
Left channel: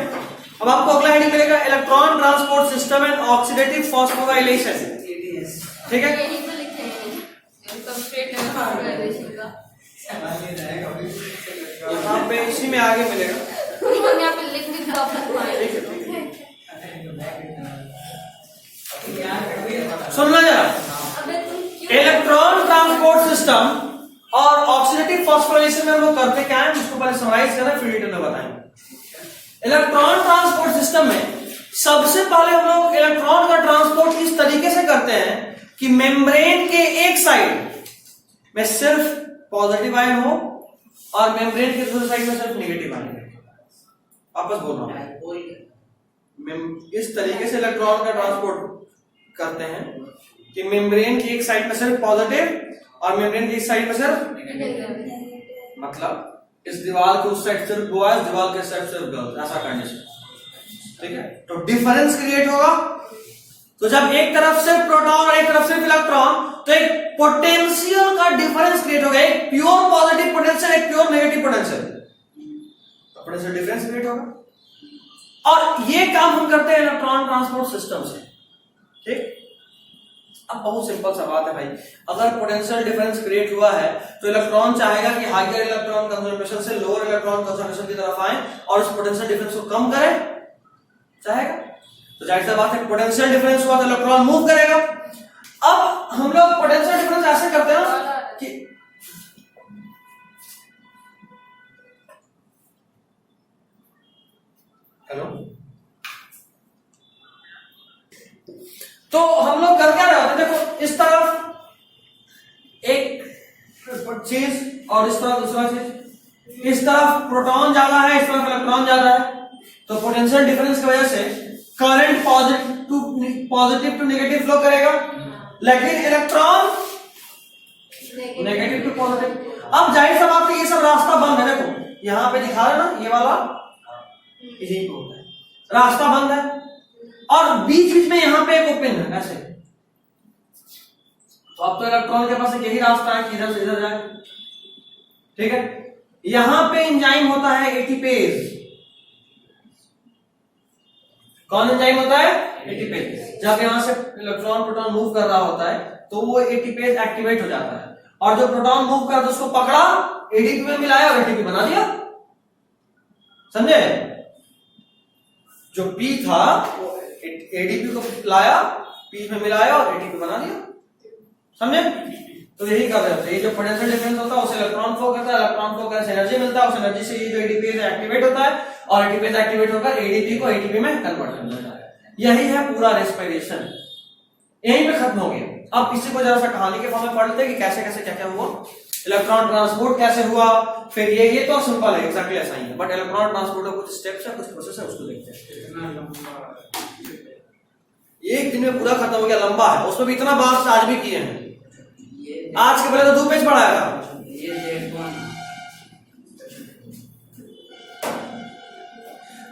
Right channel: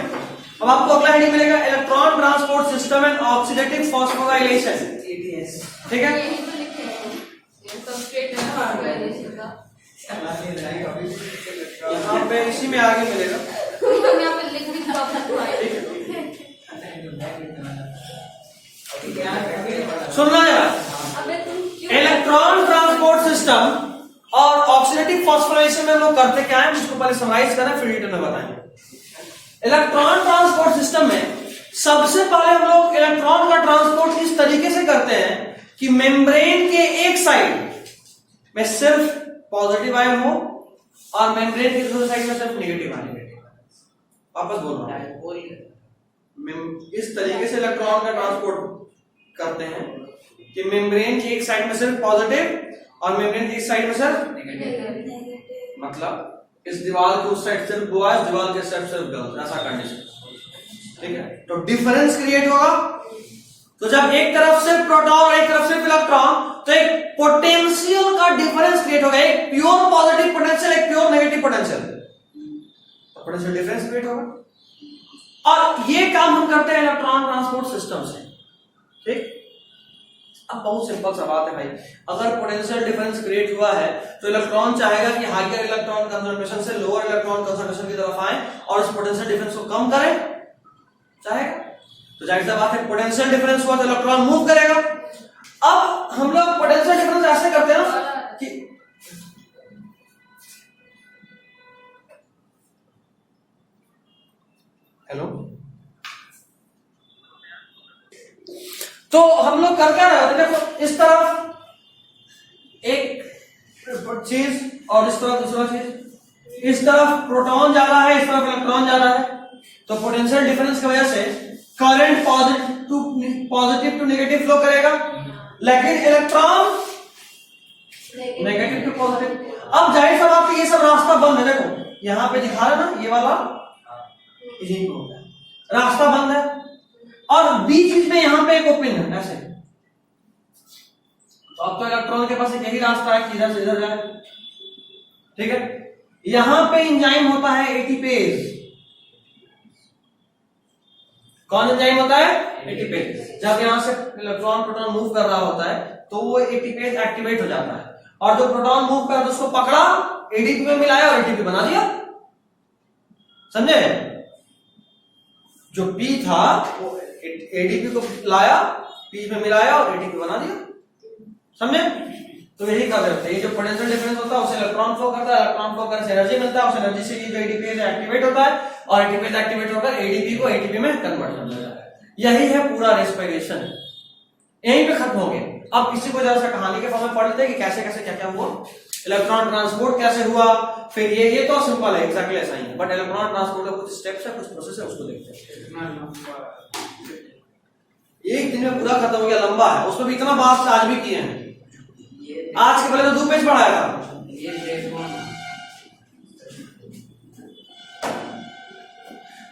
अब आपको अगला हेडिंग मिलेगा electron transport system and oxidative phosphorylation, ठीक है? यही तो लिखे हैं कंप्लीट हार्डवेयर का, यहाँ पे इसी में आगे मिलेगा, हम यहाँ पे लिख भी सुनना जरा। अबे तुम क्यों इलेक्ट्रॉन ट्रांसपोर्ट सिस्टम और ऑक्सीडेटिव फॉस्फोराइलेशन में वो करते क्या है उसको पहले समराइज करें फिर डिटेल में बताएंगे। इलेक्ट्रॉन ट्रांसपोर्ट सिस्टम में सबसे पहले हम लोग इलेक्ट्रॉन का ट्रांसपोर्ट इस तरीके से करते हैं कि मेम्ब्रेन के एक साइड में सिर्फ पॉजिटिव आयन हो और मेम्ब्रेन के दूसरे साइड में सिर्फ नेगेटिव आयन। वापस बोल रहा हूं, इस तरीके से इलेक्ट्रॉन का ट्रांसपोर्ट करते हैं कि मेम्ब्रेन की एक साइड में सिर्फ पॉजिटिव और मेम्ब्रेन की एक साइड में सिर्फ, मतलब इस दीवार के उस साइड सिर्फ बॉयज, दीवार के साइड सिर्फ गर्ल्स, ऐसा कंडीशन, ठीक है? तो डिफरेंस क्रिएट होगा। तो जब एक तरफ सिर्फ प्रोटॉन और एक तरफ सिर्फ इलेक्ट्रॉन, तो एक पोटेंशियल का डिफरेंस क्रिएट होगा, एक प्योर पॉजिटिव पोटेंशियल, एक प्योर नेगेटिव पोटेंशियल, तो पोटेंशियल डिफरेंस क्रिएट होगा। और ये काम हम करते हैं इलेक्ट्रॉन ट्रांसपोर्ट सिस्टम से, ठीक? अब बहुत सिंपल सा बात है भाई, अगर पोटेंशियल डिफरेंस क्रिएट हुआ है तो इलेक्ट्रॉन चाहेगा कि हायर इलेक्ट्रॉन कंसंट्रेशन से लोअर इलेक्ट्रॉन कंसंट्रेशन की तरफ आए और उस पोटेंशियल डिफरेंस को कम करें, चाहेगा। तो जाहिर सी बात है पोटेंशियल डिफरेंस हुआ तो इलेक्ट्रॉन मूव करेगा। अब हम लोग पोटेंशियल डिफरेंस ऐसे करते हैं कि हेलो, तो हम लोग कर क्या रहे थे, देखो इस तरफ एक चीज और इस तरफ दूसरा चीज, इस तरफ प्रोटॉन जा रहा है, इस तरफ इलेक्ट्रॉन जा रहा है, तो पोटेंशियल डिफरेंस की वजह से current positive to negative flow करेगा, लेकिन इलेक्ट्रॉन नेगेटिव टू पॉजिटिव। अब जाहिर सा बात है ये सब रास्ता बंद है, देखो यहां पे दिखा रहा है ना, ये वाला यही होता है, रास्ता बंद है और बीच बीच में यहां पे एक ओपन है ऐसे। तो अब तो इलेक्ट्रॉन के पास यही रास्ता है कि इधर से इधर जाए, ठीक है? यहां पे एंजाइम होता है एटीपेज। कौन एंजाइम होता है? एटीपेज। जब यहां से इलेक्ट्रॉन प्रोटॉन मूव कर रहा होता है तो वो एटीपेज एक्टिवेट हो जाता है और जो प्रोटॉन मूव कर उसको पकड़ा, एडीपी में मिलाया और एटीपी बना दिया, समझे? जो पी था वो एडीपी को लाया, पी में मिलाया और एटीपी बना दिया, समझे? तो यही कर रहे होते हैं। ये जो पोटेंशियल डिफरेंस होता है उसे इलेक्ट्रॉन फ्लो करता है, इलेक्ट्रॉन फ्लो करने से एनर्जी मिलता है, उस एनर्जी से जो एडीपी एक्टिवेट होता है और एटीपी एक्टिवेट होकर एडीपी को एटीपी में कन्वर्ट कर देता है। यही है पूरा रेस्पिरेशन, यहीं पे खत्म हो गया। अब इसी को जरा सा कहानी के फॉर्म में पढ़ लेते हैं कि कैसे कैसे क्या क्या हुआ, इलेक्ट्रॉन ट्रांसपोर्ट कैसे हुआ, फिर ये तो सिंपल है, एग्जैक्टली ऐसा ही है, बट इलेक्ट्रॉन ट्रांसपोर्ट का कुछ स्टेप्स है, कुछ प्रोसेस है, उसको देखते हैं। एक दिन में पूरा खत्म हो गया, लंबा है, उसमें भी इतना बात आज भी किए हैं। आज के पहले तो 2 पेज पढ़ाया था। ये देखो ना,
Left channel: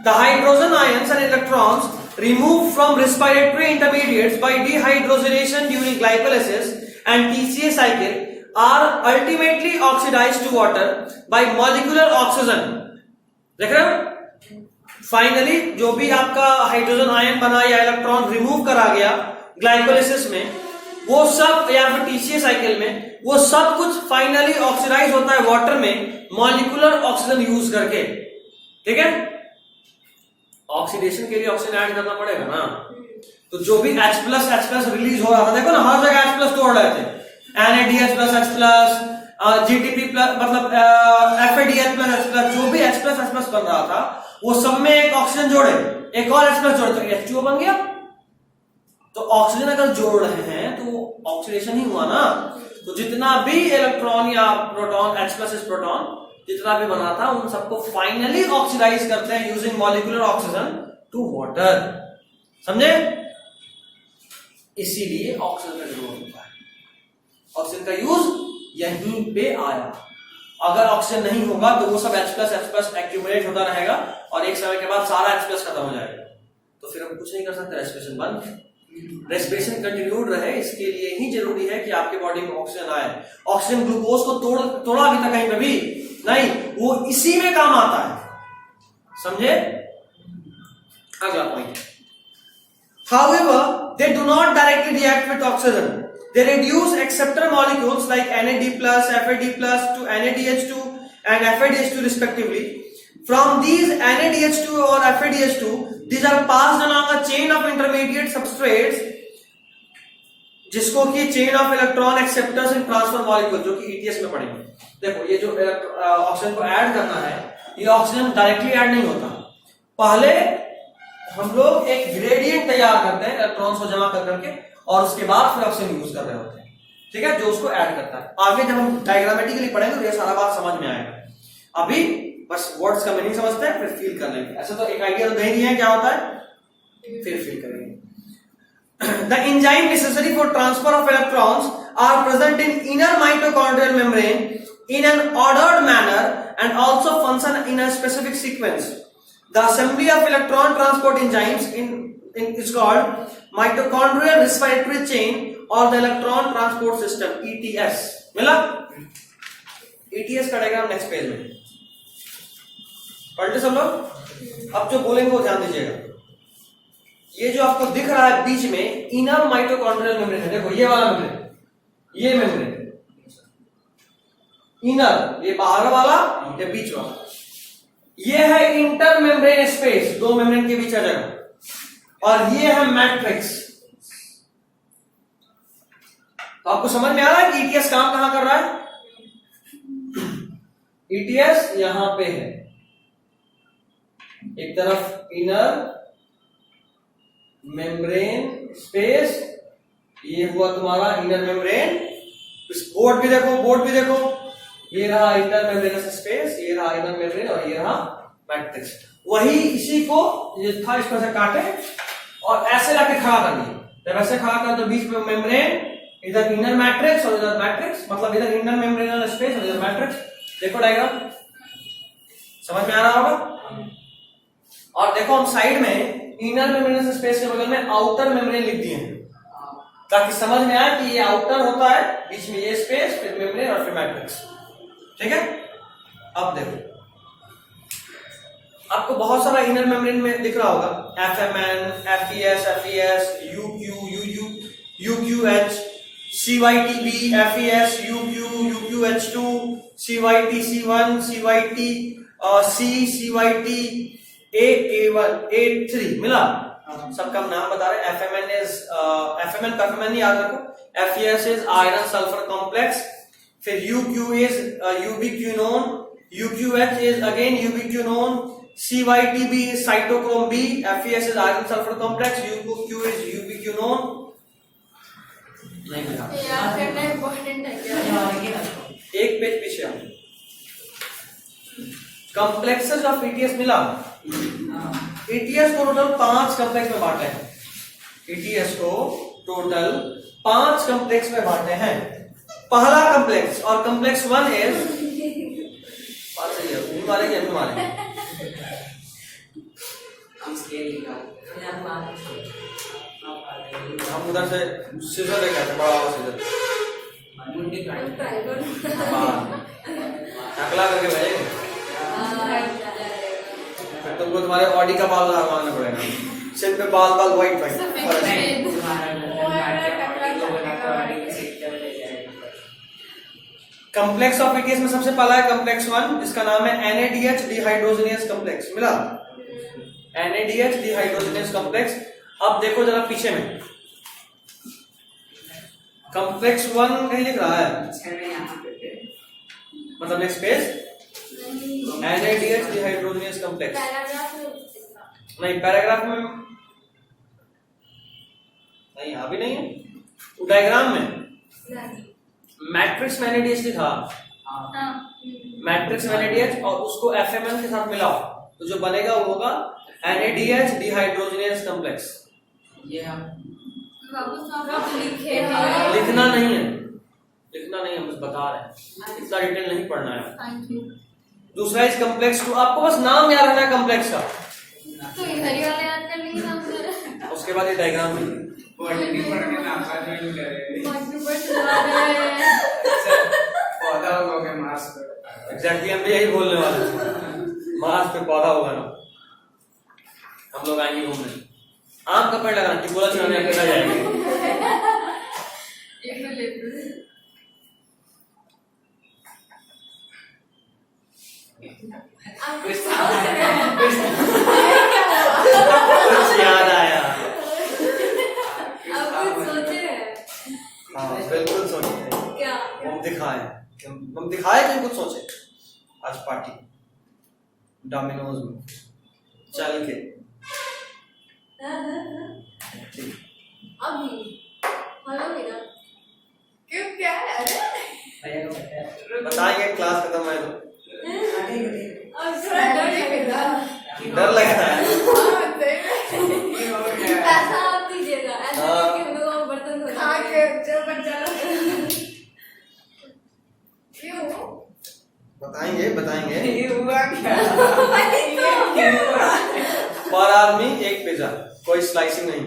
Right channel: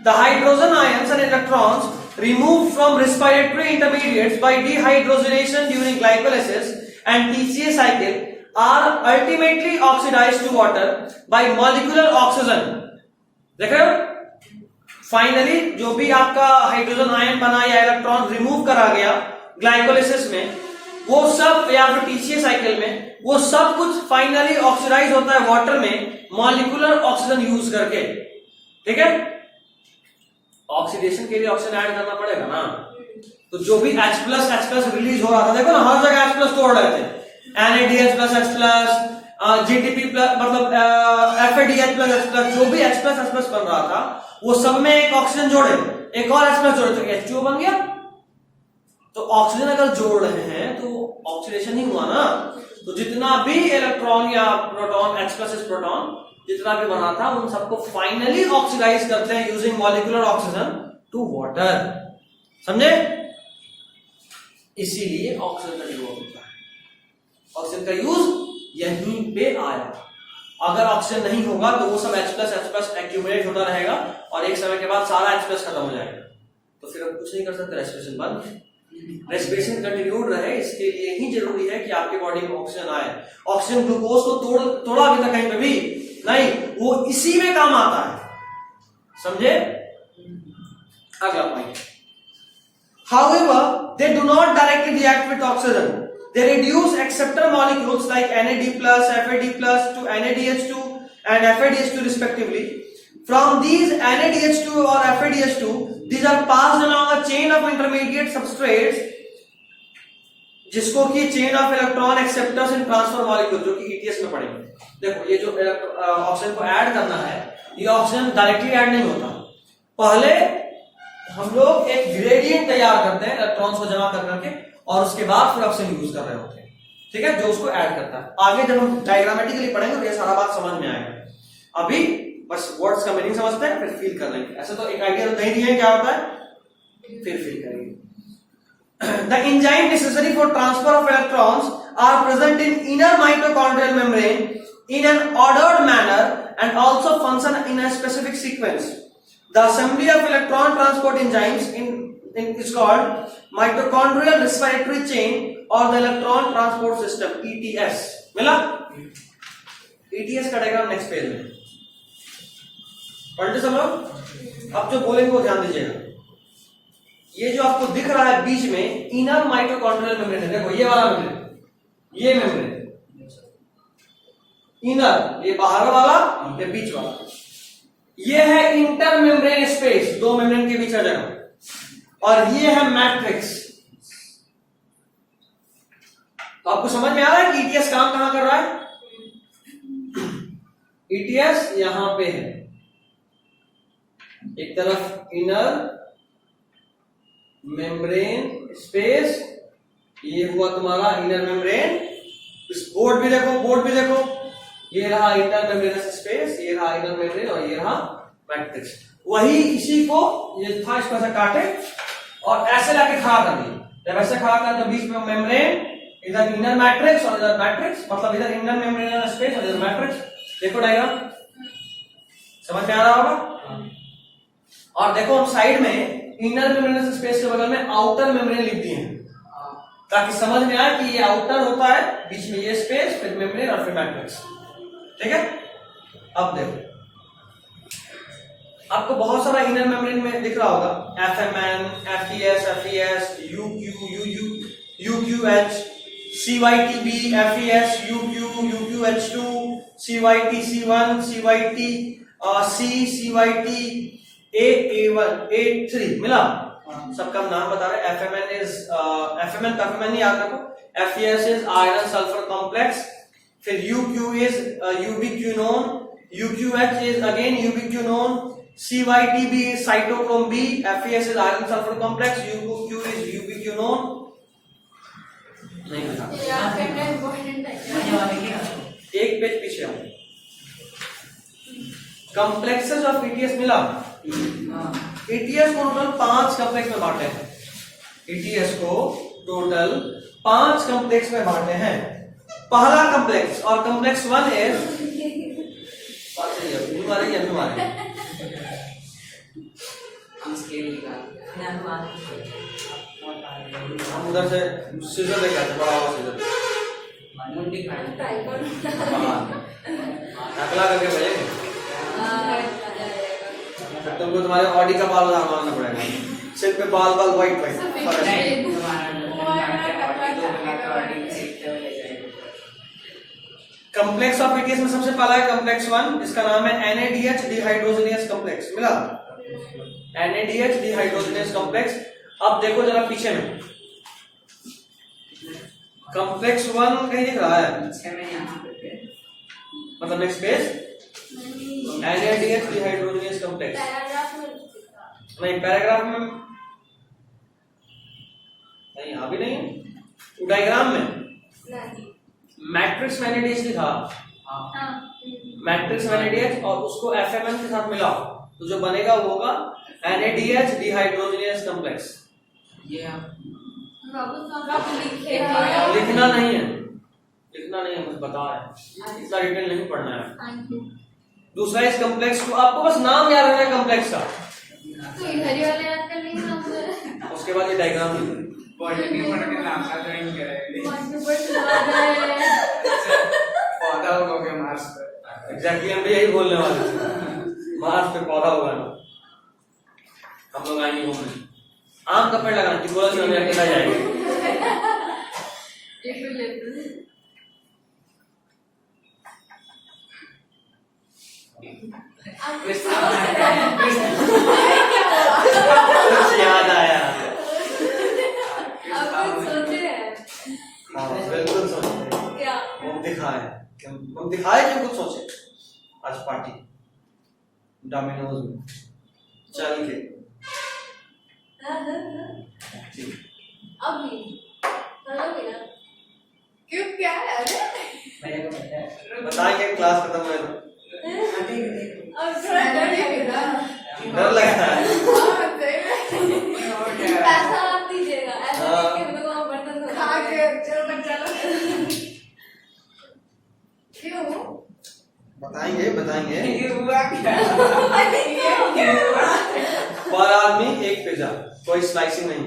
The hydrogen ions and electrons removed from respiratory intermediates by dehydrogenation during glycolysis and TCA cycle are ultimately oxidized to water by molecular oxygen. देख रहे हो, फाइनली जो भी आपका हाइड्रोजन आयन बना या इलेक्ट्रॉन रिमूव करा गया ग्लाइकोलिसिस में, वो सब या फिर टीसीए साइकिल में, वो सब कुछ फाइनली ऑक्सीडाइज होता है वाटर में मॉलिक्यूलर ऑक्सीजन यूज करके। ठीक है, ऑक्सीडेशन के लिए ऑक्सीजन ऐड करना पड़ेगा ना, तो जो भी H+ रिलीज हो रहा था, देखो ना हर जगह H+ तोड़ रहे थे, NADH+ H+, GTP+, मतलब FADH+H+, जो भी H+, बन रहा था वो सब में एक ऑक्सीजन जोड़े, एक और H+ जोड़े तो H2O बन गया। तो ऑक्सीजन अगर जोड़ रहे हैं तो ऑक्सीडेशन ही हुआ ना, तो जितना भी इलेक्ट्रॉन या प्रोटॉन, H+ प्रोटॉन जितना भी बना था उन सबको फाइनली ऑक्सीडाइज करते हैं using molecular oxygen to water. समझे? इसीलिए ऑक्सीजन का यूज होता है, ऑक्सीजन का यूज यहीं पे आया। अगर ऑक्सीजन नहीं होगा तो वो सब H+ एक्यूमुलेट होता रहेगा और एक समय के बाद सारा H+ खत्म हो जाएगा, तो फिर हम कुछ नहीं कर सकते, रेस्पिरेशन बंद। रेस्पिरेशन कंटिन्यूड रहे इसके लिए ही जरूरी है कि आपके बॉडी में ऑक्सीजन आए। ऑक्सीजन ग्लूकोज को तोड़ा अभी तक कहीं पे भी नहीं, वो इसी में काम आता है। समझे? अगला point, however they do not directly react with oxygen, they reduce acceptor molecules like NAD+, FAD+ to NADH2 and FADH2 respectively. From these NADH2 or FADH2, these are passed along a chain of intermediate substrates, जिसको कि chain of electron acceptors and transfer molecule, जो कि ETS में पढ़ेंगे। देखो ये जो oxygen को ऐड करना है, ये ऑक्सीजन डायरेक्टली ऐड नहीं होता, पहले हम लोग एक ग्रेडियंट तैयार करते हैं इलेक्ट्रॉन्स को जमा कर करके, और उसके बाद फिर ऑक्सीजन यूज कर रहे होते हैं। ठीक है, जो उसको ऐड करता है। आगे जब हम डायग्रामेटिकली पढ़ेंगे तो ये सारा बात समझ में आएगा। अभी बस वर्ड्स का मीनिंग समझते हैं, फिर फील कर लेंगे। ऐसे तो एक आइडिया तो नहीं दिया है क्या होता है, फिर फील करेंगे। The enzyme necessary for transfer of electrons are present in inner mitochondrial membrane in an ordered manner and also function in a specific sequence. The assembly of electron transport enzymes is called mitochondrial respiratory chain or the electron transport system, ETS. मिला? ETS का diagram next page में पढ़ते सब लोग। अब जो बोलेंगे वो ध्यान दीजिएगा। ये जो आपको दिख रहा है बीच में इनर माइटोकॉन्ड्रियल मेम्ब्रेन है, देखो ये वाला मेम्ब्रेन, ये मेम्ब्रेन इनर, ये बाहर वाला, ये बीच वाला, ये है इंटर मेम्ब्रेन स्पेस, दो मेम्ब्रेन के बीच का जगह, और ये है मैट्रिक्स। तो आपको समझ में आ रहा है कि ETS काम कहां कर रहा है? ETS यहां पे है, एक तरफ इनर मेम्ब्रेन स्पेस, ये हुआ तुम्हारा इनर मेम्ब्रेन। इस बोर्ड भी देखो, ये रहा इंटर मेम्ब्रेनस स्पेस, ये रहा इनर मेम्ब्रेन, और ये रहा मैट्रिक्स। वही इसी को ये था, इसको ऐसे काटे और ऐसे लाके खड़ा कर दिया। जब ऐसे खड़ा कर तो बीच में मेम्ब्रेन, इधर इनर मैट्रिक्स और इधर मैट्रिक्स, मतलब इधर इनर मेम्ब्रेनस स्पेस और इधर मैट्रिक्स। देखो डायग्राम समझ में आ रहा होगा। और देखो हम साइड में इनर मेम्ब्रेनस स्पेस के बगल में आउटर मेम्ब्रेन लिख दिए हैं, ताकि समझ में आए कि ये आउटर होता है, बीच में ये स्पेस, फिर मेम्ब्रेन और फिर मैट्रिक्स। ठीक है, अब देखो आपको बहुत सारा इनर मेम्ब्रेन में दिख रहा होगा, FMN, FES, FES, UQ, UQH, CYTB, FES, UQ, UQH2, CYT, C1, CYT, C, CYT, A1, A3 मिला। सबका नाम बता रहे। FMN नहीं याद रखो। FES is iron sulfur complex, फिर UQ is ubiquinone, UQH is again ubiquinone, CYTB is cytochrome B, FES is iron sulfur complex, UQ is ubiquinone। नहीं मिला, इम्पोर्टेंट है, एक पेज पीछे आओ। कॉम्प्लेक्सेस ऑफ ETS मिला। ETS को टोटल 5 कॉम्प्लेक्स में बांटे हैं। ETS को टोटल 5 कॉम्प्लेक्स में बांटे हैं। पहला कॉम्प्लेक्स, और कॉम्प्लेक्स 1 इज हम उधर से सीजर लेके आते, बड़ा वाला सीजर मुंडी काट टकला करके भेजे। फिर तुमको तुम्हारे ऑडी का बाल मारना पड़ेगा, सिर पे बाल बाल व्हाइट व्हाइट। नहीं तुम्हारा कॉम्प्लेक्स ऑफ ETS में सबसे पहला है कॉम्प्लेक्स 1, इसका नाम है NADH डिहाइड्रोजनेस कॉम्प्लेक्स। मिला NADH डिहाइड्रोजनेस कॉम्प्लेक्स। अब देखो जरा पीछे में कॉम्प्लेक्स 1 कहीं लिख रहा है, मतलब next page NADH dehydrogenase complex. नहीं पैराग्राफ में नहीं, अभी नहीं, डायग्राम में मैट्रिक्स में NADH लिखा, मैट्रिक्स में NADH और उसको FMN के साथ मिलाओ तो जो बनेगा वो होगा NADH डिहाइड्रोजनेस कॉम्प्लेक्स। ये लिखना नहीं है, लिखना नहीं है, बस बता रहे हैं, इतना डिटेल नहीं पढ़ना है। दूसरा इस कॉम्प्लेक्स को आपको बस नाम याद रखना है कॉम्प्लेक्स का, तो इधर ही वाले याद कर लेंगे ना मुझे। उसके बाद ये डायग्राम बॉटनी पढ़ के नाम का ट्रेन करेंगे। पौधा हो गया मार्स पे। एग्जैक्टली हम भी यही बोलने वाले हैं, मार्स पे पौधा होगा ना, हम लोग आएंगे घूमने, आम का पेड़ लगाना, टिकोला चढ़ने के साथ जाएंगे। एक मिनट लेते याद आया, अब सोचे हैं हाँ बिल्कुल सोचे, क्या हम दिखाए कि कुछ सोचे। आज पार्टी डोमिनोज में चल के ठीक। अभी हेलो बेटा क्यों क्या है? अरे मेरे को पता है। बताएंगे क्लास खत्म है तो। अब थोड़ा डर लगता है। ऐसा आप दीजिएगा, ऐसा कि हम लोग बर्तन धोना क्यों? बताएंगे ये हुआ क्या? पर आदमी एक पिज्जा, कोई स्लाइसिंग नहीं।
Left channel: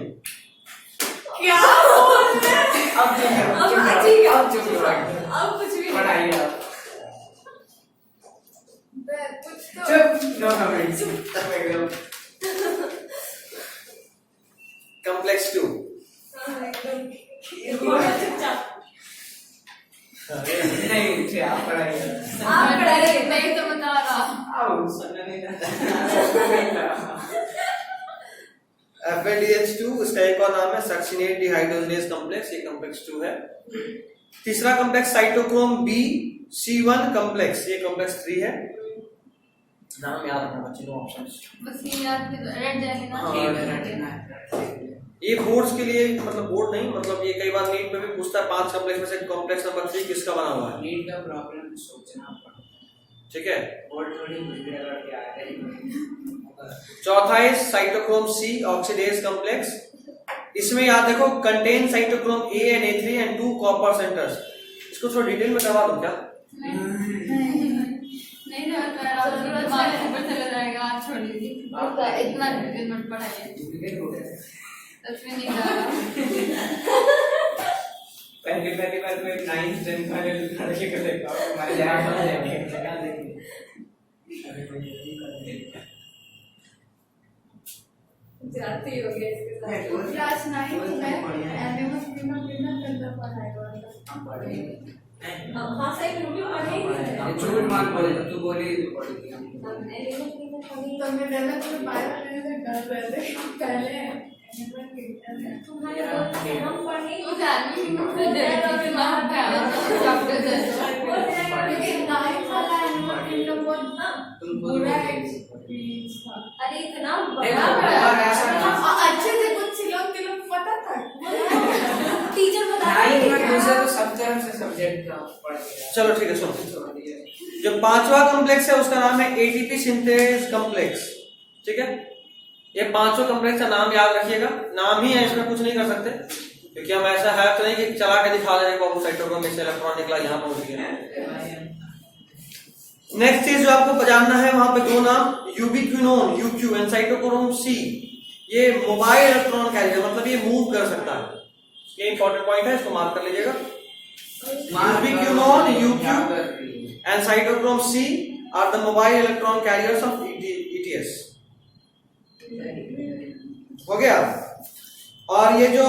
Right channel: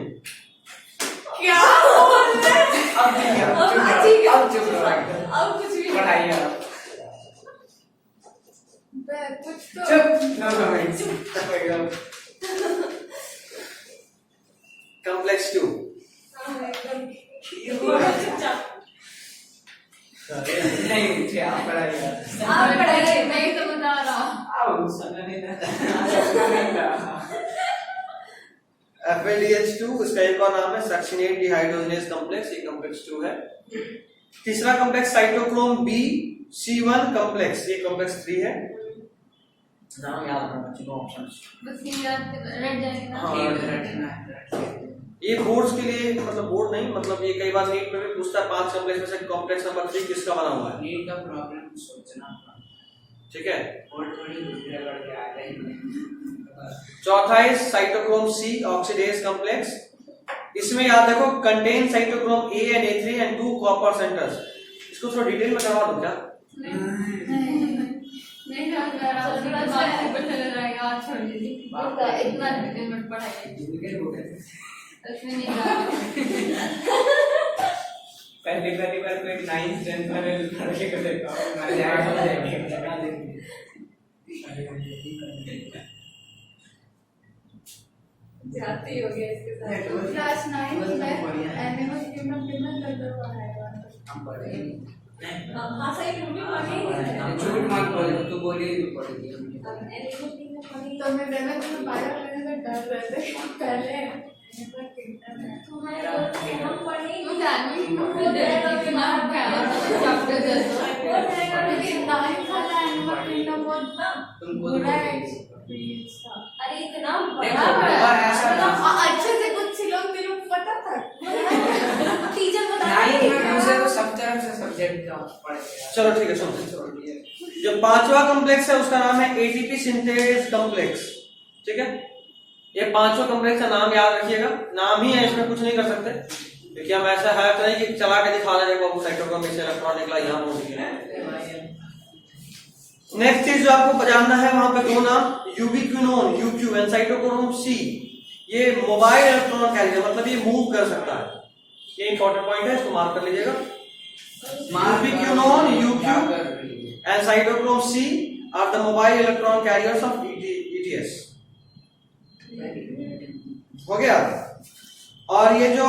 क्या बोल रहे हैं? अब ठीक है, अब ठीक है, अब चुप रहो। अब कुछ भी पढ़ाई आप। कुछ तो चुप, नो कमेंट्स। एकदम। कॉम्प्लेक्स 2 नहीं मुझे आप पढ़ाई आप। आप पढ़ाइए, मैं तो बता रहा हूँ। आओ सुनने नहीं था। FADH2 इसका एक और नाम है सक्सिनेट डिहाइड्रोजनेस कॉम्प्लेक्स, ये कॉम्प्लेक्स 2 है। तीसरा complex cytochrome B C1 complex, ये कॉम्प्लेक्स 3 है। नाम याद रखना बच्चे को, ऑप्शंस बस ये याद रट जाएंगे ना। हाँ, ये बोर्ड्स के लिए, मतलब बोर्ड नहीं, मतलब ये कई बार नीट पे भी पूछता है 5 कॉम्प्लेक्स में से कॉम्प्लेक्स नंबर 3 किसका बना हुआ है। नीट का प्रॉब्लम सोचना पड़ता है। ठीक है। और थोड़ी बुद्धि लगा के आ रही चौथा है साइटोक्रोम C ऑक्सीडेज कॉम्प्लेक्स। इसमें याद रखो contain cytochrome A and A3 and 2 copper centres. इसको थोड़ा डिटेल में करवा दूं क्या? नहीं यार मेरा बात ऊपर चला जाएगा, आप छोड़ दीजिए, इतना डिटेल मत पढ़ाइए, सच में नहीं पहली बार कोई 9th 10th वाले लड़के को देखा जाती हो गया इसके साथ। क्लास 9 में एमए में कितना करता पढ़ाएगा। हम पढ़े हाँ सही रूबी पढ़ेगी। हम झूठ मत बोले, तू बोली तो पढ़ेगी हम। तो मैं पहले तो बायो में डर रहे थे पहले तुम्हारे हम पढ़ेंगे। मुझे एडमिशन में खुद दिमाग में आया चैप्टर जैसा, लेकिन नाइन वाला एनिमल किंगडम बहुत बुरा एक्सपीरियंस था। अरे इतना देखो, बड़ा अच्छे से कुछ लोग पता था, टीचर बता रही दूसरे तो सब तरह से सब्जेक्ट का पढ़ेगा। चलो ठीक है, सुनो। जो पांचवा कॉम्प्लेक्स है उसका नाम है ATP सिंथेस कॉम्प्लेक्स। ठीक है, ये पांचों कॉम्प्लेक्स का नाम याद रखिएगा, नाम ही है, इसमें कुछ नहीं कर सकते, क्योंकि हम ऐसा है तो नहीं कि चला के दिखा रहे हैं साइटोक्रोम से इलेक्ट्रॉन निकला यहाँ पहुंच गया। नेक्स्ट चीज जो आपको जानना है, वहां पे दो नाम यूबिक्विनोन UQ एंड साइटोक्रोम C ये मोबाइल इलेक्ट्रॉन कैरियर मतलब ये मूव कर सकता है। ये इंपॉर्टेंट पॉइंट है, इसको मार्क कर लीजिएगा। Ubiquinone, UQ and cytochrome C are the mobile electron carriers of ETS। हो गया। और ये जो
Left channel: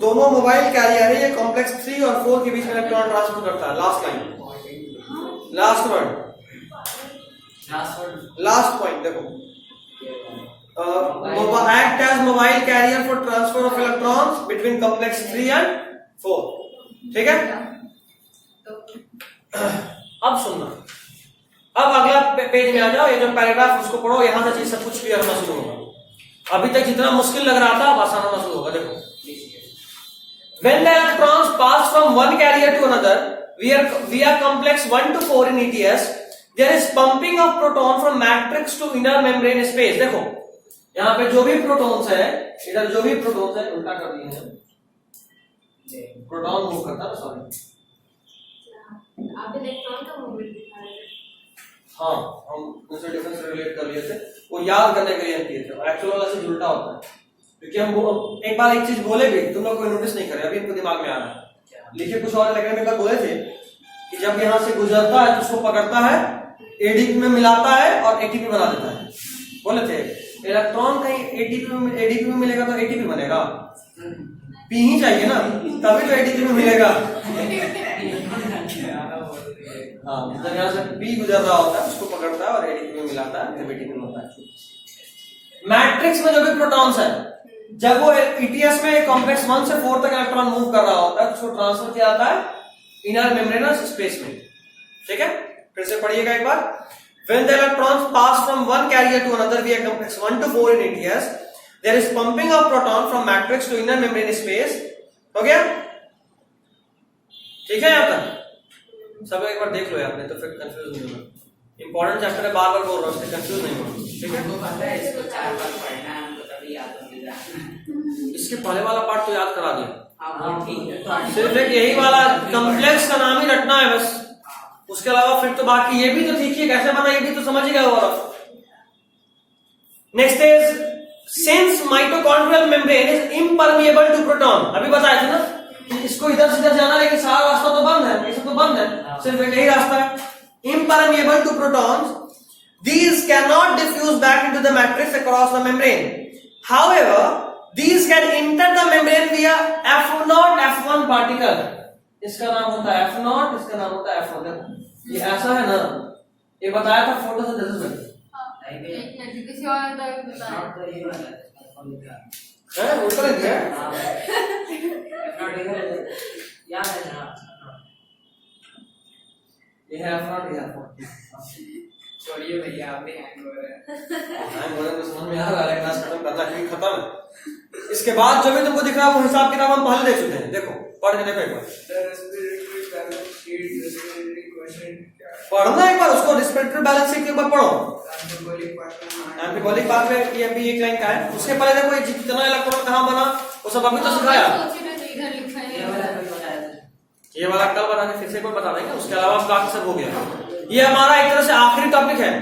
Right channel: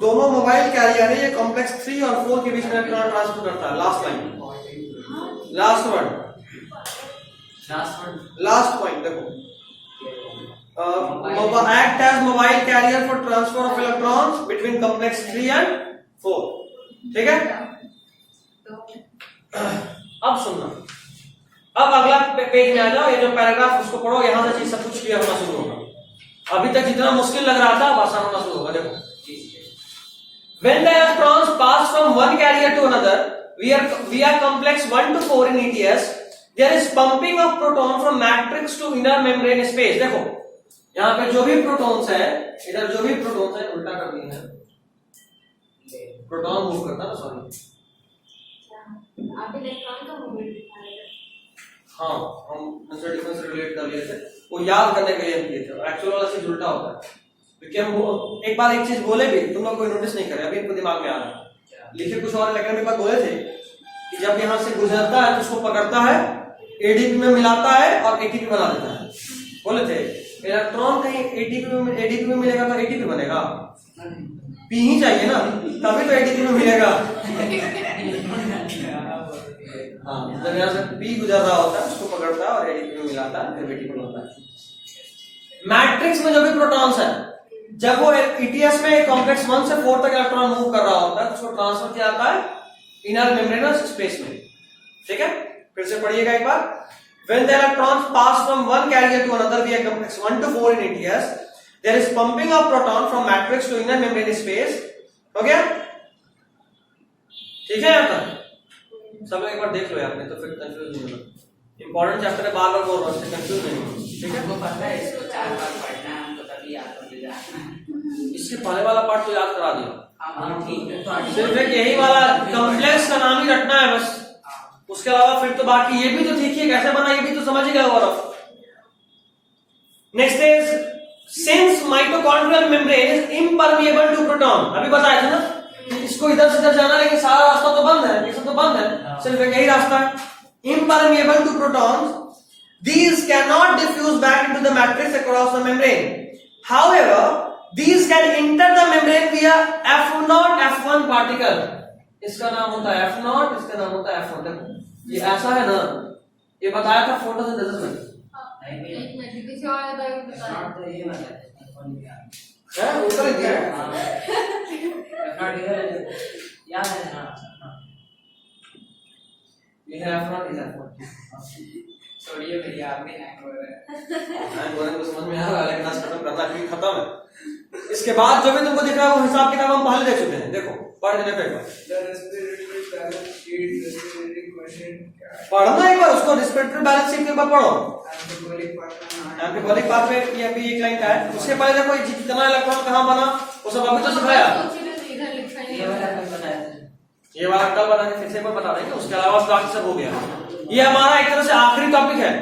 दोनों मोबाइल कैरियर है ये कॉम्प्लेक्स 3 और 4 के बीच में इलेक्ट्रॉन ट्रांसफर करता है। लास्ट लाइन, लास्ट पॉइंट देखो, act as mobile carrier for transfer of electrons between complex 3 and 4। ठीक है। अब सुनना, अब अगला पेज में आ जाओ, ये जो पैराग्राफ उसको पढ़ो, यहां से चीज सब कुछ क्लियर होना शुरू होगा। अभी तक जितना मुश्किल लग रहा था अब आसान होना शुरू होगा। देखो, when the electrons pass from one carrier to another via complex 1 to 4 in ETS, there is pumping of proton from matrix to inner membrane space। देखो यहाँ पे जो भी प्रोटॉन्स है, इधर जो भी प्रोटॉन्स है, उल्टा कर दिए हैं, प्रोटॉन मूव करता है, सॉरी आप इलेक्ट्रॉन का मूवमेंट दिखा रहे हैं। हाँ, हम न्यूटन डिफरेंस से रिलेट कर लिए थे, वो याद करने के लिए हम किए थे। एक्चुअल वाला चीज उल्टा होता है, क्योंकि हम एक बार एक चीज बोले भी, तुम लोग कोई नोटिस नहीं करे, अभी इनको दिमाग में आ रहा। लिखे कुछ और, लेकिन एक बार बोले थे कि जब यहाँ से गुजरता है तो उसको पकड़ता है, एडीपी में मिलाता है और एटीपी बना देता है। बोले थे इलेक्ट्रॉन कहीं एडीपी में मिलेगा तो एटीपी बनेगा, पी ही चाहिए ना, तभी तो एटीपी में मिलेगा। हाँ, जब यहाँ से पी गुजर रहा होता है उसको पकड़ता है और एडीपी में मिलाता है, फिर एटीपी में होता है। मैट्रिक्स में जो भी प्रोटॉन्स है, जब वो ईटीएस में कॉम्प्लेक्स 1 से 4 तक इलेक्ट्रॉन मूव कर रहा होता है, उसको ट्रांसफर किया जाता है इनर मेम्ब्रेनस स्पेस में। ठीक है, फिर से पढ़िएगा एक बार। When the electrons pass from one carrier to another via complex 1 to 4 in ETS, there is pumping of proton from matrix to inner membrane space। हो गया? ठीक है, यहाँ तक सब एक बार देख लो आपने, तो फिर कंफ्यूज नहीं होगा। इंपॉर्टेंट चैप्टर है, बार बार बोल रहा हूँ, कंफ्यूज नहीं होगा। ठीक है, हमको पता है इसको 4 बार पढ़ना है, हमको तभी याद हो जाएगा। इसके पहले वाला पार्ट तो याद करा दिया। हाँ ठीक है, तो सिर्फ एक यही वाला कॉम्प्लेक्स का नाम ही रटना है बस, उसके अलावा फिर तो बाकी ये भी तो देखिए कैसे बना, ये भी तो समझ ही गए हो। Next is since mitochondrial membrane is impermeable to proton. अभी बताया था ना, इसको इधर से इधर जाना, लेकिन सारा रास्ता तो बंद है, ऐसा तो बंद है, सिर्फ एक यही रास्ता है। Impermeable to protons, these cannot diffuse back into the matrix across the membrane. However, these can enter the membrane via F0 F1 particle। इसका नाम होता है F0, इसका नाम होता है F1। देखो ये ऐसा है ना, ये बताया था फोटोसिंथेसिस में। एक मिनट, किसी और का बता। तो ये वाला है ऊपर लिख दिया है। याद है ना, ये है F0, ये है F1। छोड़िए भैया, आप भी हैंग हो रहे हैं। हैंग हो रहे तो समझ में आ रहा है, क्लास खत्म करना है, खत्म है। इसके बाद जो भी तुमको दिख रहा है वो हिसाब किताब हम पहले दे चुके हैं। देखो पढ़ के देखो एक बार, पढ़ना एक बार उसको, रिस्पिरेटरी बैलेंस के ऊपर पढ़ो। एंटीबॉलिक पाथवे की अभी एक लाइन का है, उसके पहले कोई कितना इलेक्ट्रॉन कहाँ बना वो सब अभी तो सिखाया। ये वाला कल बनाने फिर से कोई बता देंगे, उसके अलावा बाकी सब हो गया। ये हमारा एक तरह से आखिरी टॉपिक है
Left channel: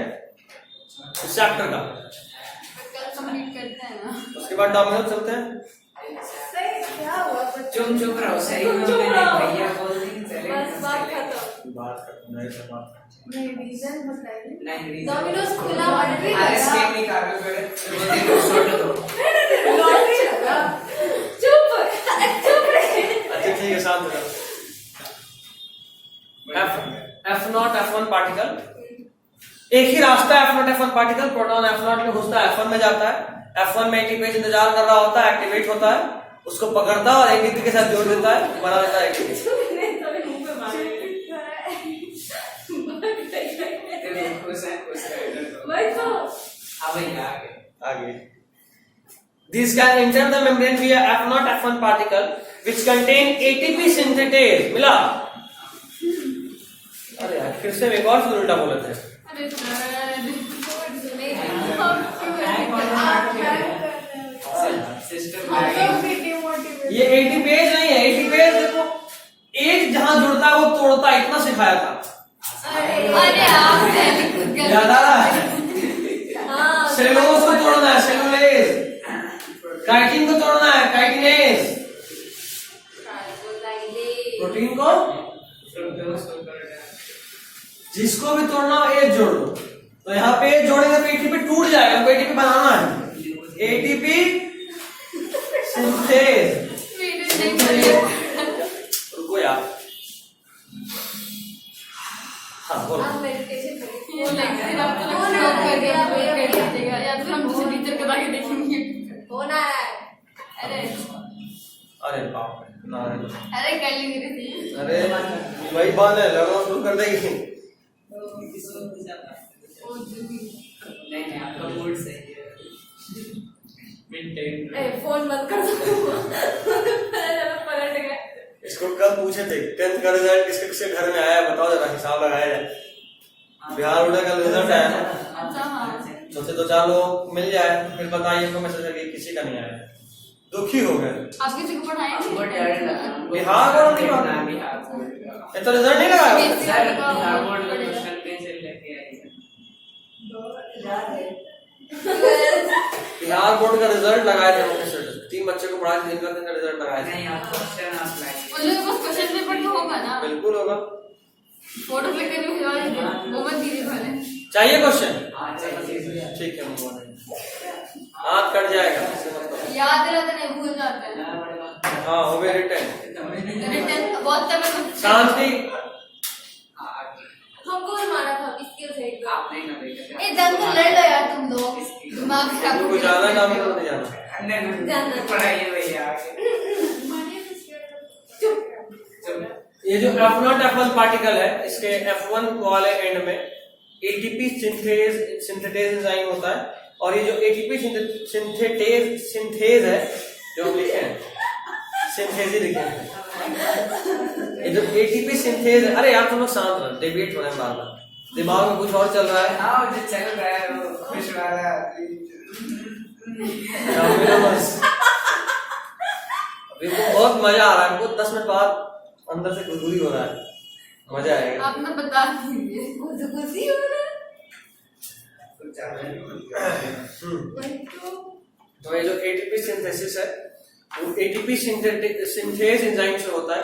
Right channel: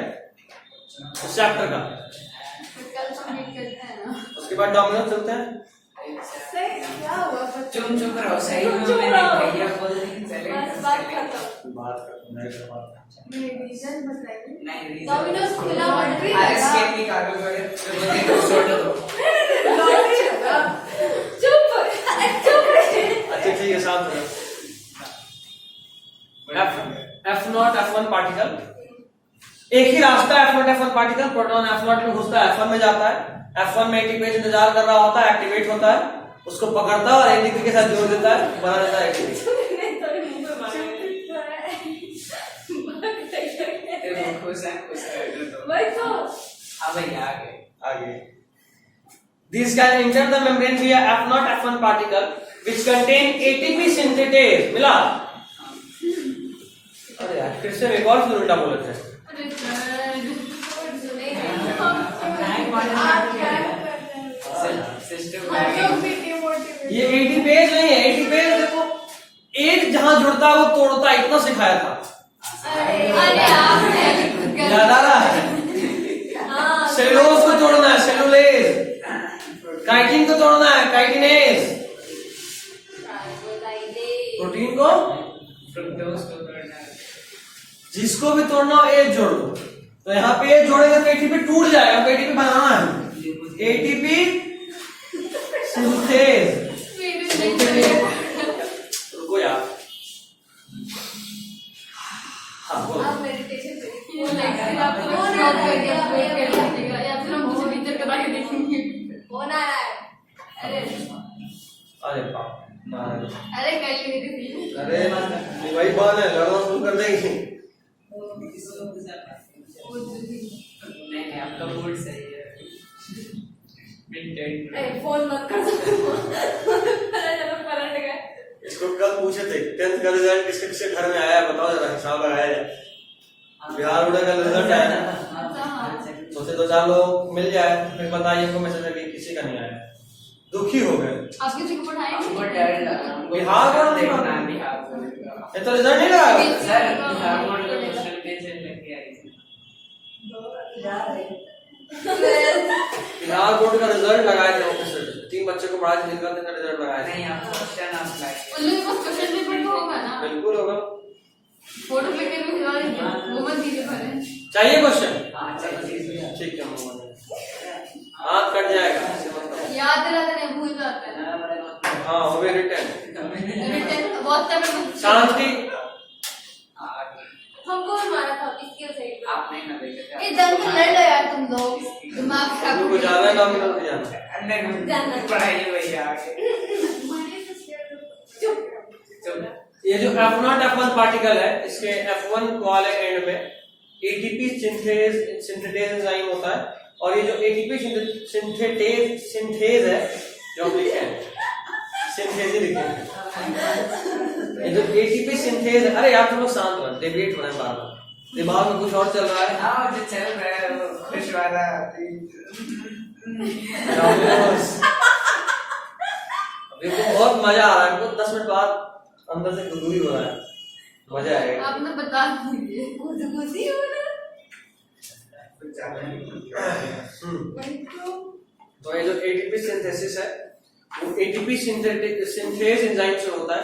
इस चैप्टर का। कल कंप्लीट करते हैं ना, उसके बाद डॉमिनल चलते हैं। क्या हुआ बच्चों? चुप रहो, सही तुम में चुप मैंने रहो। भैया बोल दी, चले बस बात खत्म। बात करते नहीं, रीजन बताइए। नहीं डोमिनोज खुला लॉटरी अरे लगा। स्केम नहीं कागज पड़े, लॉटरी लगा। चुप रहे। अच्छा ठीक है, शांत रहो। F0 F1 पार्टिकल, एक ही रास्ता है F0 F1 particle. Proton F0 में घुसता है, F1 में जाता है, F1 में एटीपी इंतजार कर रहा होता है, एक्टिवेट होता है, उसको पकड़ता है और एटीपी के साथ जोड़ देता है, बना देता है एटीपी। खुश है तो वही तो। हाँ भैया आगे These can enter the membrane via F0 F1 particle which contain ATP synthetase। मिला? अरे यार फिर से एक और उल्टा बोले थे। अरे सिस्टम ये एटीपेज नहीं है, एटीपेज देखो एक जहां जुड़ता है वो तोड़ता है, इतना सिखाया था। याद आ रहा है? सेलुलोज को तोड़ना है, सेलुलेज। यहाँ पे ये जोड़ेगा तो एटीपी टूट जाएगा, हमको एटीपी बनाना है। एटीपी सिंथेज, रुको यार, हाँ बोलो। आप मेडिटेशन करिए। वो नहीं फिर आप वो ना कर दिया आप कर लीजिएगा या फिर हम दूसरे टीचर को लाके देखेंगे। वो ना रहा है। अरे अरे बाप रे, ना अरे कर लेंगे दीदी। अरे वही बात है, लड़ना शुरू कर देंगे। नहीं आपका मूड सही है। अरे फोन मत कर दो। पलट गए। इसको कल पूछे थे 10th का रिजल्ट किसके किसके घर में आया, बताओ जरा, हिसाब लगाया जाए। बिहार उड़ा का रिजल्ट आया ना, अच्छा हाँ सोचे 2-4 लोग मिल जाए, फिर बताइए इसको मैसेज करके किसी का नहीं आया, दुखी हो गए। आप किसी को हमको पढ़ाएंगे? डर लगा। बिहार बोर्ड नहीं देखना पढ़ा। बिहार बोर्ड का। ये तो रिजल्ट नहीं लगाया। सर बिहार बोर्ड का क्वेश्चन कैसे लेके आई है? बिहार बोर्ड का रिजल्ट लगाया था प्रोफेसर, 3 बच्चे को पढ़ा के निकलने का रिजल्ट लगाया था। नहीं आप क्वेश्चन आप लाइक उन लोगों को क्वेश्चन पेपर तो होगा ना, बिल्कुल होगा। फोटो क्लिक करके भेजा देंगे, वो मत दीजिए पहले। चाहिए क्वेश्चन? हाँ चलिए ठीक है, हम हाथ कट जाएगा, ऐसे मत करो। याद रहता नहीं, भूल जाता है। हाँ हो गए रिटर्न। रिटर्न बहुत तक शांति। हमको भी मारा था इसके साइड में। आप नहीं ना देखे ए जंग लड़ रहे यार तुम लोग, दिमाग खराब कोई ज्यादा काम नहीं जाना। अंदर पढ़ाइए भैया। ये जो F0 F1 पार्टिकल है, इसके F1 वाले एंड में एटीपी सिंथेटेज एंजाइम होता है, और ये जो एटीपी सिंथेज है जो हम लिखे हैं, सिंथेज ही लिखे हैं, ये जो एटीपी सिंथेज है। अरे यार तुम लोग शांत रहो, डेविएट हो रहे हैं बार-बार, दिमाग में कुछ और चल रहा है। हाँ जो चल रहा है वो खुश वाला। अभी तो बहुत मजा आ रहा है, हमको 10 मिनट बाद अंदर से गुदगुदी हो रहा है, मजा आएगा। आपने बता दीजिए गुदगुदी हो रहा है। तो ये जो एटीपी सिंथेसिस है, वो एटीपी सिंथेज एंजाइम से होता है।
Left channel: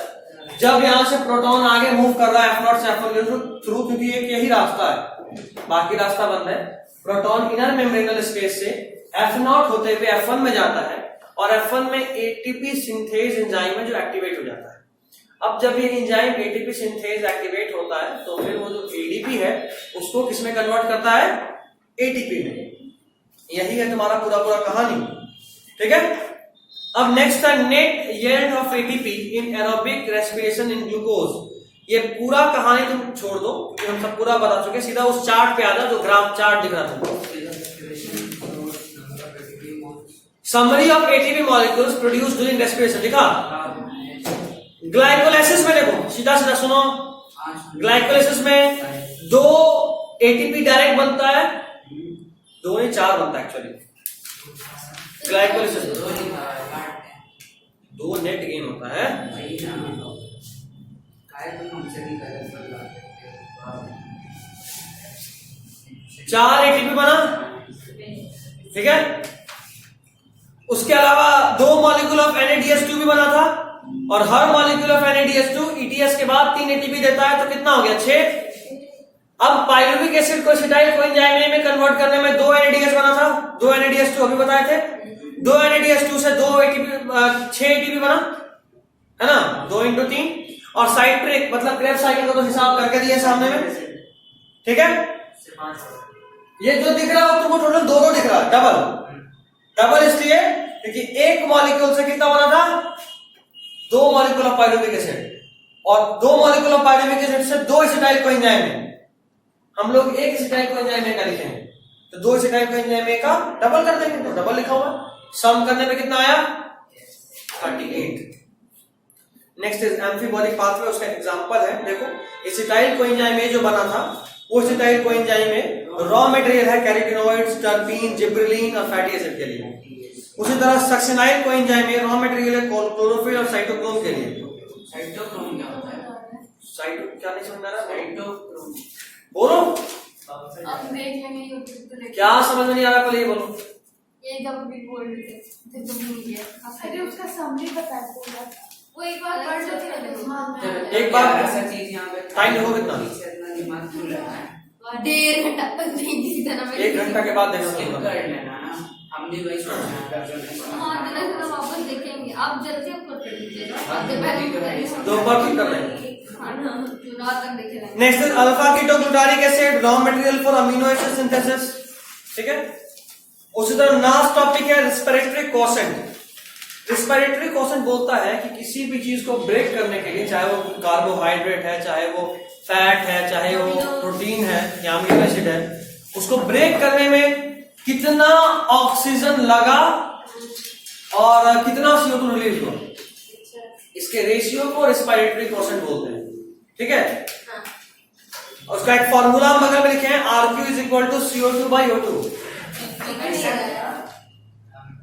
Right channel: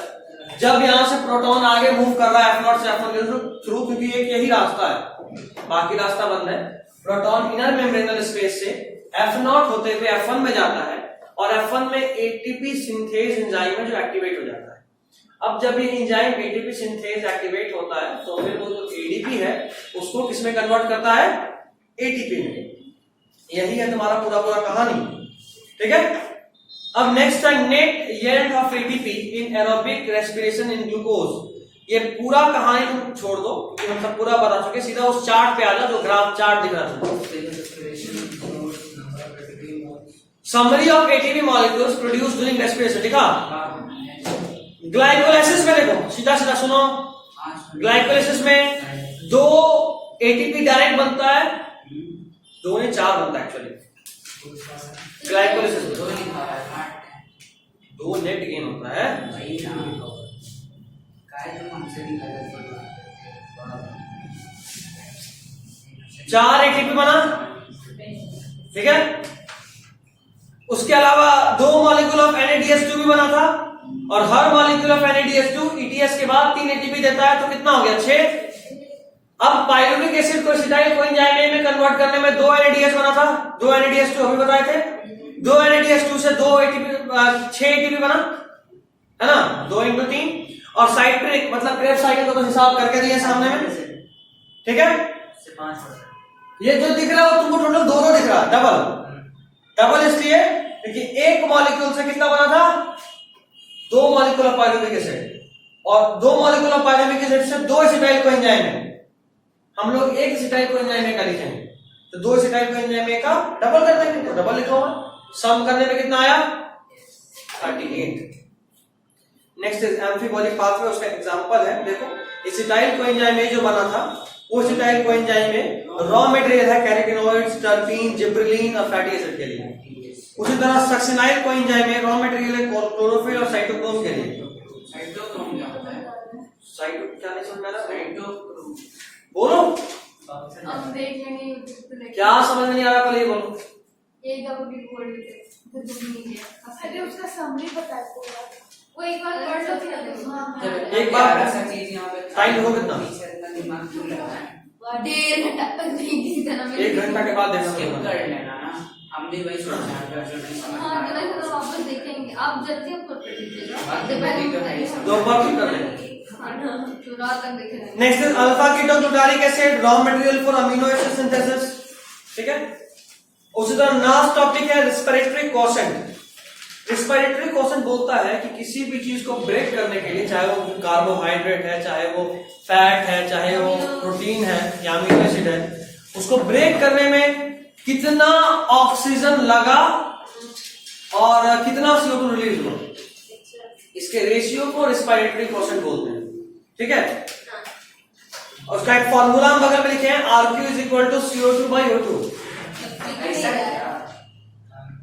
जब यहाँ से प्रोटॉन आगे मूव कर रहा है F0 से F1 के थ्रू, क्योंकि एक यही रास्ता है, बाकी रास्ता बंद है। प्रोटॉन इनर मेम्ब्रेनल स्पेस से F0 होते हुए F1 में जाता है, और F1 में एटीपी सिंथेज एंजाइम है जो एक्टिवेट हो जाता है। अब जब ये एंजाइम एटीपी सिंथेज एक्टिवेट होता है, तो फिर वो जो एडीपी है उसको किसमें कन्वर्ट करता है? एटीपी में। यही है तुम्हारा पूरा पूरा कहानी, ठीक है। अब नेक्स्ट है net yield of ATP in aerobic respiration in glucose. ये पूरा कहानी तुम छोड़ दो, क्योंकि हम सब पूरा बता चुके, सीधा उस चार्ट पे आ जाओ जो ग्राफ चार्ट दिख रहा था। Summary of ATP molecules produced during respiration लिखा। ग्लाइकोलाइसिस में देखो, सीधा सीधा सुनो, ग्लाइकोलाइसिस में 2 एटीपी डायरेक्ट बनता है, 2 नहीं 4 बनता है एक्चुअली ग्लाइकोलाइसिस में। 2 नेट गेन होता है। 4 एटीपी बना, ठीक है। उसके अलावा 2 मॉलिक्यूल ऑफ NADH2 भी बना था, और हर मॉलिक्यूल ऑफ NADH2 ETS के बाद 3 एटीपी देता है, तो कितना हो गया? 6। अब पाइरुविक एसिड को एसिटाइल कोएंजाइम में कन्वर्ट करने में 2 NADH बना था, 2 NADH2 अभी बताए थे, 2 NADH2 से 2 एटीपी 6 एटीपी बना है ना, 2 × 3। और साइट्रिक मतलब क्रेब्स साइकिल का तो हिसाब करके दिए सामने में, ठीक है। ये जो दिख रहा है वो तुमको टोटल 2 दिख रहा है, डबल इसलिए क्योंकि एक मॉलिक्यूल से कितना बना था? 2 मॉलिक्यूल ऑफ पाइरुविक एसिड, और 2 मॉलिक्यूल ऑफ पाइरुविक एसिड से 2 एसिटाइल कोएंजाइम है। हम लोग एक एसिटाइल कोएंजाइम का लिखे हैं, तो 2 एसिटाइल कोएंजाइम का डबल कर देंगे, तो डबल लिखा होगा। सम करने में कितना आया? 38। नेक्स्ट इज एम्फीबॉलिक पाथवे, उसका एग्जांपल है, देखो एसिटाइल कोएंजाइम जो बना था, वो एसिटाइल कोएंजाइम में रॉ मटेरियल है कैरोटीनॉइड्स, टर्पीन, जिब्रेलिन और फैटी एसिड के लिए। उसी तरह सक्सिनाइल कोएंजाइम में रॉ मटेरियल है क्लोरोफिल और साइटोक्रोम के लिए। साइटोक्रोम क्या होता है? साइटो क्या नहीं समझ में आ रहा? साइटोक्रोम बोलो, अब देख लेंगे यूट्यूब पे, क्या समझ में नहीं आ रहा? पहले ये बोलो। ये जब भी बोल रहे थे फिर तुम नहीं गए। अरे उसका समरी बता दो, वो एक बार पढ़ लो फिर एक बार ऐसा चीज यहाँ पे टाइम हो कितना? पीछे इतना दिमाग क्यों लगा है? 1.5 घंटा तक नहीं किसी तरह में 1 घंटा के बाद देखना स्किप होगा। कर लेना ना, हम भी वही सोच रहे हैं जो नहीं समझ हाँ, में तो आया। वापस देखेंगे। आप जल्दी आपको कर दीजिएगा। हाँ, जब मैं ठीक है, भाई, समझ दो बार ठीक कर लेंगे। तो रात तक देखे रहेंगे। Next is alpha ketoglutaric acid, raw material for amino acid synthesis. ठीक है, उसी तरह लास्ट टॉपिक है रेस्पिरेटरी क्वोशेंट। रेस्पिरेटरी क्वोशेंट बोलता है कि किसी भी चीज को ब्रेक करने के लिए, चाहे वो कार्बोहाइड्रेट है, चाहे वो फैट है, चाहे वो प्रोटीन है या अमीनो एसिड है, उसको ब्रेक करने में कितना ऑक्सीजन लगा और कितना CO2 रिलीज हुआ, इसके रेशियो को रेस्पिरेटरी क्वोशेंट बोलते हैं। ठीक है, और उसका एक फॉर्मूला हम बगल में लिखे हैं, RQ is equal to CO2/O2। ऐसा क्या?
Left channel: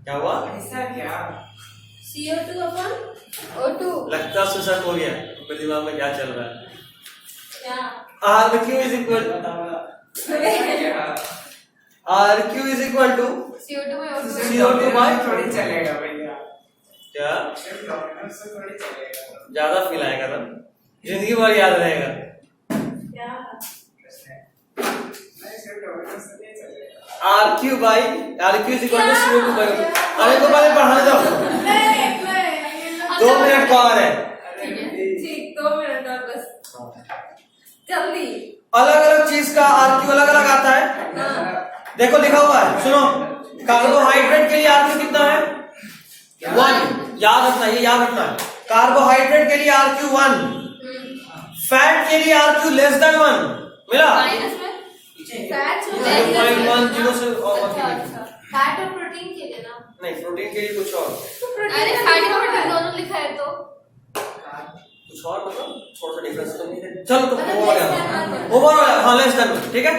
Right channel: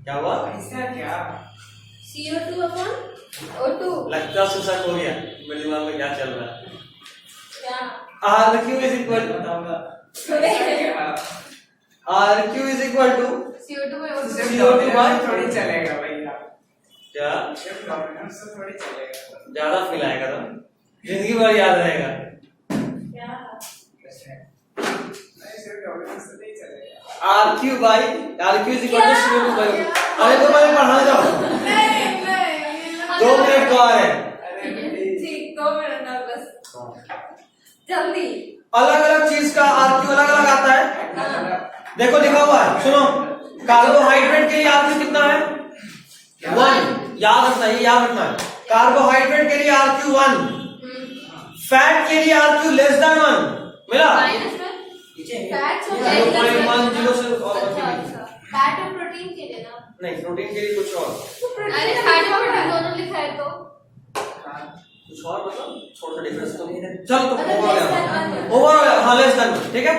क्या हुआ? ऐसा क्या? CO2/O2 लगता सुसा हो गया, मेरे दिमाग में क्या चल रहा है। क्या RQ इज इक्वल ऐसा क्या? RQ is equal to CO2/O2 CO2 थोड़ी चलेगा भैया, क्या उससे थोड़ी चलेगा। ज्यादा मिलाएगा तो जिंदगी भर याद रहेगा। क्या नहीं, सिर्फ डॉक्टर से नहीं चलेगा। RQ is equal to CO2/O2। अरे तो मैं पढ़ाने जाऊँ, 2 मिनट को आ रहे हैं। जी 2 मिनट और बस जल्दी। अलग अलग चीज का RQ अलग अलग आता है। देखो लिखा हुआ है, सुनो, कार्बोहाइड्रेट के लिए RQ कितना है? 1। याद रखना, ये याद रखना है। कार्बोहाइड्रेट के लिए RQ 1, फैट के लिए RQ लेस देन 1 मिला। माइनस में फैट 0.10 से फैट और प्रोटीन के लिए ना। नहीं, प्रोटीन के लिए कुछ और, अरे फैट और प्रोटीन दोनों लिखा है तो कुछ और मतलब थोड़ा सा डिफरेंस तो नहीं है। चलो तो ओवरऑल हाँ लेस देन 1। ठीक है,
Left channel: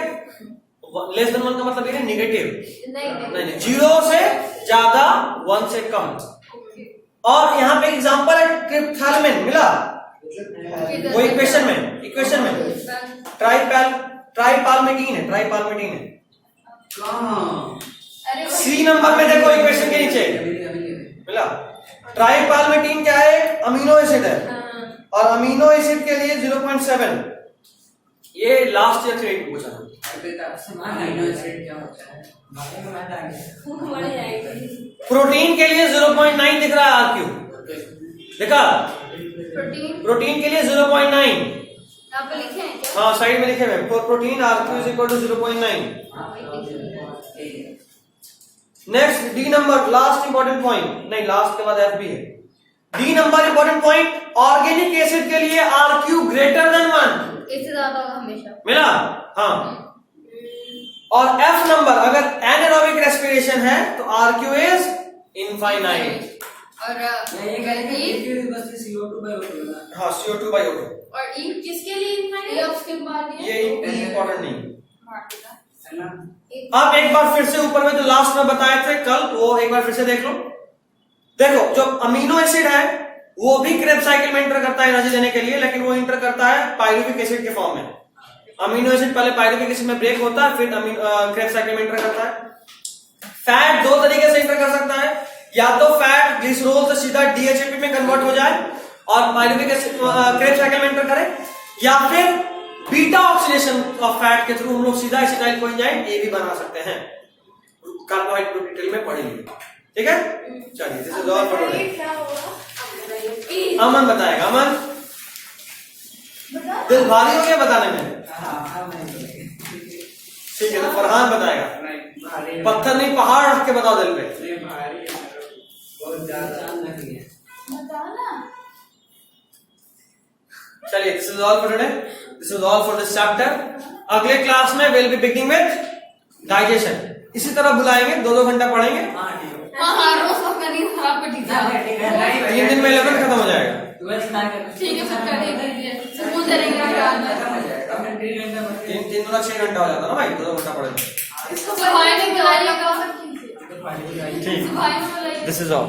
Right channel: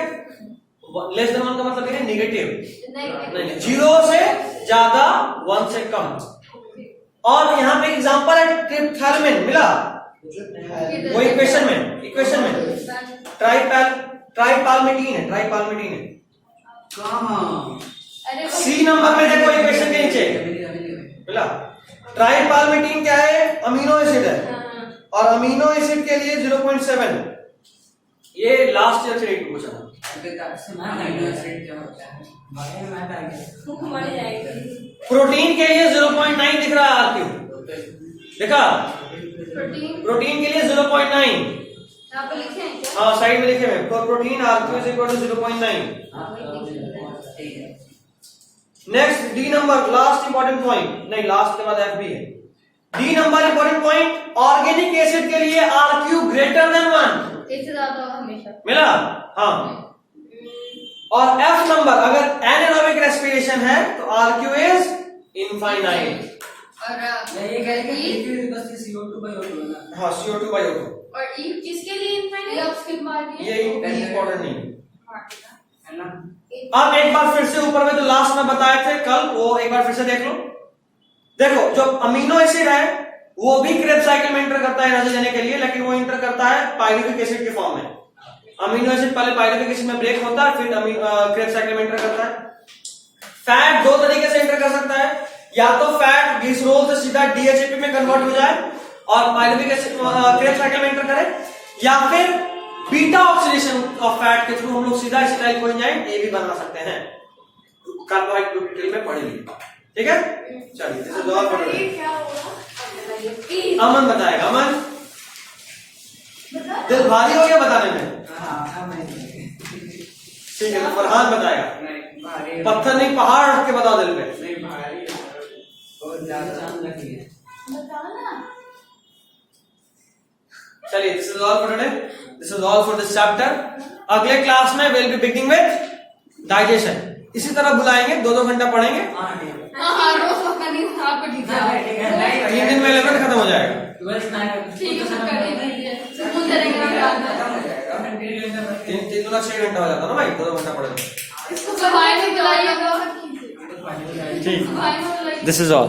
लेस देन 1 का मतलब ये है नेगेटिव, नहीं 0 से ज्यादा 1 से कम। और यहाँ पे एग्जांपल है ट्रिप्थालमिन मिला, वो इक्वेशन में ट्राइपाल्मिटीन है, कहाँ? अरे सी नंबर में देखो इक्वेशन के नीचे मिला। ट्राइपाल्मिटीन क्या है? अमीनो एसिड है, और अमीनो एसिड के लिए 0.7। ये लास्ट ईयर से पूछा था। अमीनो एसिड क्या होता है? बाकी में मैं आ गया। मर जाएगी। प्रोटीन के लिए 0.9 दिख रहा है RQ, देखा? प्रोटीन के लिए 0.9, यहाँ पे लिखे हैं क्या? हाँ साइड में लिखे हुए, protein RQ is equal to 0.9। ठीक है। Next D number, last important point, नहीं लास्ट के बाद F भी है। D number important point, organic acid के लिए RQ ग्रेटर देन 1 इससे ज्यादा होगा हमेशा। मिला। हाँ, और F नंबर अगर एनारोबिक रेस्पिरेशन है तो RQ इज इनफाइनाइट। और ये कह रहे हैं बस CO2/O2 ना। हाँ CO2/O2, और ई किसके लिए इनफाइनाइट? ये ऑप्शन मार दिया। ये इंपॉर्टेंट नहीं। है ना? अब एक बार फिर से ऊपर में जो लास्ट में बताए थे कल, वो एक बार फिर से देख लो। देखो जो अमीनो एसिड है वो भी क्रेब्स साइकिल में इंटर करता है एनर्जी देने के लिए, लेकिन वो इंटर करता है पाइरुविक एसिड के फॉर्म में। अमीनो एसिड पहले पाइरुविक एसिड में ब्रेक होता है, फिर क्रेब्स साइकिल में इंटर करता है। फैट 2 तरीके से इंटर कर सकता है, या तो फैट ग्लिसरॉल से सीधा DHAP में कन्वर्ट हो जाए और पाइरुविक एसिड क्रेब्स साइकिल में इंटर करे, या फिर बीटा ऑक्सीडेशन ऑफ फैट के थ्रू हम लोग सीधा एसिटाइल कोएंजाइम A भी बना सकते हैं। कार्बोहाइड्रेट डिटेल में पढ़ेंगे, ठीक है। चलिए this is all for today. क्या होगा? अमन बताएगा। अमन दिल भारी हो गया बताने में? हाँ मैं ठीक है, फरहान बताएगा। नहीं भारी पत्थर नहीं पहाड़ रख के बताओ दिल पे। नहीं भारी है, बहुत ज्यादा लगी है। चलिए this is all for today, this is all for this chapter. अगले क्लास में will be beginning with digestion. इसी तरह बुलाएंगे, 2-2 घंटा पढ़ेंगे। हाँ ठीक है। हाँ रोज वक्त नींद खराब कर दीजिए। ये दिन में 11 खत्म हो जाएगा। ठीक है फिर कर दीजिए, सुकून से रहेंगे। खत्म हो जाएगा। मैं 3 घंटा पढ़ के 3 गुना 6 घंटा हो जाता ना भाई, 2 घंटा पढ़ेंगे। इसको भाई नहीं कराइएगा। तो पानी हो जाएगी। ठीक, भाई बोल रही दिस इज ऑल।